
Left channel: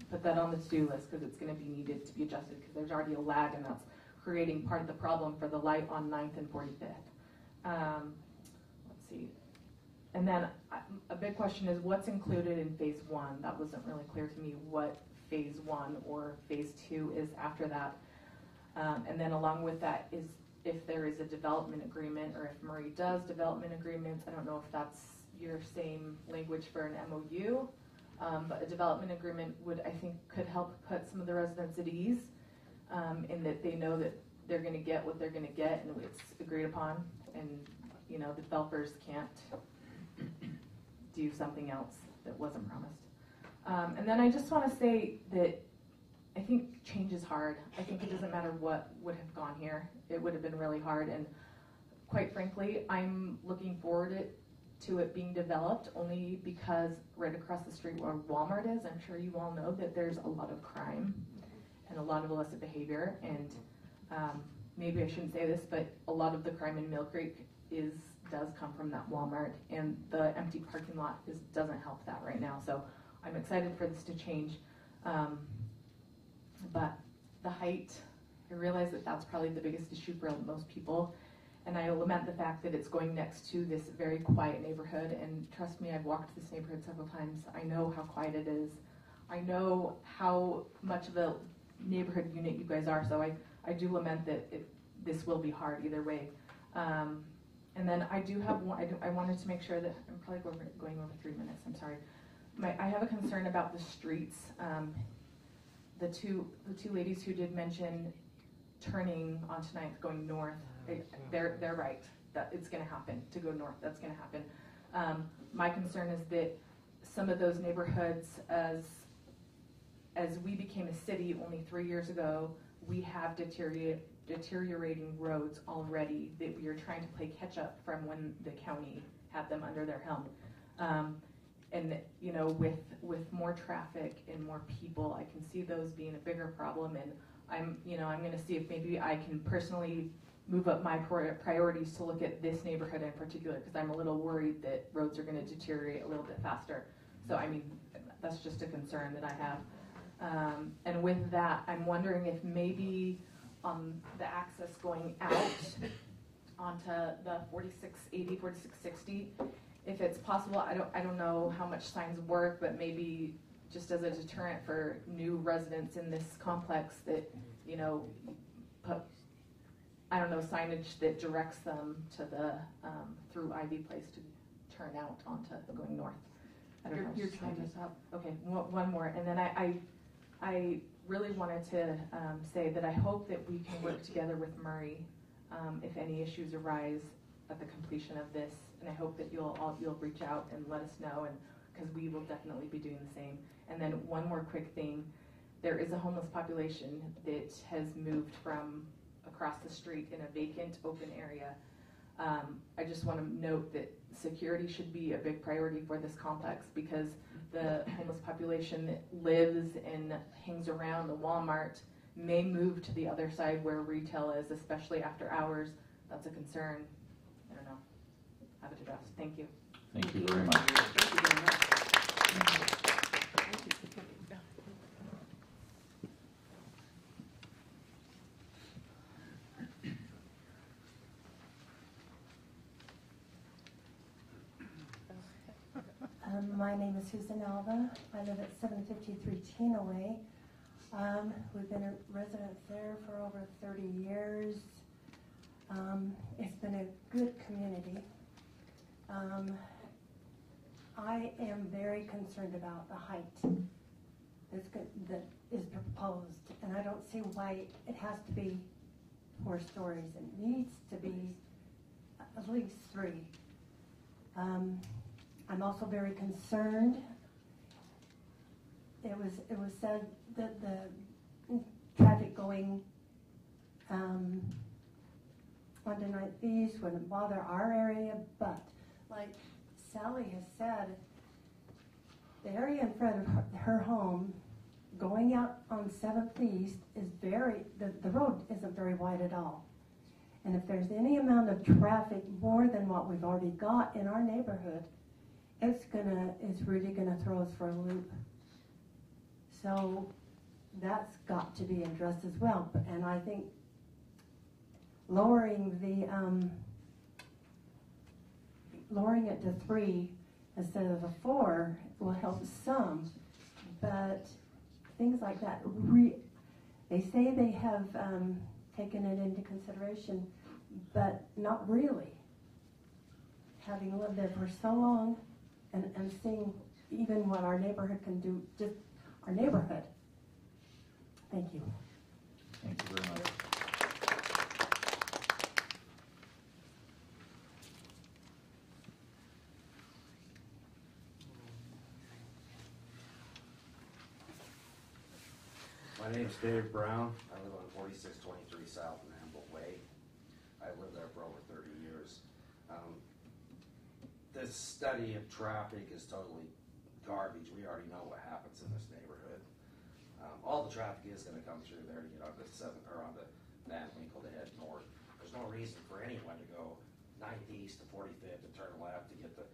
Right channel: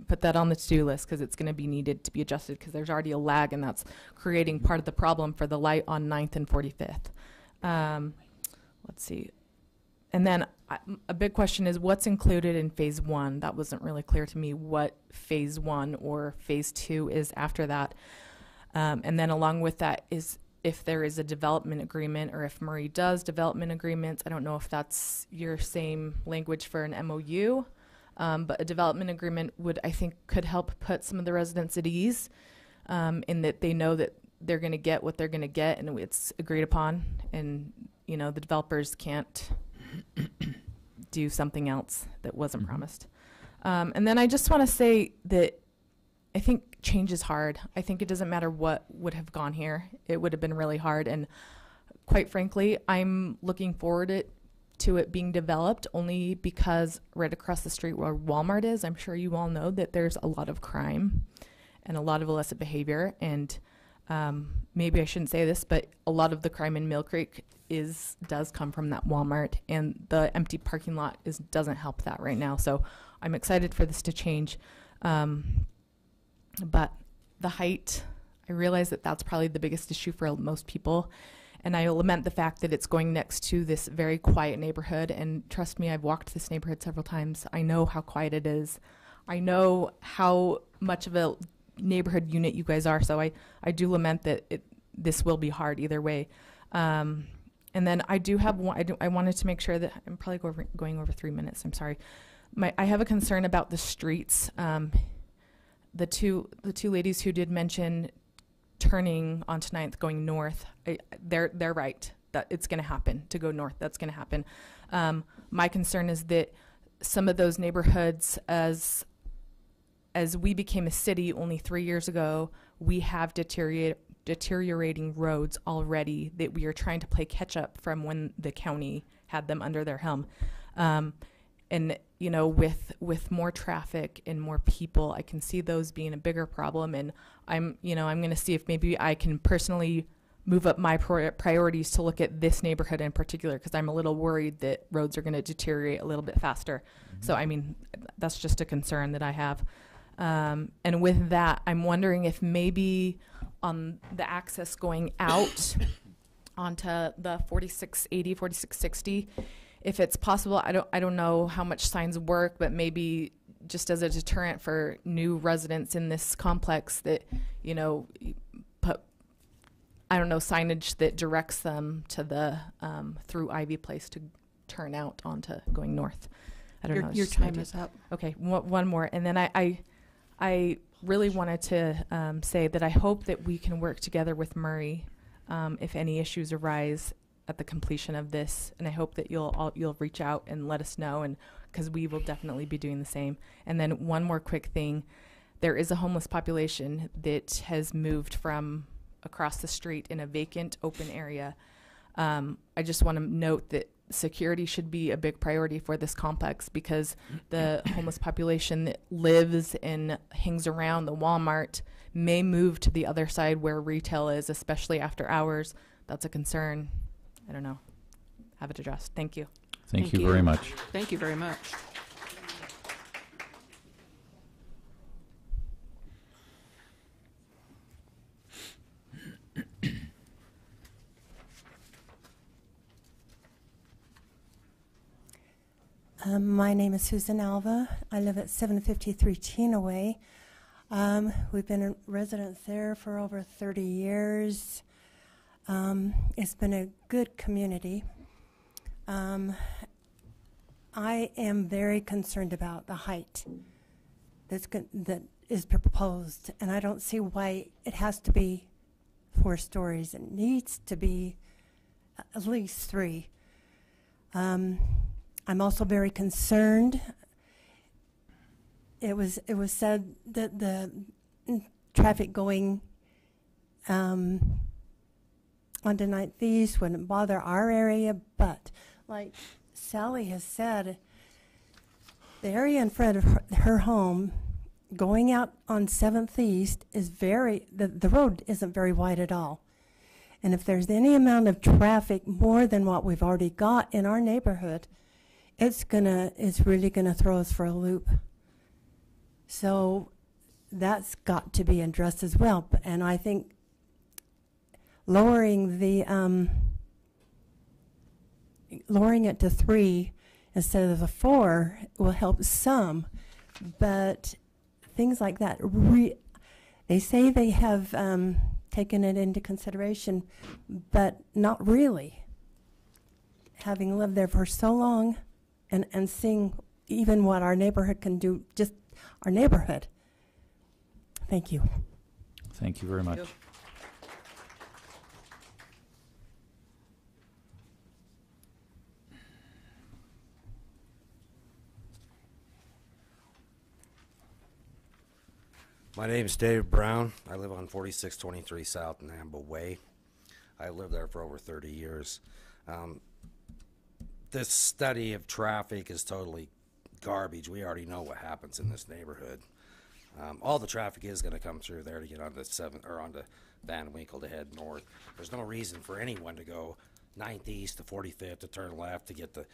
put that on the to-do list because it's going to be needed to be adjusted because there's already a lag and that's creating part of the problem for the light on 9th and 45th. Let's see. And then a big question is what's included in phase 1? That wasn't really clear to me what phase 1 or phase 2 is after that. And then along with that is if there is a development agreement or if Murray does development agreements. I don't know if that's your same language for an MOU, but a development agreement I think could help put some of the residents at ease in that they know that they're going to get what they're going to get and it's agreed upon, and the developers can't do something else that wasn't promised. And then I just want to say that I think change is hard. I think it doesn't matter what would have gone here. It would have been really hard. And quite frankly, I'm looking forward to it being developed only because right across the street where Walmart is, I'm sure you all know that there's a lot of crime and a lot of illicit behavior. And maybe I shouldn't say this, but a lot of the crime in Mill Creek does come from that Walmart, and the empty parking lot doesn't help that right now. So I'm excited for this to change. But the height, I realize that that's probably the biggest issue for most people. And I lament the fact that it's going next to this very quiet neighborhood. And trust me, I've walked this neighborhood several times. I know how quiet it is. I know how much of a neighborhood unit you guys are. So I do lament that this will be hard either way. And then I do have one, I wanted to make sure that I'm probably going over 3 minutes. I'm sorry. I have a concern about the streets. The two ladies who did mention turning onto 9th going north, they're right that it's going to happen to go north. That's going to happen. My concern is that some of those neighborhoods, as we became a city only 3 years ago, we have deteriorating roads already that we are trying to play catch up from when the county had them under their helm. And with more traffic and more people, I can see those being a bigger problem. And I'm going to see if maybe I can personally move up my priorities to look at this neighborhood in particular, because I'm a little worried that roads are going to deteriorate a little bit faster. So that's just a concern that I have. And with that, I'm wondering if maybe on the access going out onto the 4680, 4660, if it's possible, I don't know how much signs work, but maybe just as a deterrent for new residents in this complex that, put, signage that directs them to the, through Ivy Place to turn out onto going north. I don't know. Your time is up. Okay, one more. And then I really wanted to say that I hope that we can work together with Murray if any issues arise at the completion of this, and I hope that you'll reach out and let us know, and because we will definitely be doing the same. And then one more quick thing, there is a homeless population that has moved from across the street in a vacant open area. I just want to note that security should be a big priority for this complex, because the homeless population that lives and hangs around the Walmart may move to the other side where retail is, especially after hours. That's a concern. I don't know. Have it addressed. Thank you. Thank you very much. Thank you very much. My name is Susan Alva. I live at 753 Chena Way. We've been residents there for over 30 years. It's been a good community. I am very concerned about the height that is proposed, and I don't see why it has to be 4 stories. It needs to be at least 3. I'm also very concerned. It was said that the traffic going onto 9th East wouldn't bother our area, but like Sally has said, the area in front of her home, going out on 7th East, is the road isn't very wide at all. And if there's any amount of traffic more than what we've already got in our neighborhood, it's really gonna throw us for a loop. So that's got to be addressed as well. And I think lowering it to 3 instead of the 4 will help some, but things like that, they say they have taken it into consideration, but not really. Having lived there for so long and seeing even what our neighborhood can do, just our neighborhood. Thank you. Thank you very much. My name is David Brown. I live on 4623 South Nambo Way. I've lived there for over 30 years. This study of traffic is totally garbage. We already know what happens in this neighborhood. All the traffic is going to come through there to get onto 7th or onto Van Winkle to head north. There's no reason for anyone to go 9th East to 45th to turn left to get to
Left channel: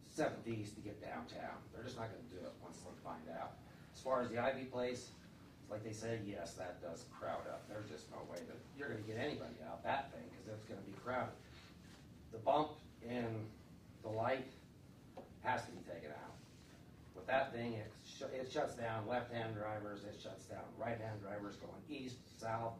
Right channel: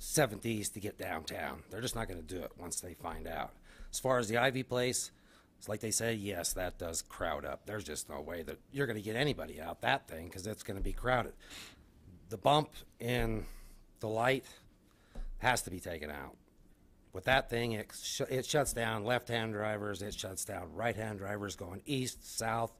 7th East to get downtown. They're just not going to do it once they find out. As far as the Ivy Place, it's like they say, yes, that does crowd up. There's just no way that you're going to get anybody out that thing because it's going to be crowded. The bump in the light has to be taken out. With that thing, it shuts down left-hand drivers, it shuts down right-hand drivers going east, south,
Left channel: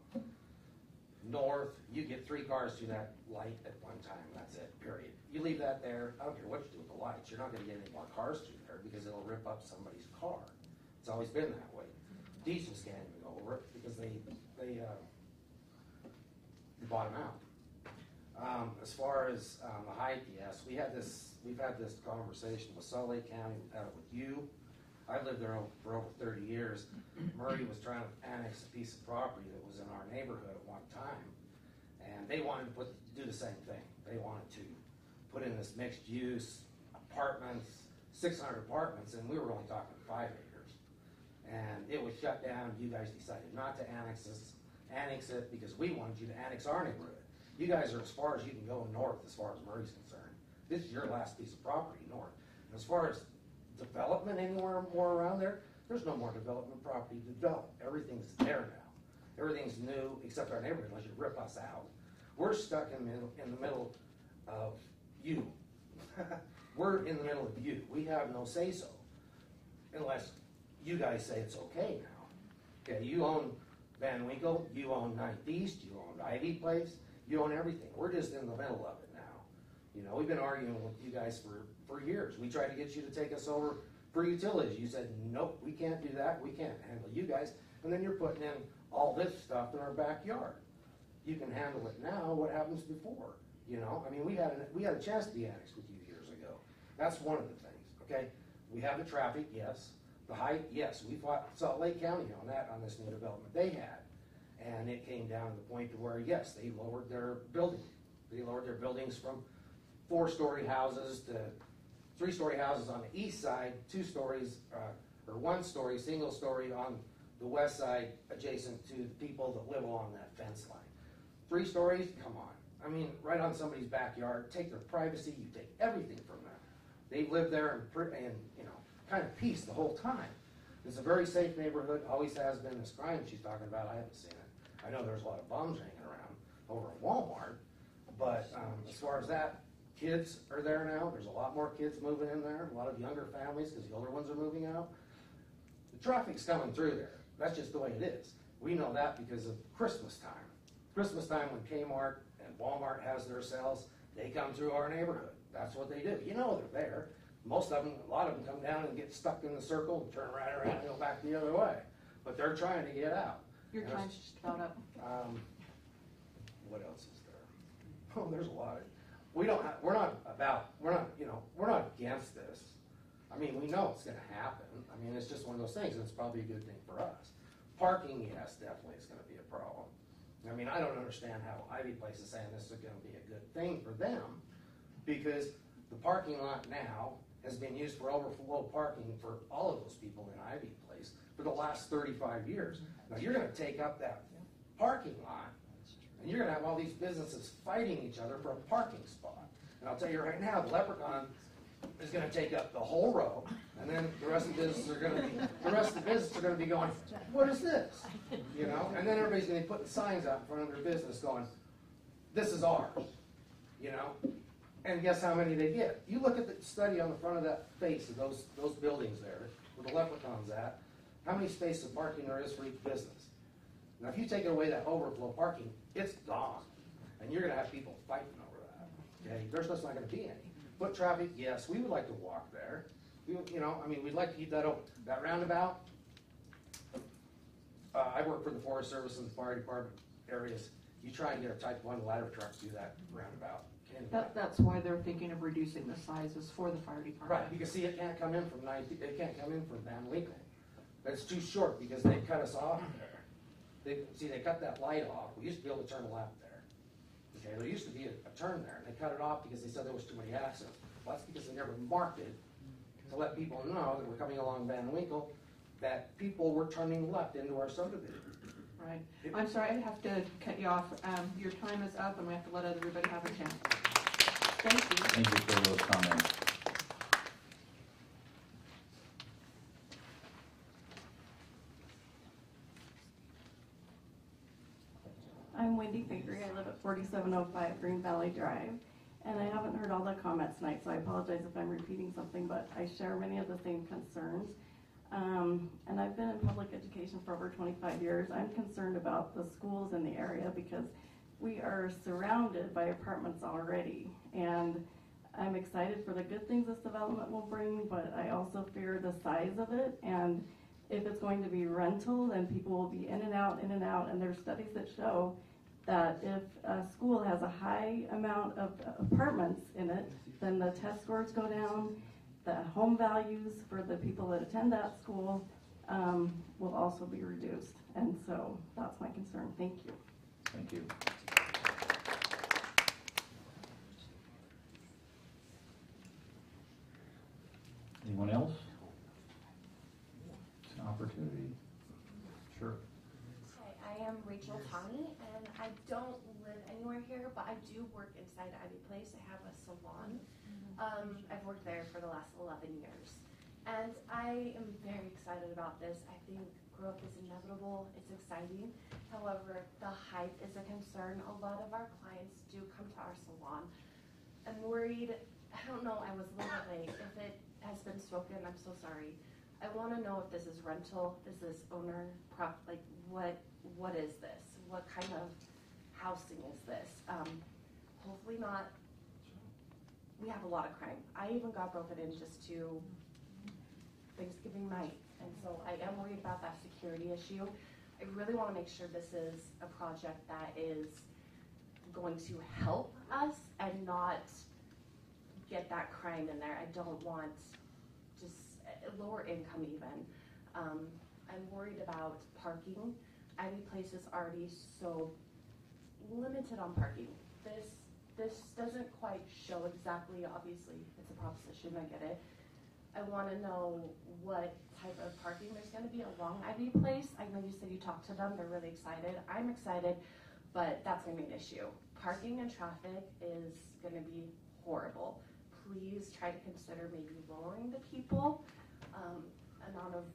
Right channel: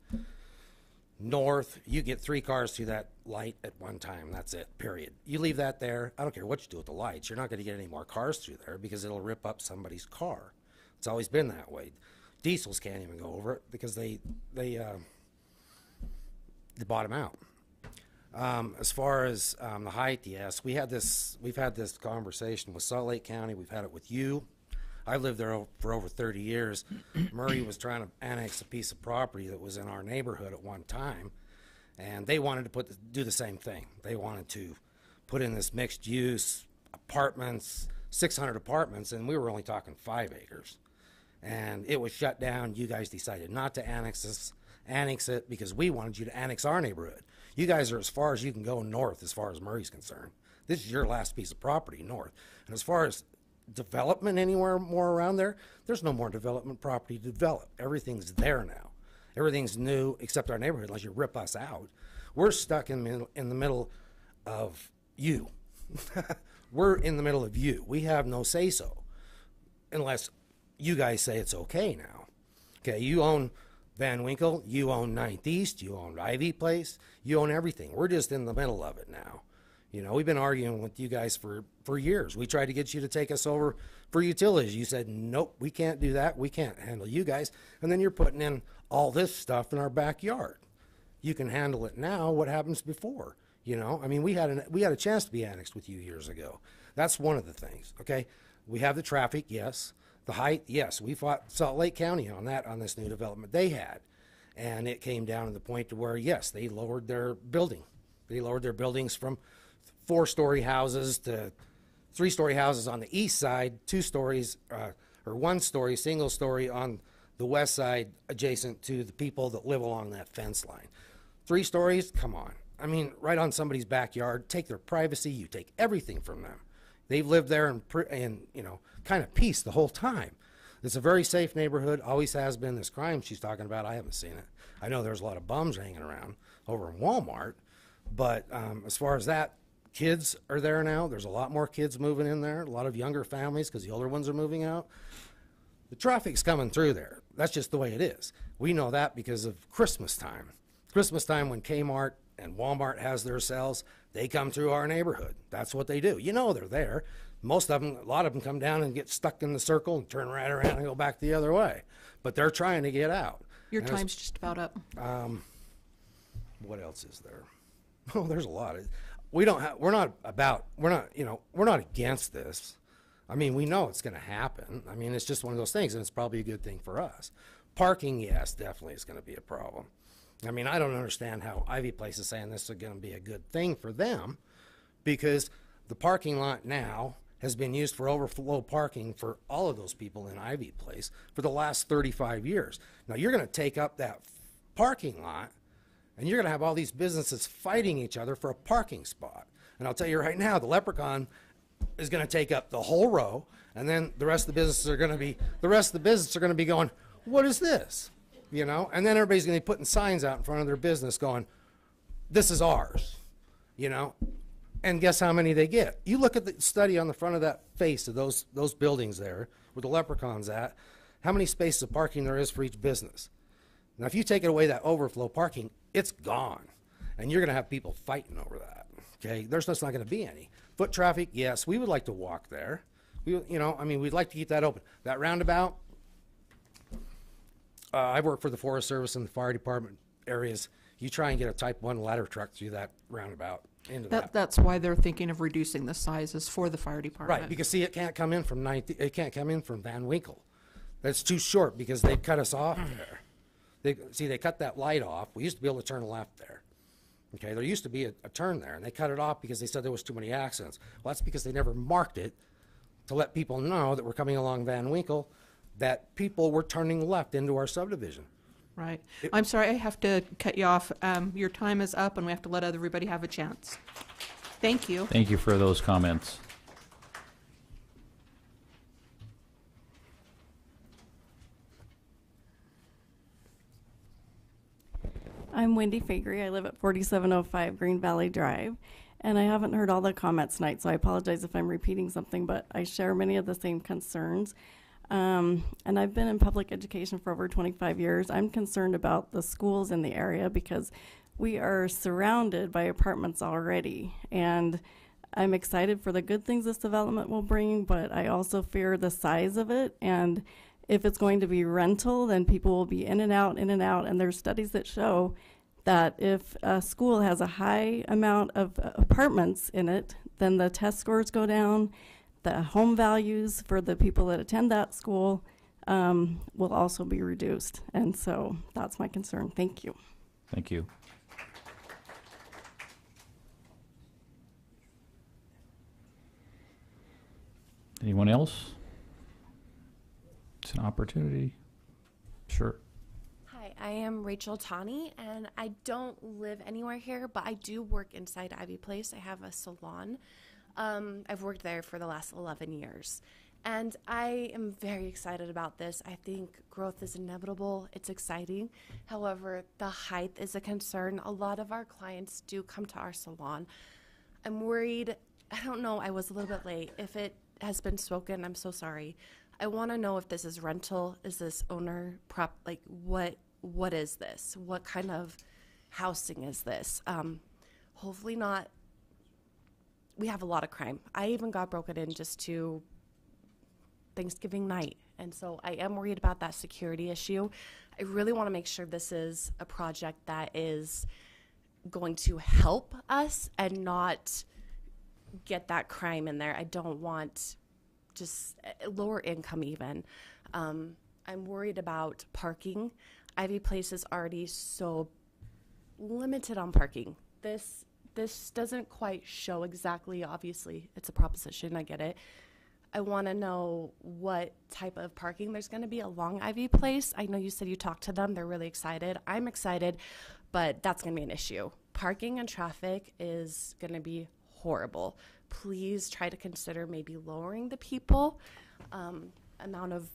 north. You get 3 cars through that light at one time. That's it, period. You leave that there, I don't care what you do with the lights, you're not going to get any more cars through there because it'll rip up somebody's car. It's always been that way. Diesels can't even go over it because they bottom out. As far as the height, yes, we've had this conversation with Salt Lake County. We've had it with you. I've lived there for over 30 years. Murray was trying to annex a piece of property that was in our neighborhood at one time, and they wanted to do the same thing. They wanted to put in this mixed use apartments, 600 apartments, and we were only talking 5 acres. And it was shut down. You guys decided not to annex it because we wanted you to annex our neighborhood. You guys are as far as you can go north as far as Murray's concerned. This is your last piece of property north. And as far as development anywhere more around there, there's no more development property to develop. Everything's there now. Everything's new except our neighborhood unless you rip us out. We're stuck in the middle of you. We're in the middle of you. We have no say-so unless you guys say it's okay now. Okay, you own Van Winkle, you own 9th East, you own Ivy Place, you own everything. We're just in the middle of it now. You know, we've been arguing with you guys for years. We tried to get you to take us over for utilities. You said, nope, we can't do that. We can't handle you guys. And then you're putting in all this stuff in our backyard. You can handle it now. What happens before? You know, I mean, we had a chance to be annexed with you years ago. That's one of the things, okay? We have the traffic, yes. The height, yes, we fought Salt Lake County on this new development they had. And it came down to the point to where, yes, they lowered their building. They lowered their buildings from 4-story houses to 3-story houses on the east side, 2 stories, or 1-story, single story on the west side adjacent to the people that live along that fence line. 3 stories, come on. I mean, right on somebody's backyard, take their privacy, you take everything from them. They've lived there in you know, kind of peace the whole time. It's a very safe neighborhood, always has been. This crime she's talking about, I haven't seen it. I know there's a lot of bums hanging around over in Walmart, but as far as that, kids are there now. There's a lot more kids moving in there, a lot of younger families because the older ones are moving out. The traffic's coming through there. That's just the way it is. We know that because of Christmas time. Christmas time when Kmart and Walmart has their sales, they come through our neighborhood. That's what they do. You know they're there. Most of them, a lot of them come down and get stuck in the circle and turn right around and go back the other way. But they're trying to get out. Your time's just about up. What else is there? Oh, there's a lot. We're not against this. I mean, we know it's going to happen. I mean, it's just one of those things, and it's probably a good thing for us. Parking, yes, definitely is going to be a problem. I mean, I don't understand how Ivy Place is saying this is going to be a good thing for them, because The parking lot now has been used for overflow parking for all of those people in Ivy Place for the last 35 years. Now you're going to take up that parking lot and you're going to have all these businesses fighting each other for a parking spot. And I'll tell you right now, the Leprechaun is going to take up the whole row, and then the rest of the businesses are going to be going, what is this? You know, and then everybody's going to be putting signs out in front of their business going, this is ours, you know. And guess how many they get? You look at the study on the front of that face of those buildings there where the Leprechaun's at, how many spaces of parking there is for each business. Now, if you take away that overflow parking, it's gone. And you're going to have people fighting over that, okay? There's just not going to be any. Foot traffic, yes, we would like to walk there. We'd like to keep that open. That roundabout, I've worked for the Forest Service and the fire department areas. You try and get a type 1 ladder truck through that roundabout. That's why they're thinking of reducing the sizes for the fire department. Right, because see, it can't come in from Van Winkle. That's too short because they cut us off there. They cut that light off. We used to be able to turn left there. Okay, there used to be a turn there, and they cut it off because they said there was too many accidents. Well, that's because they never marked it to let people know that we're coming along Van Winkle, that people were turning left into our subdivision. Right. I'm sorry, I have to cut you off. Your time is up, and we have to let everybody have a chance. Thank you. Thank you for those comments. I'm Wendy Fakery. I live at 4705 Green Valley Drive. And I haven't heard all the comments tonight, so I apologize if I'm repeating something, but I share many of the same concerns. And I've been in public education for over 25 years. I'm concerned about the schools in the area because we are surrounded by apartments already. And I'm excited for the good things this development will bring, but I also fear the size of it. And if it's going to be rental, then people will be in and out. And there's studies that show that if a school has a high amount of apartments in it, then the test scores go down. The home values for the people that attend that school will also be reduced. And so that's my concern. Thank you. Thank you. Anyone else? It's an opportunity. Sure. Hi, I am Rachel Tani, and I don't live anywhere here, but I do work inside Ivy Place. I have a salon. I've worked there for the last 11 years. And I am very excited about this. I think growth is inevitable. It's exciting. However, the height is a concern. A lot of our clients do come to our salon. I'm worried. I don't know. I was a little bit late. If it has been spoken, I'm so sorry. I want to know if this is rental. Is this owner prop? Like, what is this? What kind of housing is this? Hopefully not. We have a lot of crime. I even got broken in just to Thanksgiving night. And so I am worried about that security issue. I really want to make sure this is a project that is going to help us and not get that crime in there. I don't want just lower income even. I'm worried about parking. Ivy Place is already so limited on parking. This doesn't quite show exactly, obviously, it's a proposition, I get it. I want to know what type of parking there's going to be along Ivy Place. I know you said you talked to them, they're really excited. I'm excited, but that's going to be an issue. Parking and traffic is going to be horrible. Please try to consider maybe lowering the amount of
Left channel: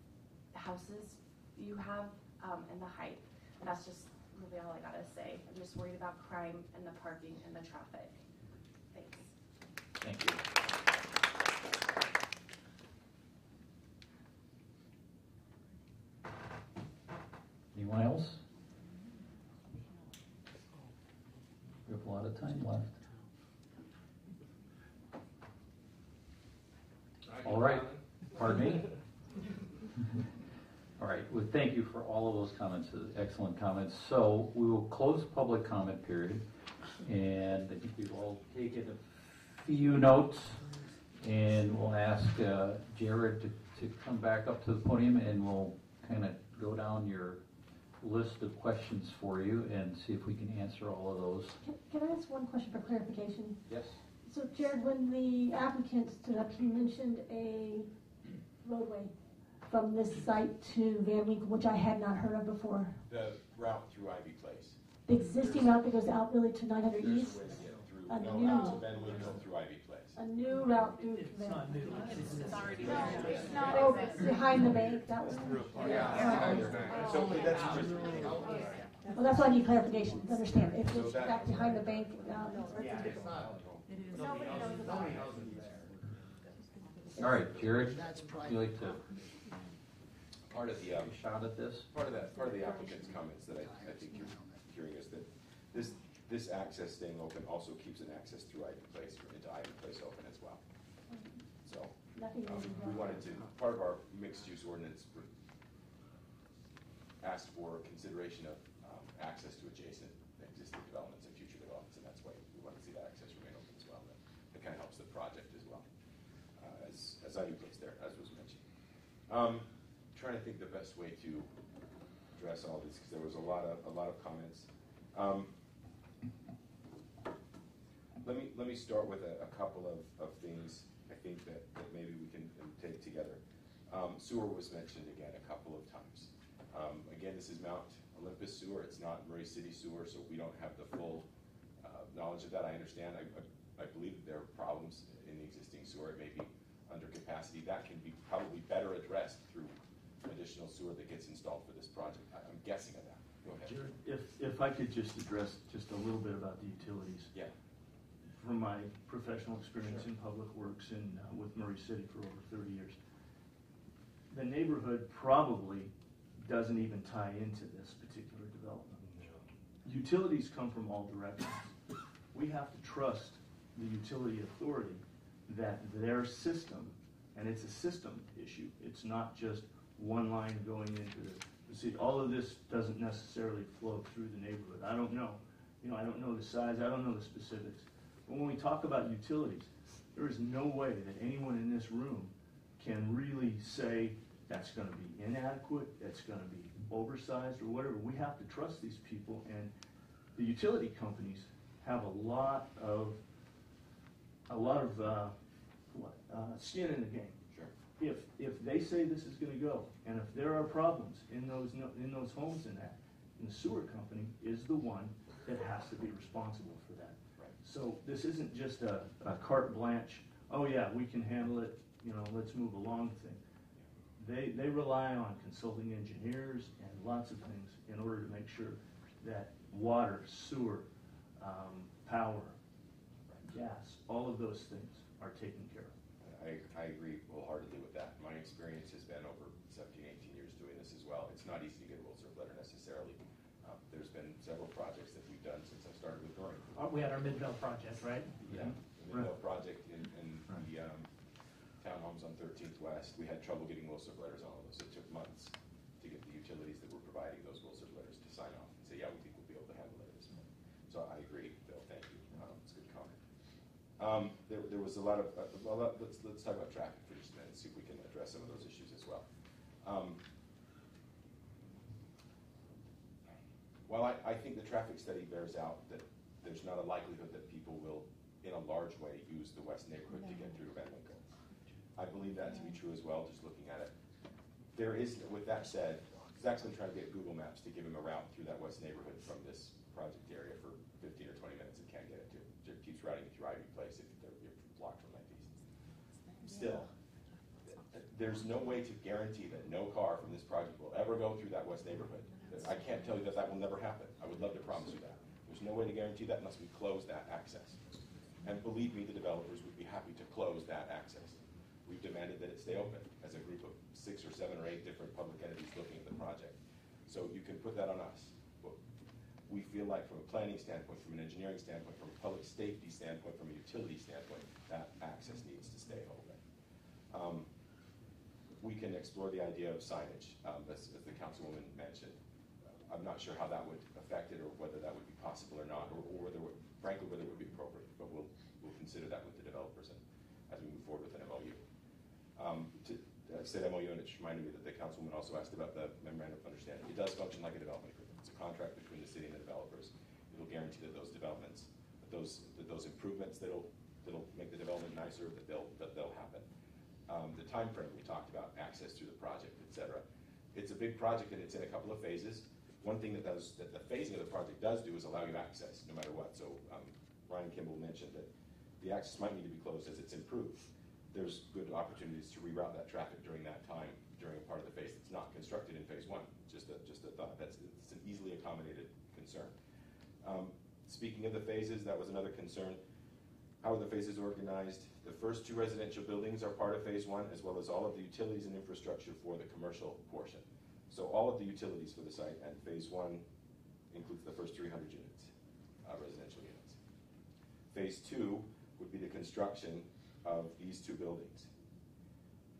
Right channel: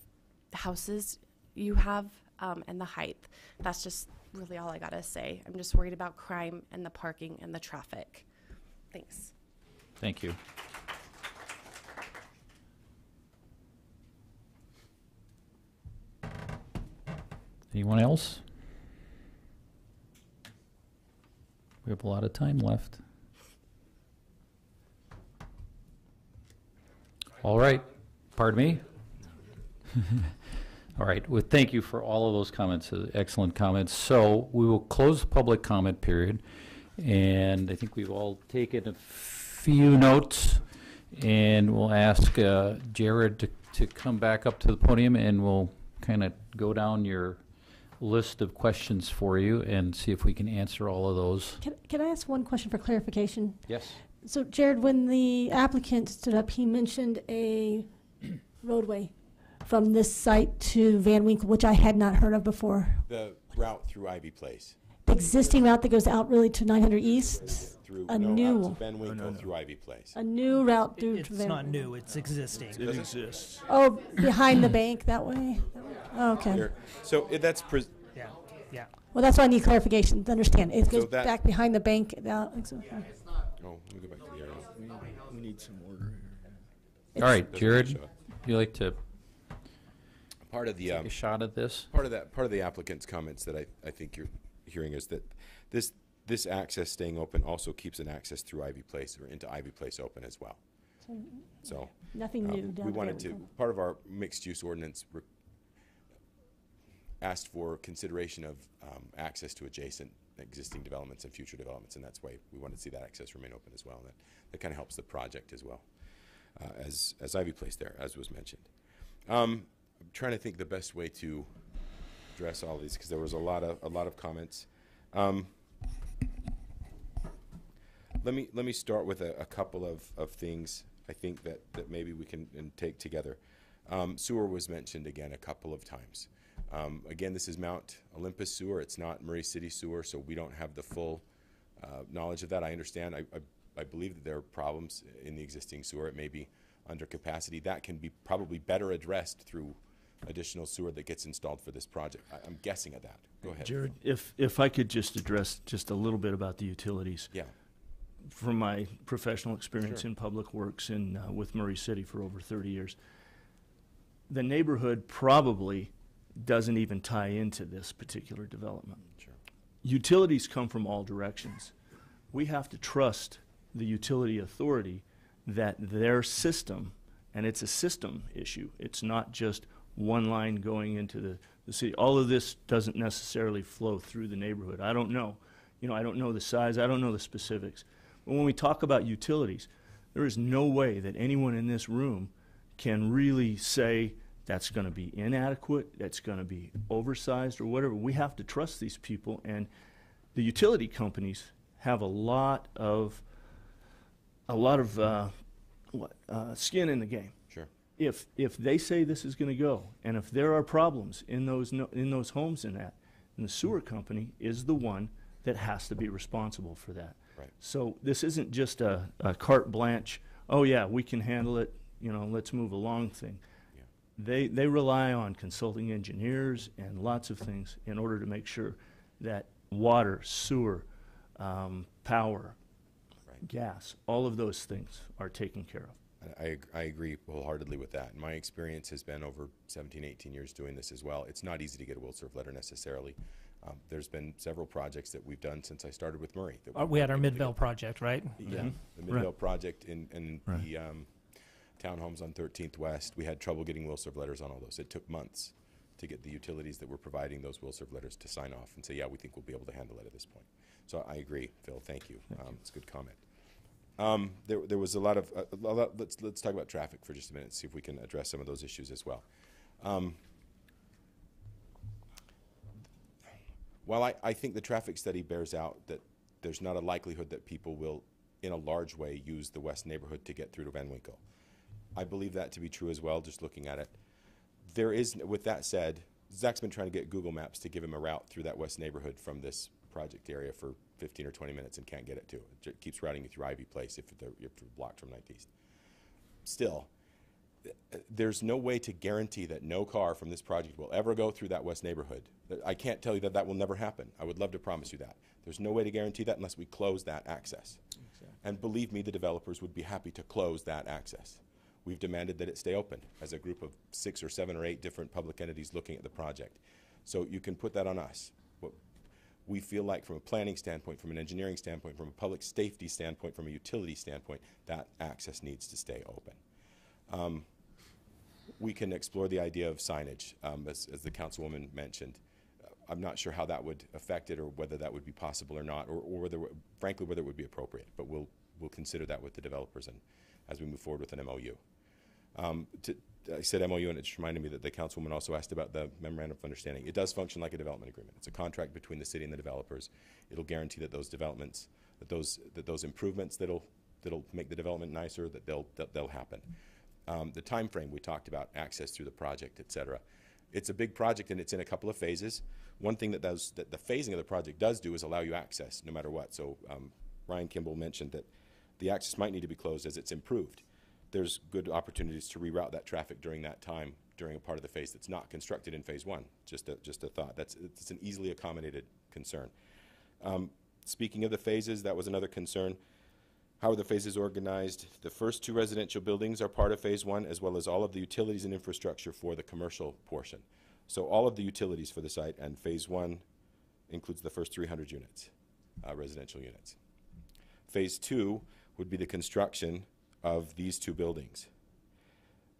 houses you have, and the height. That's just really all I gotta say. I'm just worried about crime and the parking and the traffic. Thanks. Thank you. Anyone else? We have a lot of time left. All right. Pardon me? All right. Well, thank you for all of those comments, excellent comments. So we will close the public comment period, and I think we've all taken a few notes, and we'll ask Jared to come back up to the podium, and we'll kind of go down your list of questions for you and see if we can answer all of those. Can I ask one question for clarification? Yes. So Jared, when the applicant stood up, he mentioned a roadway from this site to Van Winkle, which I had not heard of before. The route through Ivy Place. The existing route that goes out really to 900 East? Through, A no, new. out to Van Winkle through Ivy Place. A new route through It's to Van not new, it's existing. It exists. Oh, behind the bank that way? Okay. So that's, Well, that's why I need clarification to understand. It So goes that- back behind the bank. Out. All right, Jared, would you like to part of the take a shot at this? Part of the applicant's comments that I think you're hearing is that this access staying open also keeps an access through Ivy Place or into Ivy Place open as well. So Nothing new we down wanted there. to, part of our mixed use ordinance asked for consideration of access to adjacent existing developments and future developments, and that's why we want to see that access remain open as well. And that kind of helps the project as well as Ivy Place there, as was mentioned. I'm trying to think the best way to address all these because there was a lot of comments. Let me start with a couple of things I think that maybe we can take together. Sewer was mentioned again a couple of times. Again, this is Mount Olympus sewer. It's not Murray City sewer, so we don't have the full knowledge of that. I understand. I believe that there are problems in the existing sewer. It may be under capacity. That can be probably better addressed through additional sewer that gets installed for this project. I'm guessing at that. Go ahead. Jared, if I could just address just a little bit about the utilities. Yeah. From my professional experience Sure. in public works and with Murray City for over 30 years, the neighborhood probably doesn't even tie into this particular development. Sure. Utilities come from all directions. We have to trust the utility authority that their system, and it's a system issue, it's not just one line going into the city. All of this doesn't necessarily flow through the neighborhood. I don't know. I don't know the size, I don't know the specifics. But when we talk about utilities, there is no way that anyone in this room can really say that's going to be inadequate, that's going to be oversized or whatever. We have to trust these people, and the utility companies have a lot of skin in the game. Sure. If they say this is going to go, and if there are problems in those homes and the sewer company is the one that has to be responsible for that. Right. So this isn't just a carte blanche, oh yeah, we can handle it, let's move along thing. Yeah. They rely on consulting engineers and lots of things in order to make sure that water, sewer, power, gas, all of those things are taken care of. I agree wholeheartedly with that. My experience has been over 17, 18 years doing this as well. It's not easy to get a will serve letter necessarily. There's been several projects that we've done since I started with Murray. We had our Midvale project, right? Yeah, Mm-hmm. the Midvale project in the townhomes on 13th West. We had trouble getting will serve letters on all those. It took months to get the utilities that were providing those will serve letters to sign off and say, yeah, we think we'll be able to handle it at this point. So I agree, Phil. Thank you. It's a good comment. There was a lot of let's talk about traffic for just a minute, see if we can address some of those issues as well. While I think the traffic study bears out that there's not a likelihood that people will, in a large way, use the west neighborhood to get through to Van Winkle, I believe that to be true as well, just looking at it. There is, with that said, Zach's been trying to get Google Maps to give him a route through that west neighborhood from this project area for 15 or 20 minutes and can't get it to. It keeps routing you through Ivy Place if you're blocked from Northeast. Still, there's no way to guarantee that no car from this project will ever go through that west neighborhood. I can't tell you that that will never happen. I would love to promise you that. There's no way to guarantee that unless we close that access. And believe me, the developers would be happy to close that access. We've demanded that it stay open as a group of 6 or 7 or 8 different public entities looking at the project. So you can put that on us. We feel like from a planning standpoint, from an engineering standpoint, from a public safety standpoint, from a utility standpoint, that access needs to stay open. We can explore the idea of signage, as the councilwoman mentioned. I'm not sure how that would affect it or whether that would be possible or not, or whether, frankly, whether it would be appropriate. But we'll consider that with the developers and as we move forward with an MOU. I said MOU, and it just reminded me that the councilwoman also asked about the memorandum of understanding. It does function like a development agreement. It's a contract between the city and the developers. It'll guarantee that those developments, that those improvements that'll that'll make the development nicer, that they'll happen. The time frame we talked about, access through the project, et cetera. It's a big project and it's in a couple of phases. One thing that the phasing of the project does do is allow you access no matter what. So Ryan Kimball mentioned that the access might need to be closed as it's improved. There's good opportunities to reroute that traffic during that time, during a part of the phase that's not constructed in phase one. Just a thought. It's an easily accommodated concern. Speaking of the phases, that was another concern. How are the phases organized? The first 2 residential buildings are part of phase one, as well as all of the utilities and infrastructure for the commercial portion. So all of the utilities for the site, and phase one includes the first 300 units, residential units. Phase 2 would be the construction of these 2 buildings.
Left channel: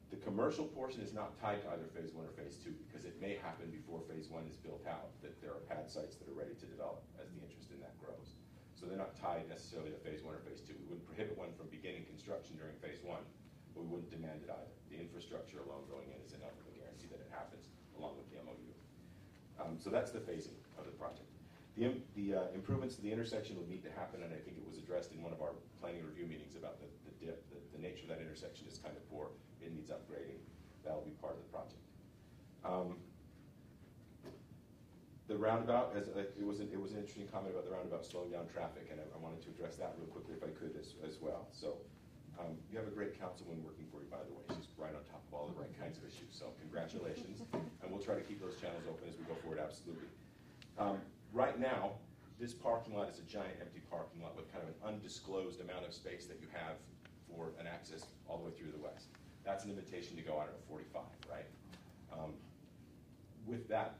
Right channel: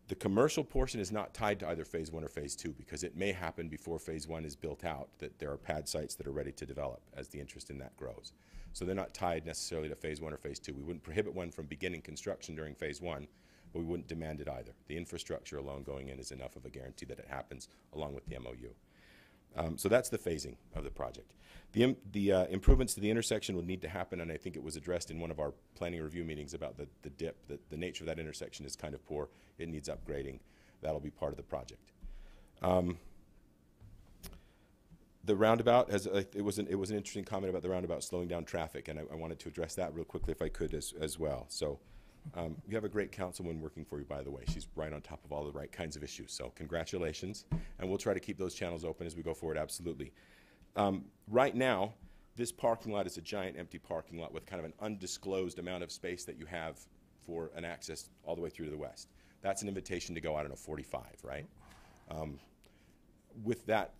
The commercial portion is not tied to either phase 1 or phase 2 because it may happen before phase 1 is built out, that there are pad sites that are ready to develop as the interest in that grows. So they're not tied necessarily to phase 1 or phase 2. We wouldn't prohibit one from beginning construction during phase 1, but we wouldn't demand it either. The infrastructure alone going in is enough of a guarantee that it happens along with the MOU. So that's the phasing of the project. The improvements to the intersection would need to happen, and I think it was addressed in one of our planning review meetings about the dip, the nature of that intersection is kind of poor. It needs upgrading. That'll be part of the project. The roundabout, it was an interesting comment about the roundabout slowing down traffic, and I wanted to address that real quickly if I could as well. So you have a great councilwoman working for you, by the way. She's right on top of all the right kinds of issues, so congratulations. And we'll try to keep those channels open as we go forward, absolutely. Right now, this parking lot is a giant empty parking lot with kind of an undisclosed amount of space that you have for an access all the way through to the west. That's an invitation to go, I don't know, 45, right? With that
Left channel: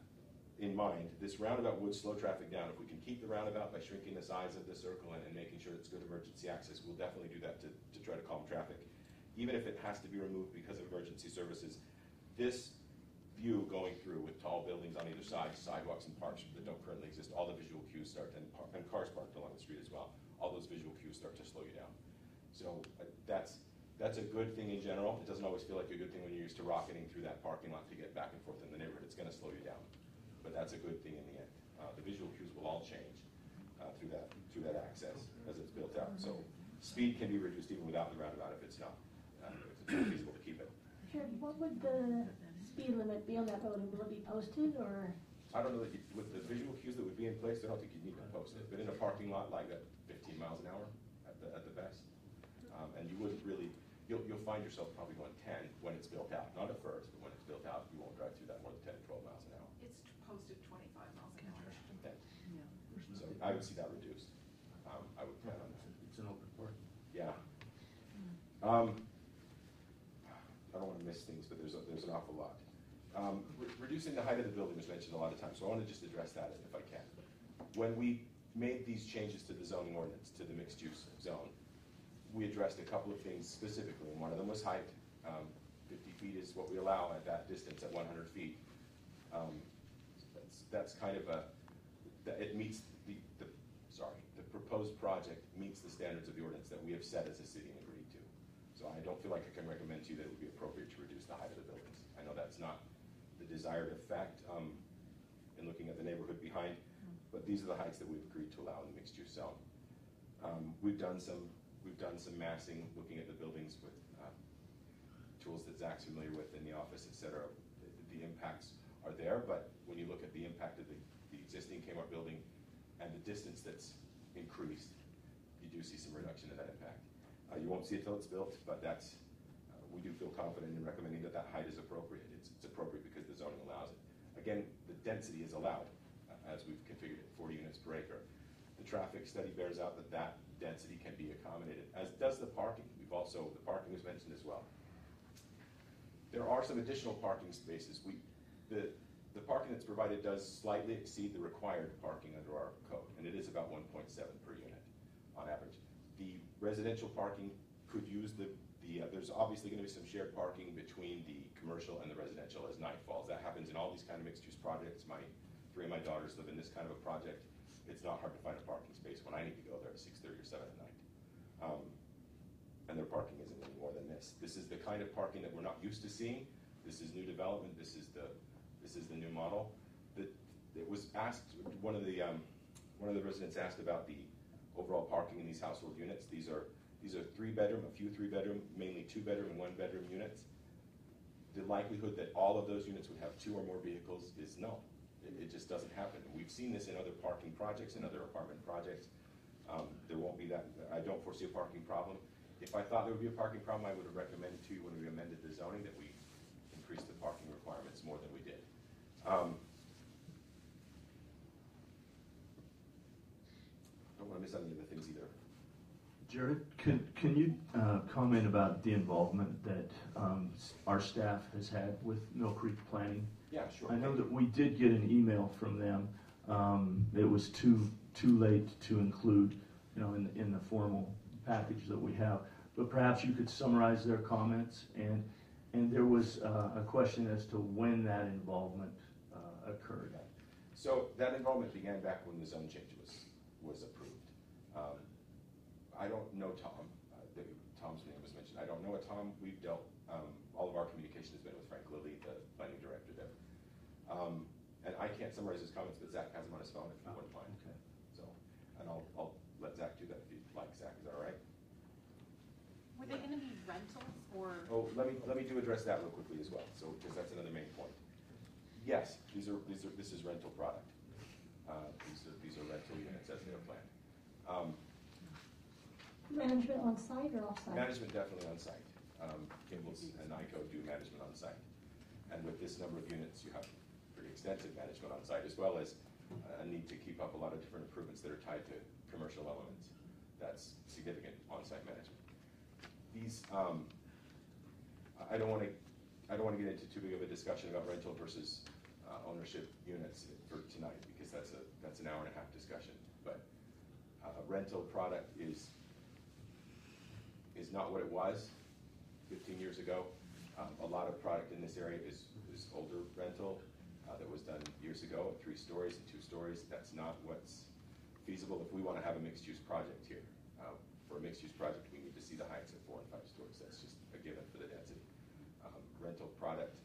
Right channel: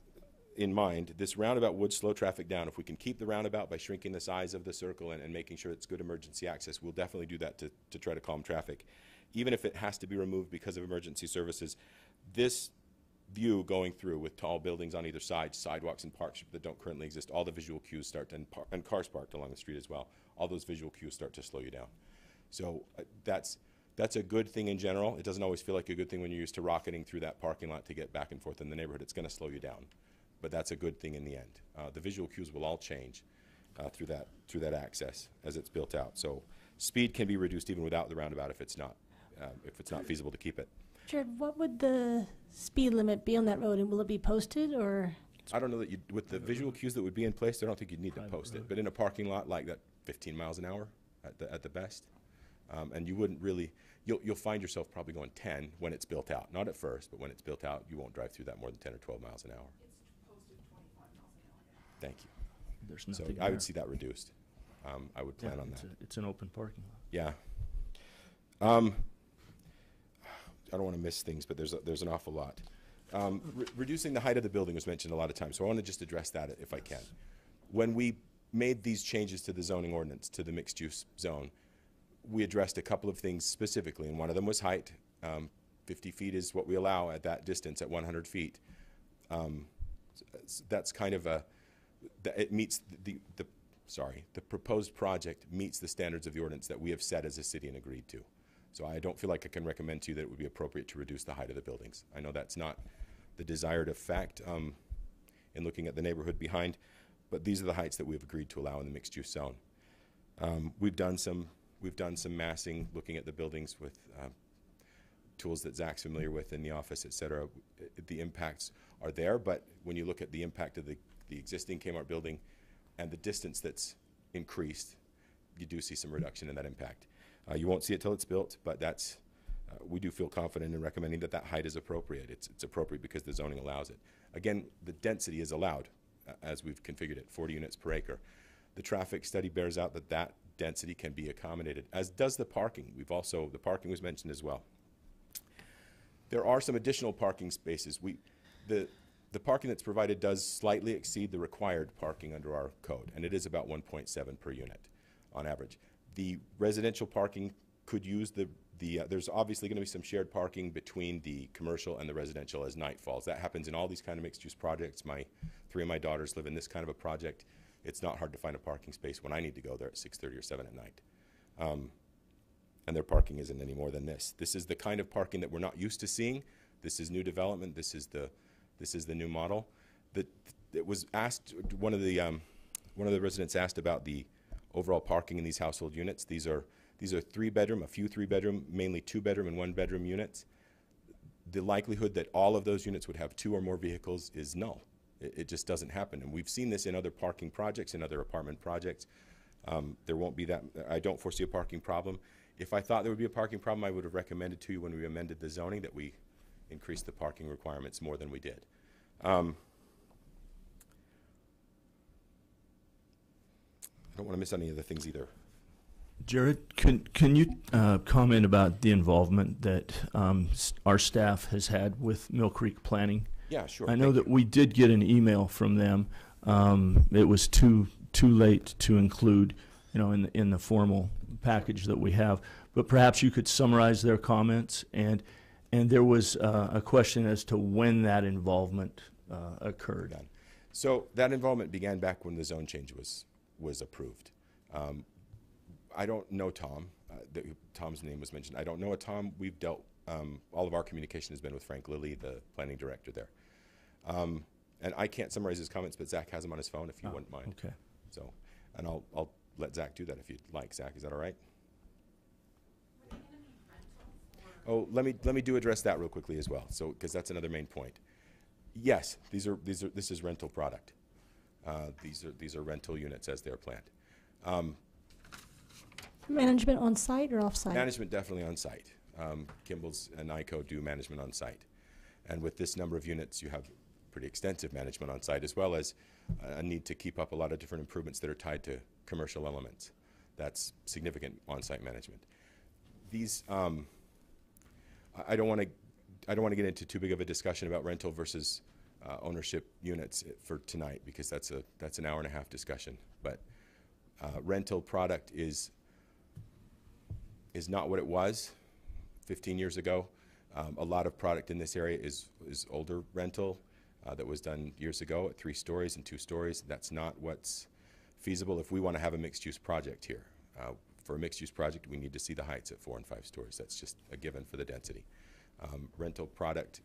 in mind, this roundabout would slow traffic down. If we can keep the roundabout by shrinking the size of the circle and making sure it's good emergency access, we'll definitely do that to try to calm traffic. Even if it has to be removed because of emergency services, this view going through with tall buildings on either side, sidewalks and parks that don't currently exist, all the visual cues start to, and cars parked along the street as well, all those visual cues start to slow you down. So that's a good thing in general. It doesn't always feel like a good thing when you're used to rocketing through that parking lot to get back and forth in the neighborhood. It's going to slow you down, but that's a good thing in the end. The visual cues will all change through that access as it's built out. So speed can be reduced even without the roundabout if it's not feasible to keep it. Jared, what would the speed limit be on that road, and will it be posted, or? I don't know that with the visual cues that would be in place, I don't think you'd need to post it. But in a parking lot like that, 15 miles an hour at the best. And you wouldn't really, you'll find yourself probably going 10 when it's built out. Not at first, but when it's built out, you won't drive through that more than 10 or 12 miles an hour. It's posted 25 miles an hour. Thank you. There's So nothing I there. would see that reduced. I would plan on that. It's an open parking lot. Yeah. I don't want to miss things, but there's an awful lot. Reducing the height of the building was mentioned a lot of times, so I want to just address that if I can. When we made these changes to the zoning ordinance, to the mixed-use zone, we addressed a couple of things specifically, and one of them was height. 50 feet is what we allow at that distance at 100 feet. That's kind of it meets the proposed project meets the standards of the ordinance that we have set as a city and agreed to. So I don't feel like I can recommend to you that it would be appropriate to reduce the height of the buildings. I know that's not the desired effect in looking at the neighborhood behind, but these are the heights that we've agreed to allow in the mixed-use zone. We've done some massing, looking at the buildings with tools that Zach's familiar with in the office, et cetera. The impacts are there, but when you look at the impact of the existing Kmart building and the distance that's increased, you do see some reduction in that impact. You won't see it till it's built, but that's we do feel confident in recommending that that height is appropriate. It's appropriate because the zoning allows it. Again, the density is allowed as we've configured it, 40 units per acre. The traffic study bears out that that density can be accommodated, as does the parking. The parking was mentioned as well. There are some additional parking spaces. The parking that's provided does slightly exceed the required parking under our code, and it is about 1.7 per unit on average. The residential parking could use there's obviously going to be some shared parking between the commercial and the residential as night falls. That happens in all these kind of mixed-use projects. 3 of my daughters live in this kind of a project. It's not hard to find a parking space when I need to go there at 6:30 or 7 at night. And their parking isn't any more than this. This is the kind of parking that we're not used to seeing. This is new development. This is the new model. It was asked, one of the residents asked about the overall parking in these household units. These are These are 3-bedroom, a few 3-bedroom, mainly 2-bedroom and 1-bedroom units. The likelihood that all of those units would have 2 or more vehicles is null. It just doesn't happen. And we've seen this in other parking projects, in other apartment projects. There won't be that, I don't foresee a parking problem. If I thought there would be a parking problem, I would have recommended to you when we amended the zoning that we increase the parking requirements more than we did. I don't want to miss any of the things either. Jared, can you comment about the involvement that our staff has had with Mill Creek Planning? Yeah, sure. I know that we did get an email from them. It was too late to include, in the formal package that we have. But perhaps you could summarize their comments. And there was a question as to when that involvement occurred. So that involvement began back when the zone change was approved. I don't know Tom. Tom's name was mentioned. I don't know a Tom. We've dealt, all of our communication has been with Frank Lilly, the planning director there. And I can't summarize his comments, but Zach has them on his phone if you wouldn't mind. Okay. So, and I'll let Zach do that if you'd like. Zach, is that all right? Were they going to be rentals or? Oh, let me address that real quickly as well. So, because that's another main point. Yes, this is rental product. These are rental units as they're planned. Management on site or off site? Management definitely on site. Kimball's and NICO do management on site. And with this number of units, you have pretty extensive management on site, as well as a need to keep up a lot of different improvements that are tied to commercial elements. That's significant on-site management. These, I don't want to get into too big of a discussion about rental versus ownership units for tonight, because that's an hour and a half discussion. But rental product is not what it was 15 years ago. A lot of product in this area is older rental that was done years ago at 3 stories and 2 stories. That's not what's feasible if we want to have a mixed-use project here. For a mixed-use project, we need to see the heights at 4 and 5 stories. That's just a given for the density. Rental product,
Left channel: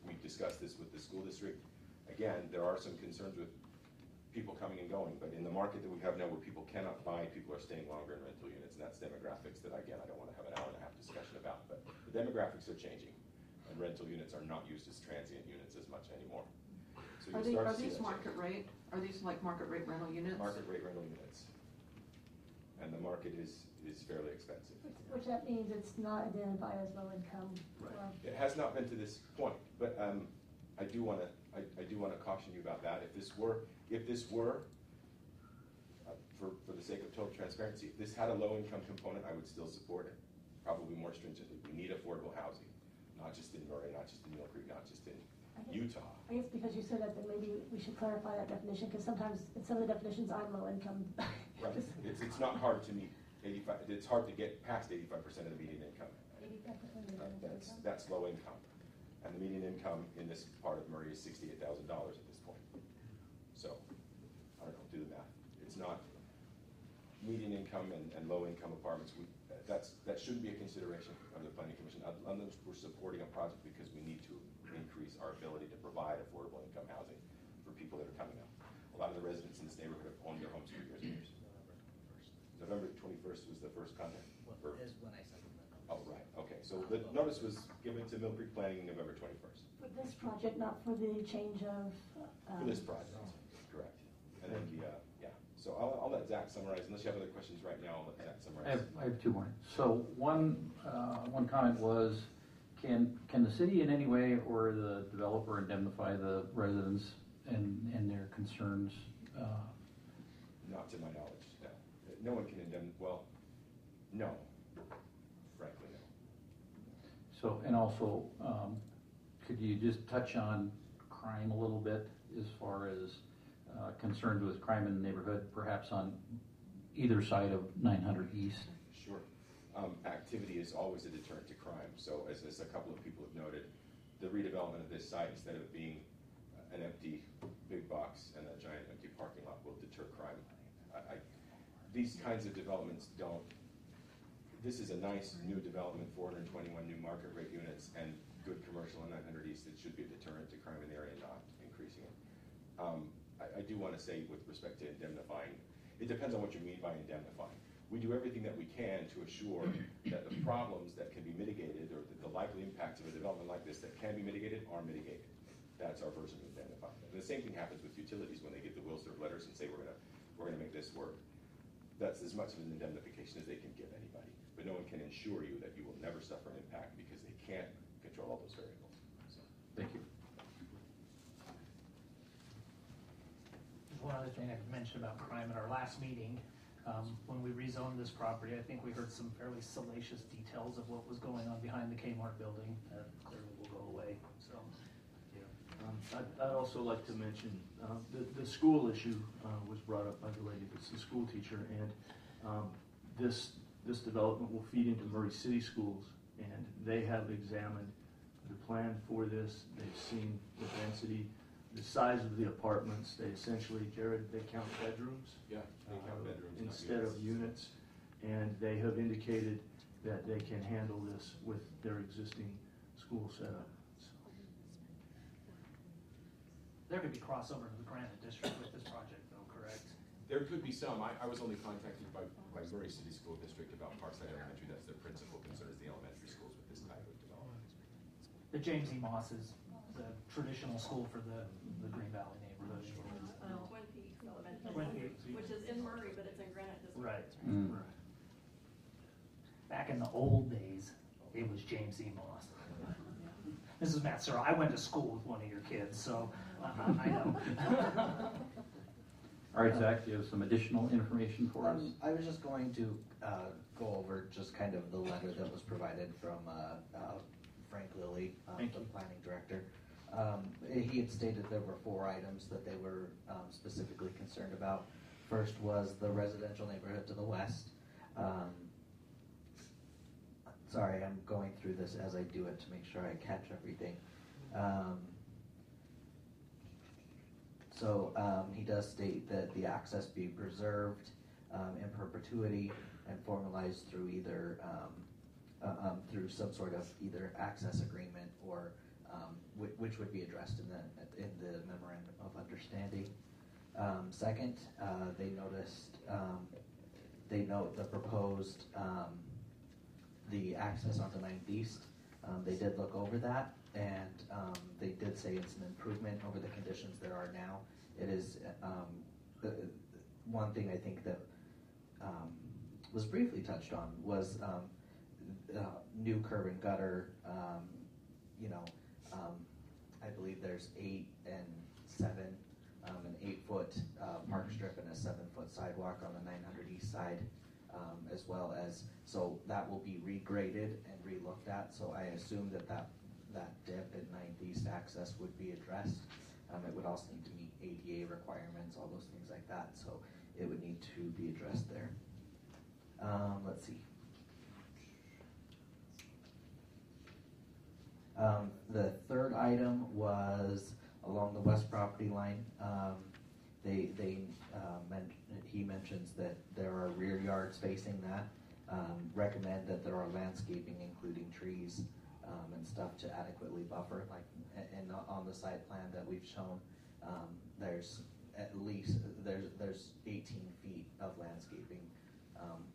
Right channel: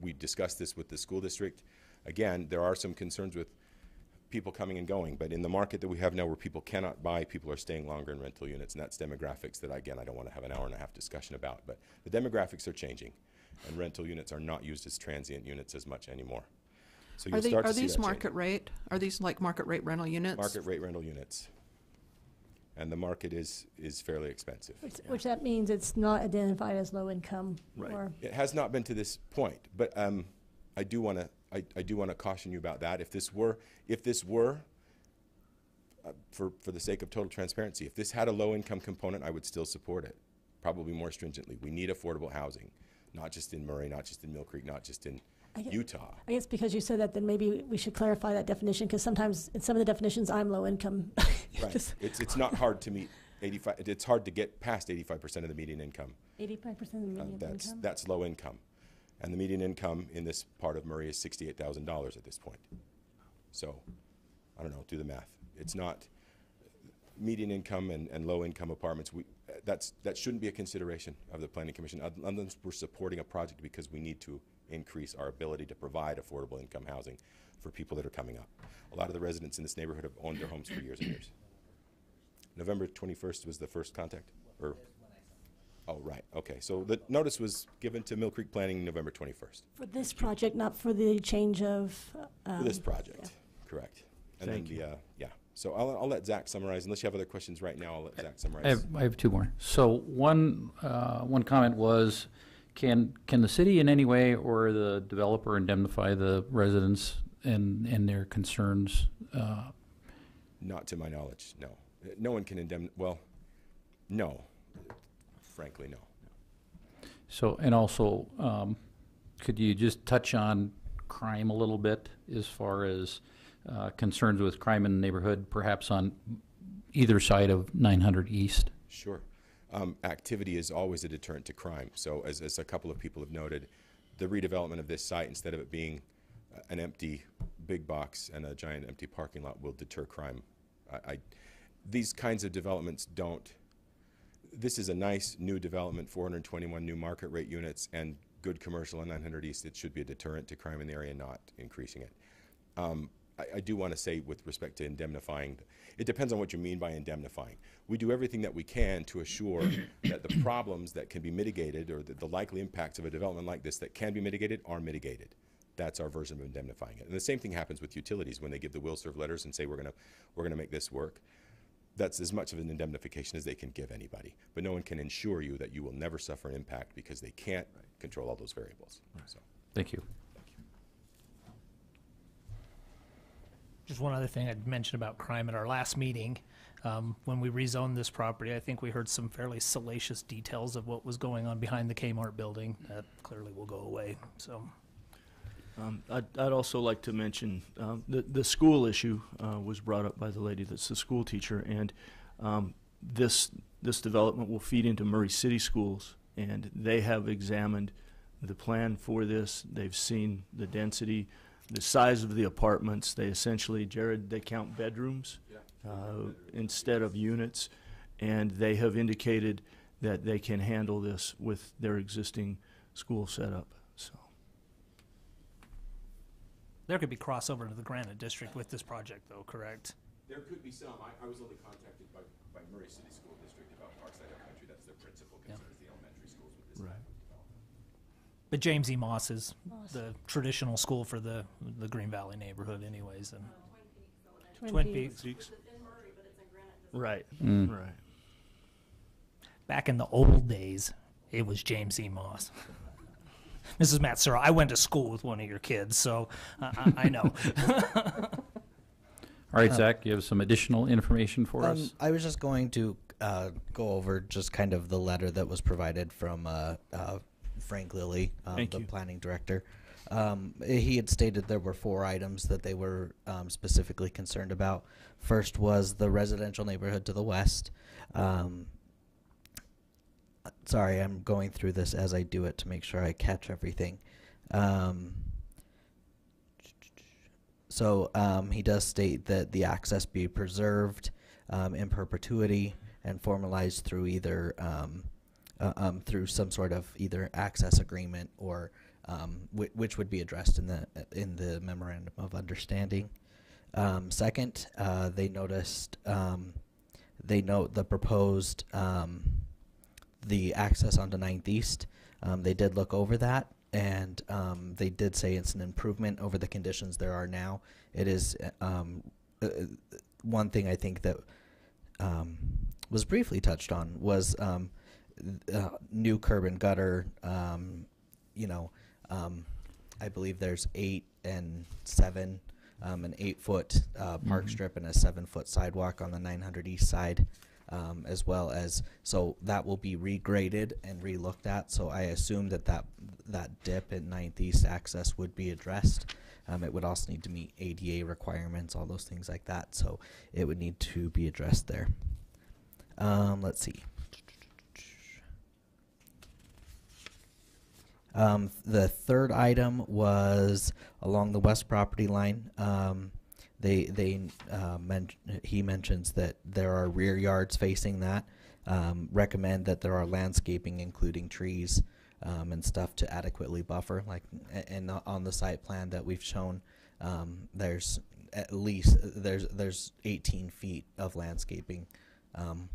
we discussed this with the school district. Again, there are some concerns with people coming and going, but in the market that we have now where people cannot buy, people are staying longer in rental units, and that's demographics that, again, I don't want to have an hour and a half discussion about, but the demographics are changing, and rental units are not used as transient units as much anymore. So you'll start to see these that market change. rate? Are these like market rate rental units? Market rate rental units. And the market is fairly expensive. Which that means it's not identified as low income. Right. Or It has not been to this point, but I do want to caution you about that. If this were for the sake of total transparency, if this had a low income component, I would still support it, probably more stringently. We need affordable housing, not just in Murray, not just in Mill Creek, not just in Utah. I guess because you said that, then maybe we should clarify that definition, because sometimes in some of the definitions, I'm low income. Right. It's not hard to meet 85. It's hard to get past 85% of the median income. 85% of the median income? That's low income. And the median income in this part of Murray is $68,000 at this point. So, I don't know, do the math. It's not median income and low income apartments. That shouldn't be a consideration of the Planning Commission, unless we're supporting a project because we need to increase our ability to provide affordable income housing for people that are coming up. A lot of the residents in this neighborhood have owned their homes for years and years. November 21st was the first contact? Or? Oh, right, okay. So the notice was given to Mill Creek Planning November 21st. For this project, not for the change of... For this project, correct. And Thank then yeah. So I'll let Zach summarize. Unless you have other questions right now, I'll let Zach summarize. I have 2 more. So one comment was, can the city in any way or the developer indemnify the residents and their concerns? Not to my knowledge, no. No one can no. Frankly, no. So, and also, could you just touch on crime a little bit as far as concerns with crime in the neighborhood, perhaps on either side of 900 East? Sure. Activity is always a deterrent to crime. So as a couple of people have noted, the redevelopment of this site, instead of it being an empty big box and a giant empty parking lot, will deter crime. These kinds of developments don't. This is a nice new development, 421 new market rate units and good commercial on 900 East. It should be a deterrent to crime in the area, not increasing it. I do want to say with respect to indemnifying, it depends on what you mean by indemnifying. we do everything that we can to assure that the problems that can be mitigated, or the likely impacts of a development like this that can be mitigated, are mitigated. That's our version of indemnifying it. And the same thing happens with utilities when they give the will serve letters and say we're gonna make this work. That's as much of an indemnification as they can give anybody. But no one can ensure you that you will never suffer an impact because they can't control all those variables. So. Thank you. Just one other thing I'd mentioned about crime at our last meeting. When we rezoned this property, I think we heard some fairly salacious details of what was going on behind the Kmart building. That clearly will go away, so. I'd also like to mention the school issue was brought up by the lady that's the school teacher, and this development will feed into Murray City Schools, and they have examined the plan for this. They've seen the density, the size of the apartments. They essentially, Jared, they count bedrooms instead of units, and they have indicated that they can handle this with their existing school setup. There could be crossover to the Granite District with this project, though, correct? There could be some. I was only contacted by Murray City School District about Parkside Elementary. That's their principal concern, is the elementary schools with this type of development. But James E. Moss is the traditional school for the Green Valley neighborhood anyways. And Twin Peaks. Which is in Murray, but it's in Granite District. Right, right. Back in the old days, it was James E. Moss. Mrs. Matsura, I went to school with one of your kids, so I know. All right, Zach, you have some additional information for us? I was just going to go over just kind of the letter that was provided from Frank Lilly, the planning director. He had stated there were 4 items that they were specifically concerned about. First was the residential neighborhood to the west. Sorry, I'm going through this as I do it to make sure I catch everything. He does state that the access be preserved in perpetuity and formalized through either through some sort of either access agreement or which would be addressed in the memorandum of understanding. Second, they note the proposed the access onto 9th East. They did look over that, and they did say it's an improvement over the conditions there are now. It is one thing I think that was briefly touched on was new curb and gutter. I believe there's 8 and 7, an 8-foot park strip and a 7-foot sidewalk on the 900 East side. As well as, so that will be regraded and re-looked at. So I assume that dip at 9th East access would be addressed. It would also need to meet ADA requirements, all those things like that. So it would need to be addressed there. Let's see. The third item was along the west property line. He mentions that there are rear yards facing that. Recommend that there are landscaping, including trees and stuff, to adequately buffer. And on the site plan that we've shown, there's at least there's 18 feet of landscaping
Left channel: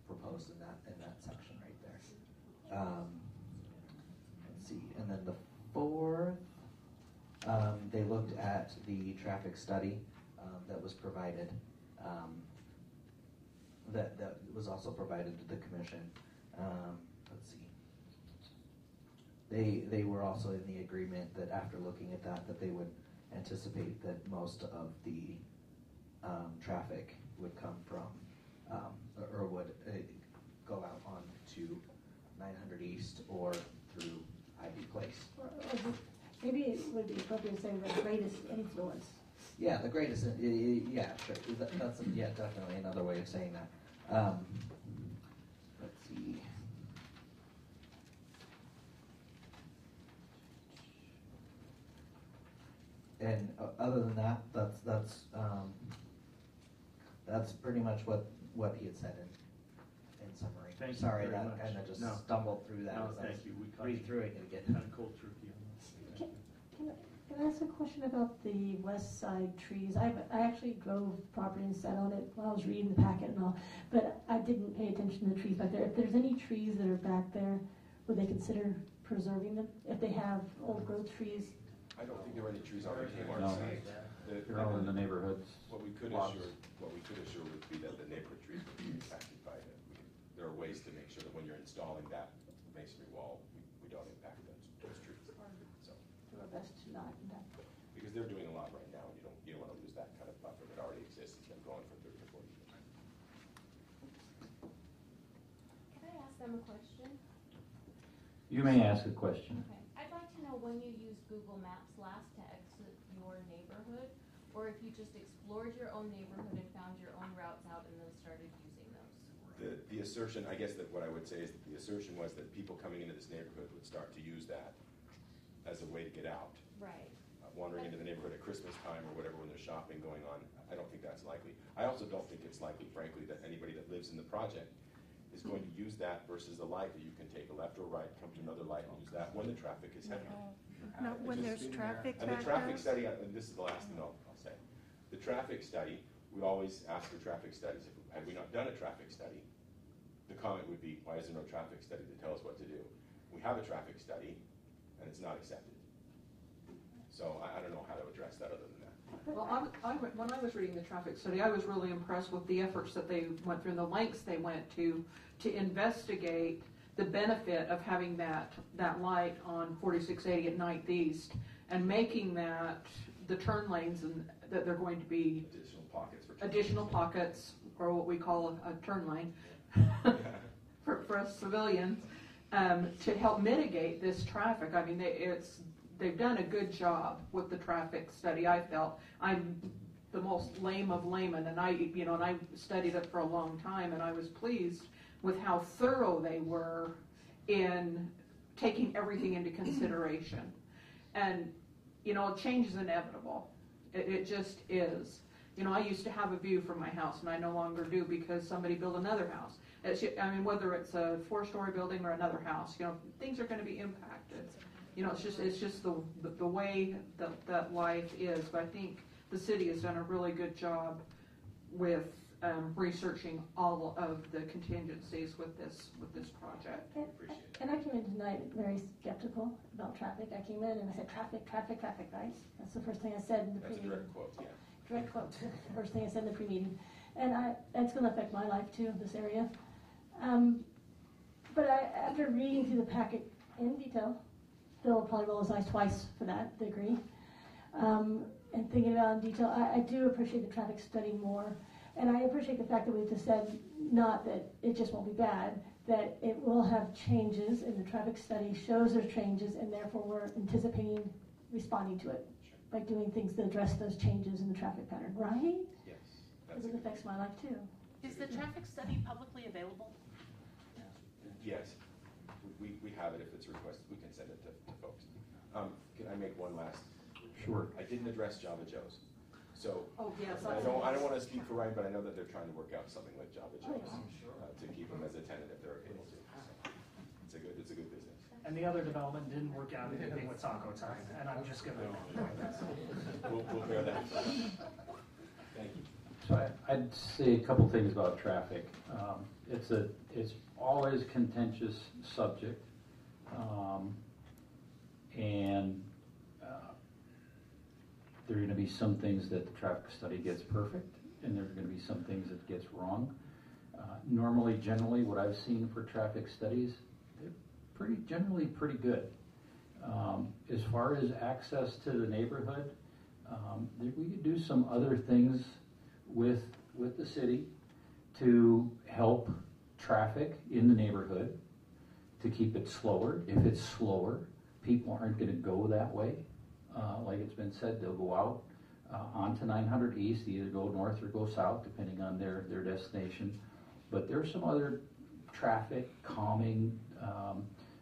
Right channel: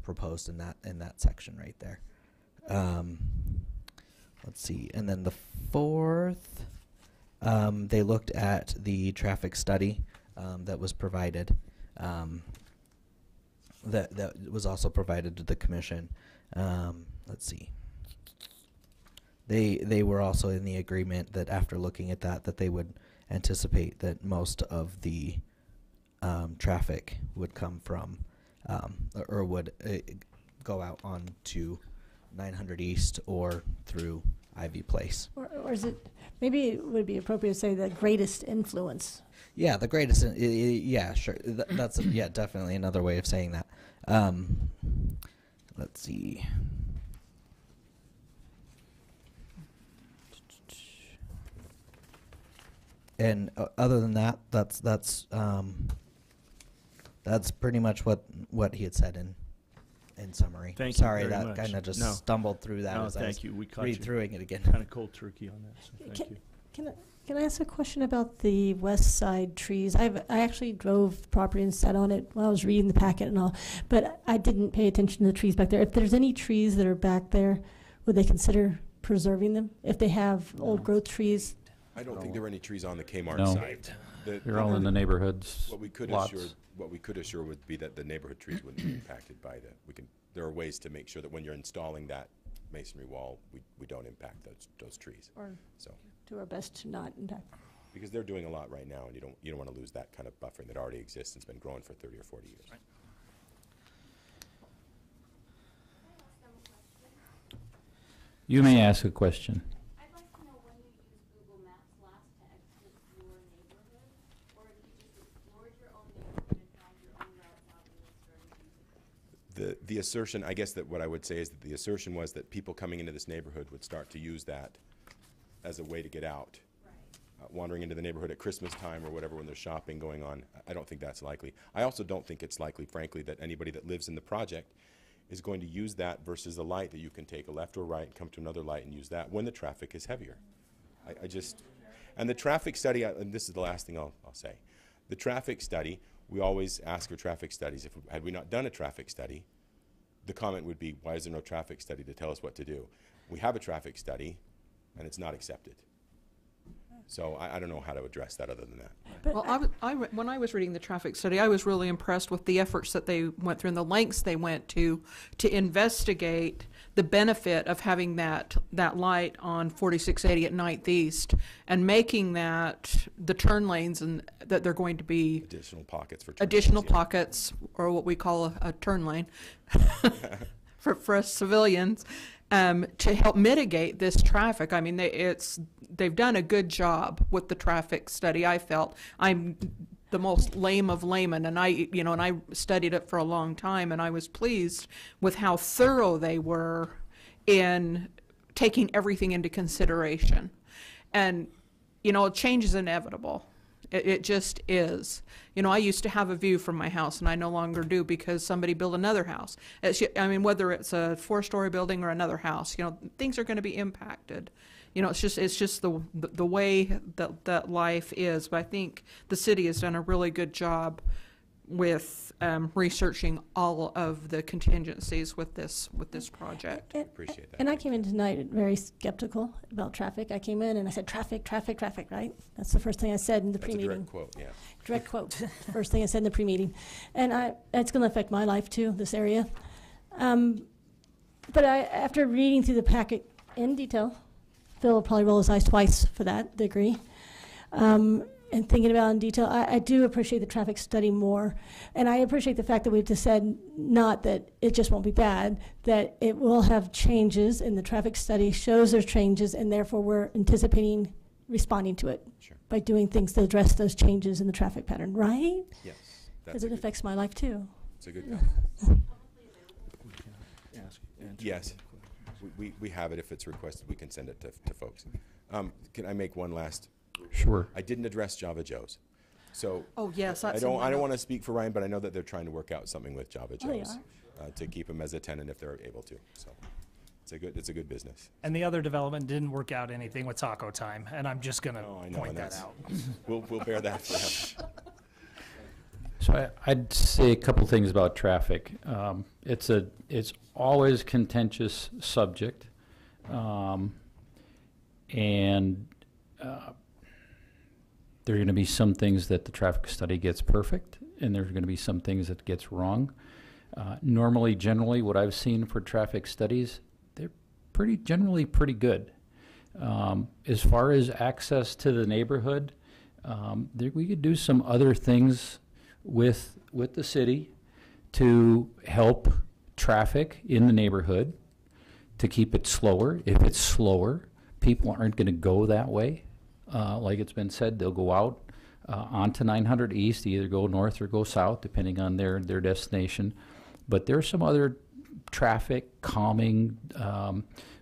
proposed in that section right there. Let's see, and then the fourth, they looked at the traffic study. That was provided, that was also provided to the commission. Let's see. They were also in the agreement that after looking at that they would anticipate that most of the traffic would come from or would go out on to 900 East or through Ivy Place. Or is it, maybe it would be appropriate to say the greatest influence. Yeah, the greatest. Yeah, sure. That's definitely another way of saying that. Let's see. And other than that, that's pretty much what he had said in summary. Thank you. Sorry, very that much. kind of just No. stumbled through that No, as I thank was you. We caught read you through it again. kind of cold turkey on that. So thank you. Can Can I ask a question about the west side trees? I actually drove the property and sat on it while I was reading the packet and all, but I didn't pay attention to the trees back there. If there's any trees that are back there, would they consider preserving them? If they have old growth trees? I don't think there are any trees on the Kmart No. site. They're all in the neighborhoods, What we could lots. assure would be that the neighborhood trees would be impacted by there are ways to make sure that when you're installing that masonry wall, we don't impact those trees. Or So, do our best to not impact? because they're doing a lot right now, and you don't want to lose that kind of buffer that already exists and's been growing for 30 or 40 years. Can I ask them a question? You may ask a question. I'd like to know when you used Google Maps last to exit your neighborhood, or if you just explored your own neighborhood and found your own routes out and then started using those. The assertion, I guess that what I would say is that the assertion was that people coming into this neighborhood would start to use that as a way to get out. Right. Wandering into the neighborhood at Christmas time or whatever when there's shopping going on. I don't think that's likely. I also don't think it's likely, frankly, that anybody that lives in the project is going to use that versus a light that you can take a left or right, come to another light and use that when the traffic is heavier. And the traffic study, and this is the last thing I'll say. The traffic study, we always ask for traffic studies. Had we not done a traffic study, the comment would be, why is there no traffic study to tell us what to do? We have a traffic study, and it's not accepted. So I don't know how to address that other than that. Well, when I was reading the traffic study, I was really impressed with the efforts that they went through and the lengths they went to investigate the benefit of having that light on 4680 at Ninth East and making that the turn lanes and that they're going to be additional pockets for pockets, or what we call a turn lane for us civilians, to help mitigate this traffic. I mean, they've done a good job with the traffic study. I felt I'm the most lame of laymen, and I studied it for a long time, and I was pleased with how thorough they were in taking everything into consideration. And change is inevitable. It just is. I used to have a view from my house, and I no longer do because somebody built another house. Whether it's a 4-story building or another house, things are going to be impacted. It's just the way that life is. But I think the city has done a really good job with researching all of the contingencies with this project. Appreciate that. And I came in tonight very skeptical about traffic. I came in and I said, traffic, traffic, traffic, right? That's the first thing I said in the pre-meeting. That's a direct quote, yeah. Direct quote, first thing I said in the pre-meeting. And it's going to affect my life too, this area. But after reading through the packet in detail, Phil will probably roll his eyes twice for that degree. And thinking about it in detail, I do appreciate the traffic study more. And I appreciate the fact that we've just said not that it just won't be bad, that it will have changes, and the traffic study shows there's changes, and therefore we're anticipating responding to it by doing things to address those changes in the traffic pattern, right? Yes. Because it affects my life too. Is the traffic study publicly available? Yes. We have it. If it's requested, we can send it to folks. Can I make one last? Sure. I didn't address Java Joe's. So Oh, yes, I that's don't want to speak for Ryan, but I know that they're trying to work out something with Java Oh, they Joe's to keep them as a tenant if they're able to. So it's a good business. And the other development didn't work out anything with Taco Time, and I'm just gonna point that out. We'll bear that for now. So I'd say a couple things about traffic. It's always contentious subject, and there are going to be some things that the traffic study gets perfect, and there's going to be some things that gets wrong. Generally, what I've seen for traffic studies, they're generally pretty good. As far as access to the neighborhood, we could do some other things with the city to help traffic in the neighborhood, to keep it slower. If it's slower, people aren't going to go that way. Like it's been said, they'll go out onto 900 East, either go north or go south, depending on their destination. But there's some other traffic calming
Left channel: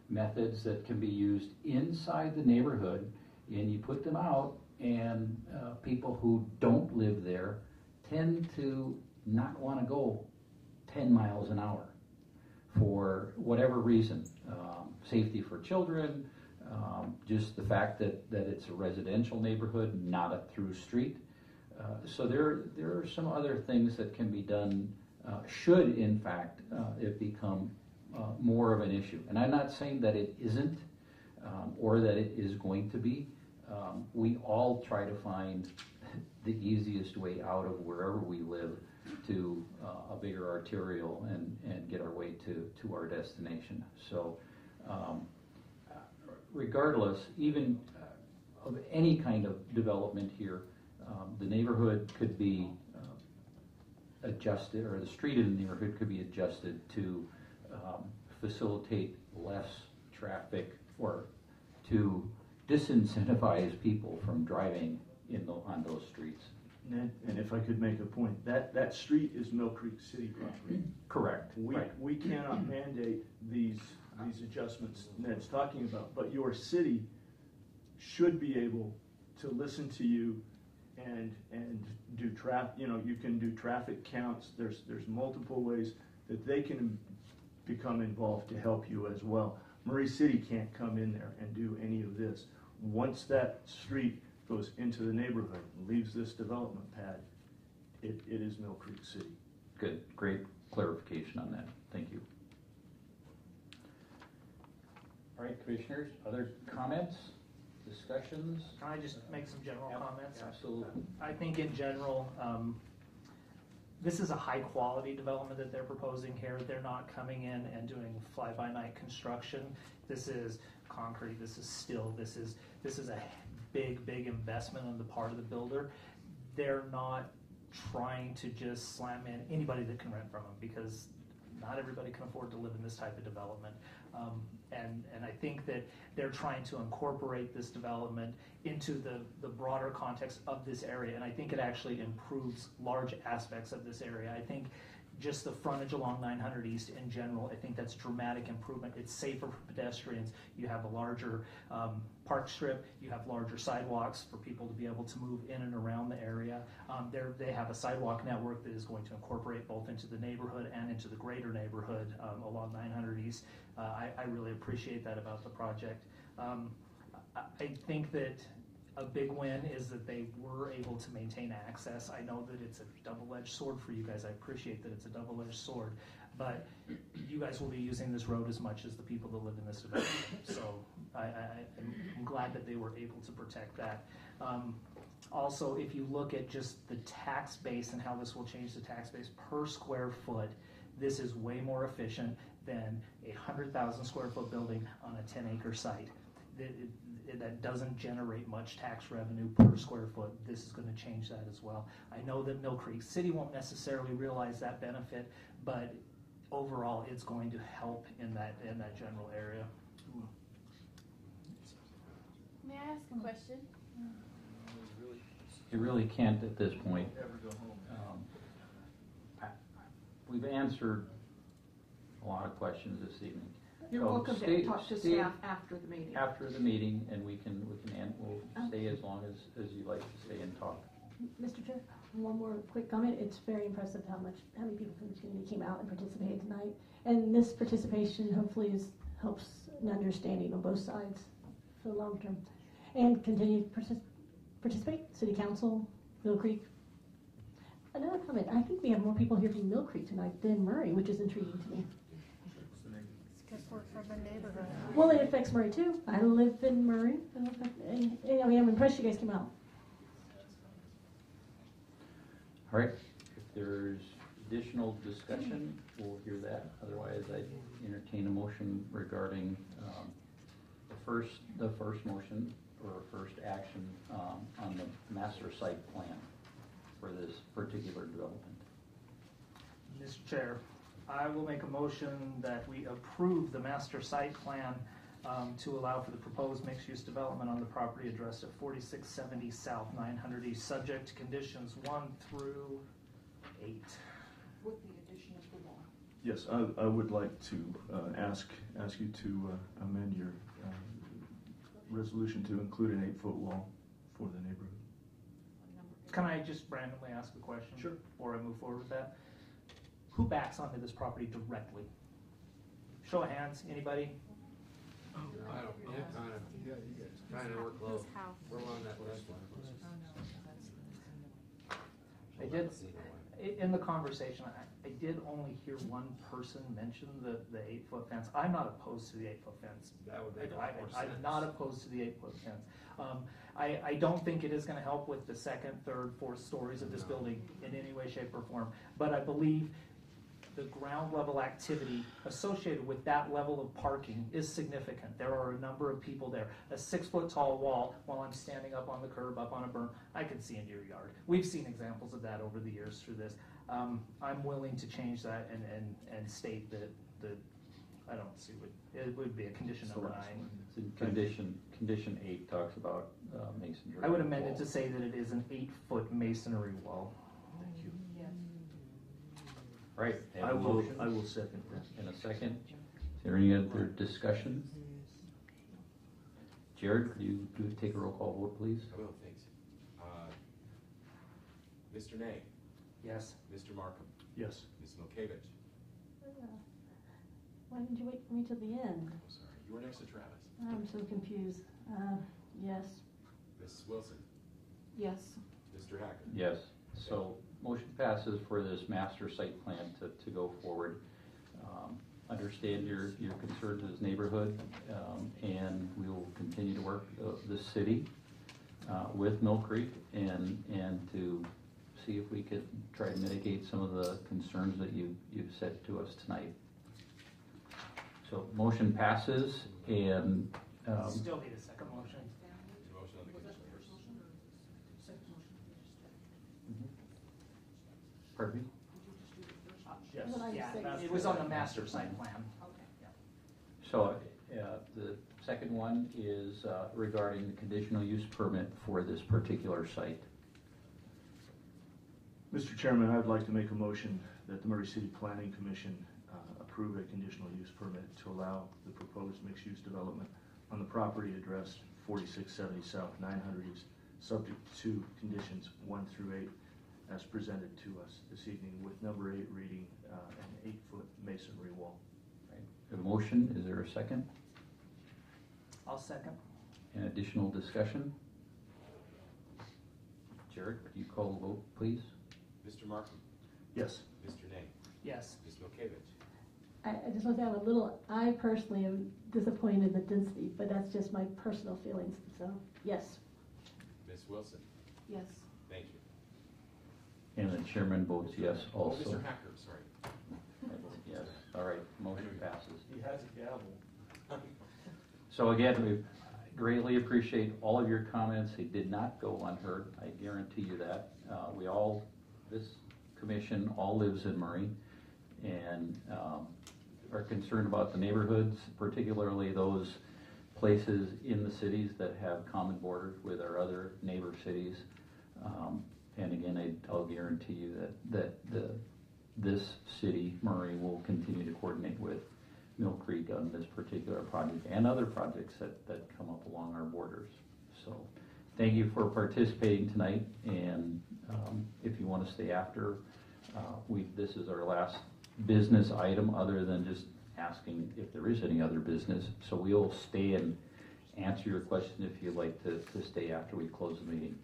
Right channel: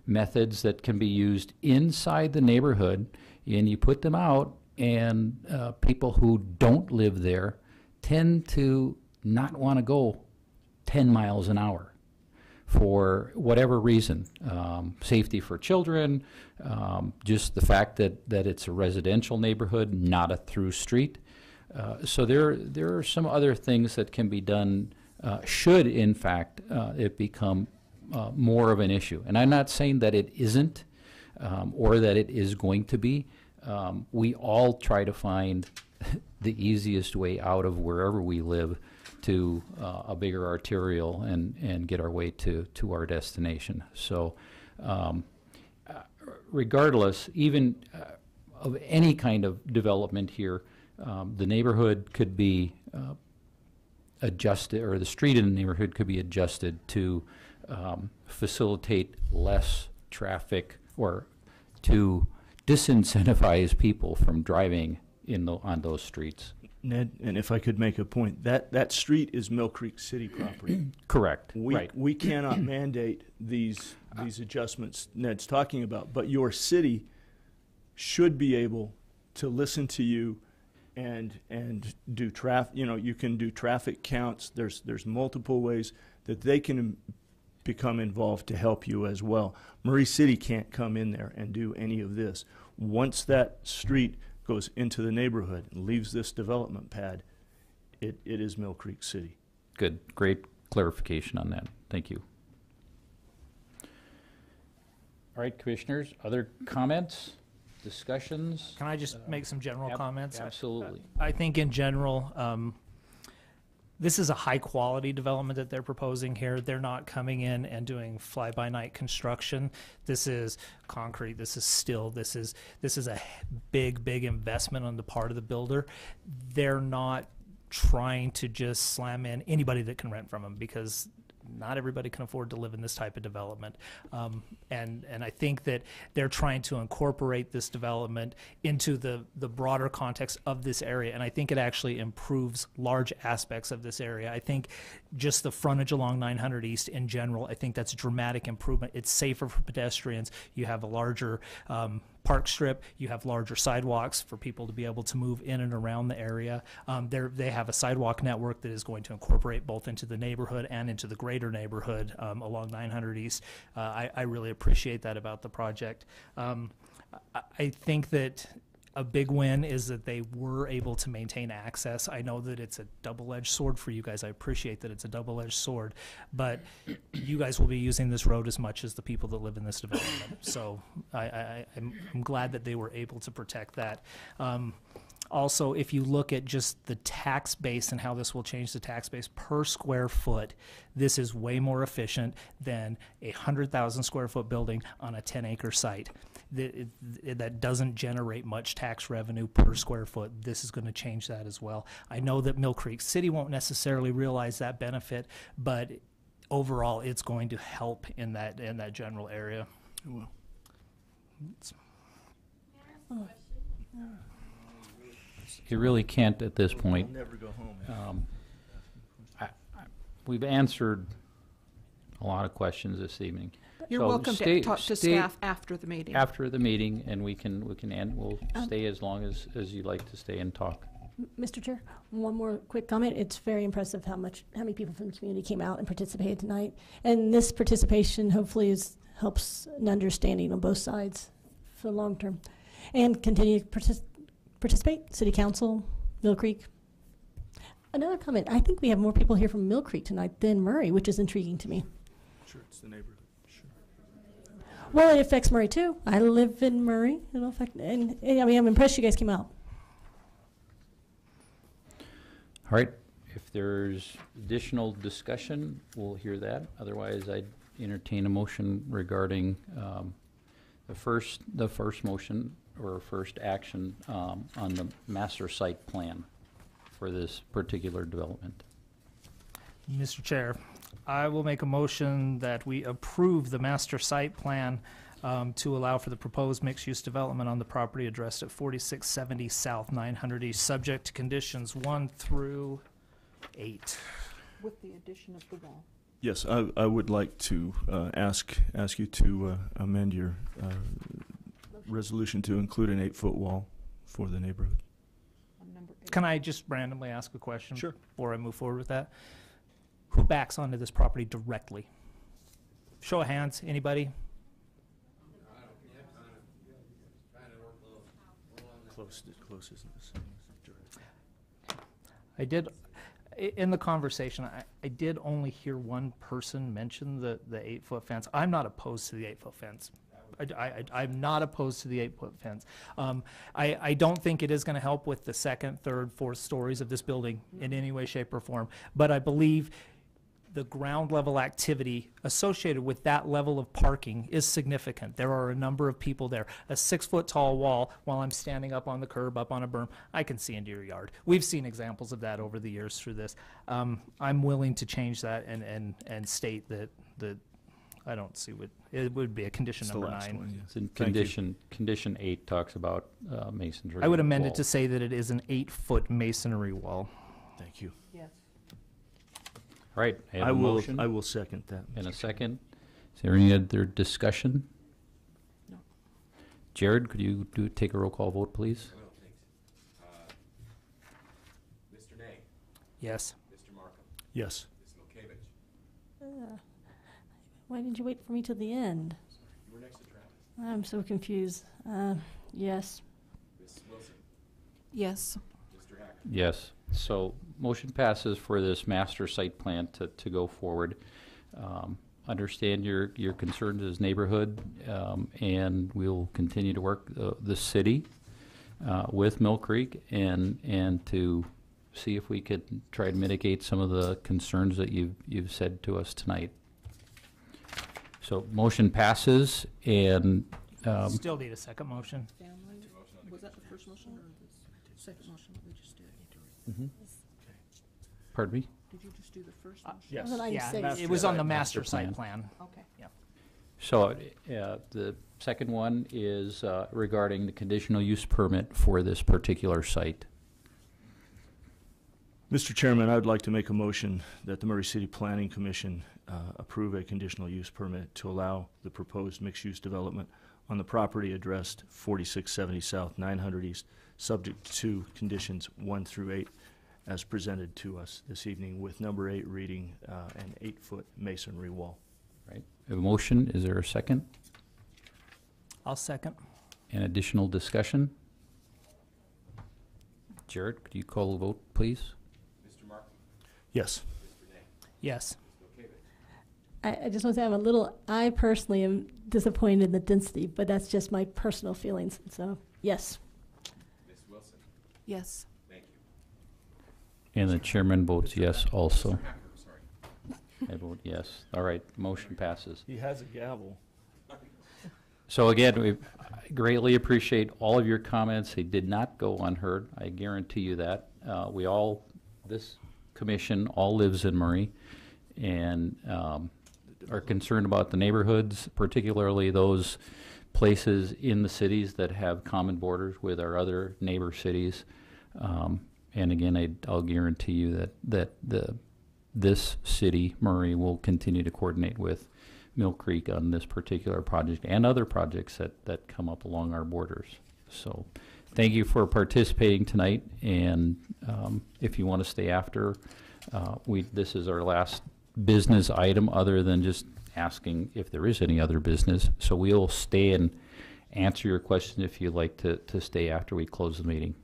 methods that can be used inside the neighborhood, and you put them out, and people who don't live there tend to not want to go 10 miles an hour. for whatever reason, safety for children, just the fact that it's a residential neighborhood, not a through street. So there are some other things that can be done should, in fact, it become more of an issue. And I'm not saying that it isn't or that it is going to be. We all try to find the easiest way out of wherever we live to a bigger arterial and get our way to our destination. So regardless, even of any kind of development here, the neighborhood could be adjusted, or the street in the neighborhood could be adjusted to facilitate less traffic or to disincentivize people from driving on those streets. Ned, and if I could make a point, that street is Mill Creek City property. Correct. We cannot mandate these adjustments Ned's talking about, but your city should be able to listen to you and do traffic. You can do traffic counts. There's multiple ways that they can become involved to help you as well. Murray City can't come in there and do any of this. Once that street goes into the neighborhood and leaves this development pad, it is Mill Creek City. Good, great clarification on that. Thank you. All right, commissioners, other comments, discussions? Can I just make some general comments? Absolutely. I think in general, this is a high-quality development that they're proposing here. They're not coming in and doing fly-by-night construction. This is concrete. This is steel. This is a big investment on the part of the builder. They're not trying to just slam in anybody that can rent from them, because not everybody can afford to live in this type of development. And I think that they're trying to incorporate this development into the broader context of this area, and I think it actually improves large aspects of this area. I think just the frontage along 900 East in general, I think that's a dramatic improvement. It's safer for pedestrians. You have a larger park strip. You have larger sidewalks for people to be able to move in and around the area. They have a sidewalk network that is going to incorporate both into the neighborhood and into the greater neighborhood along 900 East. I really appreciate that about the project. I think that a big win is that they were able to maintain access. I know that it's a double-edged sword for you guys. I appreciate that it's a double-edged sword, but you guys will be using this road as much as the people that live in this development. So I'm glad that they were able to protect that. Also, if you look at just the tax base and how this will change the tax base per square foot, this is way more efficient than a 100,000 square foot building on a 10-acre site. That doesn't generate much tax revenue per square foot. This is going to change that as well. I know that Mill Creek City won't necessarily realize that benefit, but overall it's going to help in that general area. Well, May I ask a question? You really can't at this point. I'll never go home. We've answered a lot of questions this evening. You're So welcome to talk to stay staff after the meeting. After the meeting, and we'll stay as long as you'd like to stay and talk. Mr. Chair, one more quick comment. It's very impressive how many people from the community came out and participated tonight. And this participation hopefully helps an understanding on both sides for the long term. And continue to participate, City Council, Mill Creek. Another comment, I think we have more people here from Mill Creek tonight than Murray, which is intriguing to me. Sure, it's the neighborhood. Well, it affects Murray too. I live in Murray. It'll affect, and I mean, I'm impressed you guys came out. All right, if there's additional discussion, we'll hear that. Otherwise, I'd entertain a motion regarding the first motion or first action on the master site plan for this particular development. Mr. Chair, I will make a motion that we approve the master site plan to allow for the proposed mixed-use development on the property addressed at 4670 South 900 East, subject to conditions 1 through 8. With the addition of the wall. Yes, I would like to ask you to amend your resolution to include an 8-foot wall for the neighborhood. Can I just randomly ask a question? Sure. Before I move forward with that? Who backs onto this property directly? Show of hands, anybody? I did, in the conversation, I did only hear one person mention the 8-foot fence. I'm not opposed to the 8-foot fence. I'm not opposed to the 8-foot fence. I don't think it is gonna help with the second, third, fourth stories of this building in any way, shape, or form. But I believe the ground level activity associated with that level of parking is significant. There are a number of people there. A 6-foot tall wall, while I'm standing up on the curb, up on a berm, I can see into your yard. We've seen examples of that over the years through this. I'm willing to change that and state that I don't see what, it would be a condition number 9. It's in condition 8 talks about masonry. I would amend it wall. to say that it is an 8-foot masonry wall. Thank you. All right, I have a motion. I will second that. In a second. Is there any other discussion? No. Jared, could you take a roll call vote, please? I will, thanks. Mr. Nay? Yes. Mr. Markham? Yes. Ms. Milkevich? Why did you wait for me till the end? Sorry, you were next to Travis. I'm so confused. Yes. Ms. Wilson? Yes. Mr. Hack? Yes. So motion passes for this master site plan to go forward. Understand your concerns as neighborhood, and we'll continue to work the city with Mill Creek and to see if we could try to mitigate some of the concerns that you've said to us tonight. So motion passes, and Still need a second motion. Was that the first motion or the second motion we just did? pardon me? Did you just do the first motion? Yes. Well, then Yeah, I'd say- it was on the Master master site plan. plan. Okay. So the second one is regarding the conditional use permit for this particular site. Mr. Chairman, I would like to make a motion that the Murray City Planning Commission approve a conditional use permit to allow the proposed mixed-use development on the property addressed 4670 South, 900 East, subject to conditions 1 through 8 as presented to us this evening, with number 8 reading an 8-foot masonry wall. Right. A motion, is there a second? I'll second. An additional discussion? Jared, could you call the vote, please? Mr. Markham? Yes. Mr. Nay? Yes. Ms. Milkevich? I just want to say I personally am disappointed in the density, but that's just my personal feelings. So, yes. Ms. Wilson? Yes. Thank you. And the chairman votes yes also. Mr. Hacker, sorry. I vote yes. All right, motion passes. He has a gavel. So again, we greatly appreciate all of your comments. They did not go unheard. I guarantee you that. This commission all lives in Murray and are concerned about the neighborhoods, particularly those places in the cities that have common borders with our other neighbor cities. And again, I'll guarantee you that this city, Murray, will continue to coordinate with Mill Creek on this particular project and other projects that come up along our borders. So thank you for participating tonight, and if you want to stay after, this is our last business item other than just asking if there is any other business. So we'll stay and answer your question if you'd like to stay after we close the meeting.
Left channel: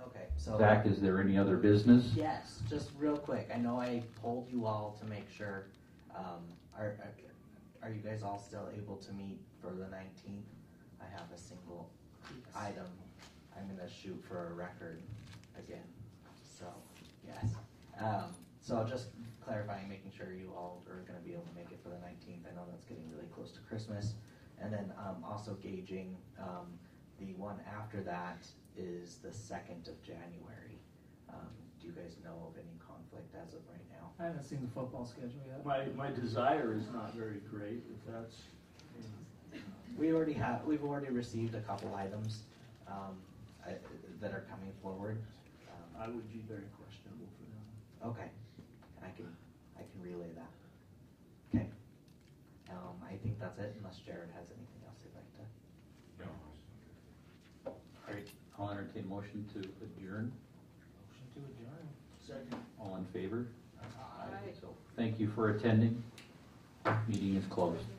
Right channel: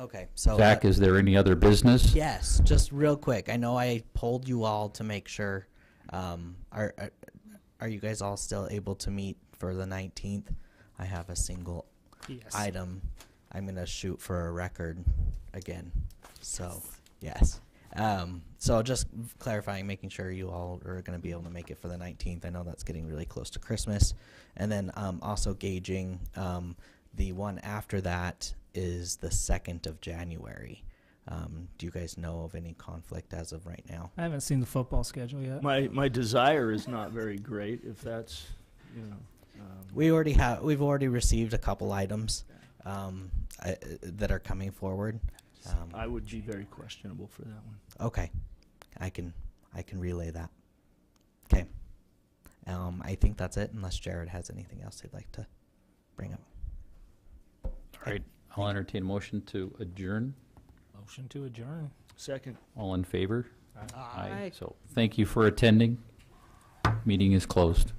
Okay, so Zach, is there any other business? yes, just real quick. I know I polled you all to make sure. Are you guys all still able to meet for the 19th? I have a single Yes. item. I'm gonna shoot for a record again. So yes. So just clarifying, making sure you all are gonna be able to make it for the 19th. I know that's getting really close to Christmas, and then also gauging the one after that is the 2nd of January. Do you guys know of any conflict as of right now? I haven't seen the football schedule yet. My desire is not very great, if that's, you know. We've already received a couple items that are coming forward. I would be very questionable for that one. Okay, I can relay that. Okay, I think that's it, unless Jared has anything else he'd like to bring up. All right, I'll entertain a motion to adjourn. Motion to adjourn. Second. All in favor? Aye. So thank you for attending. Meeting is closed.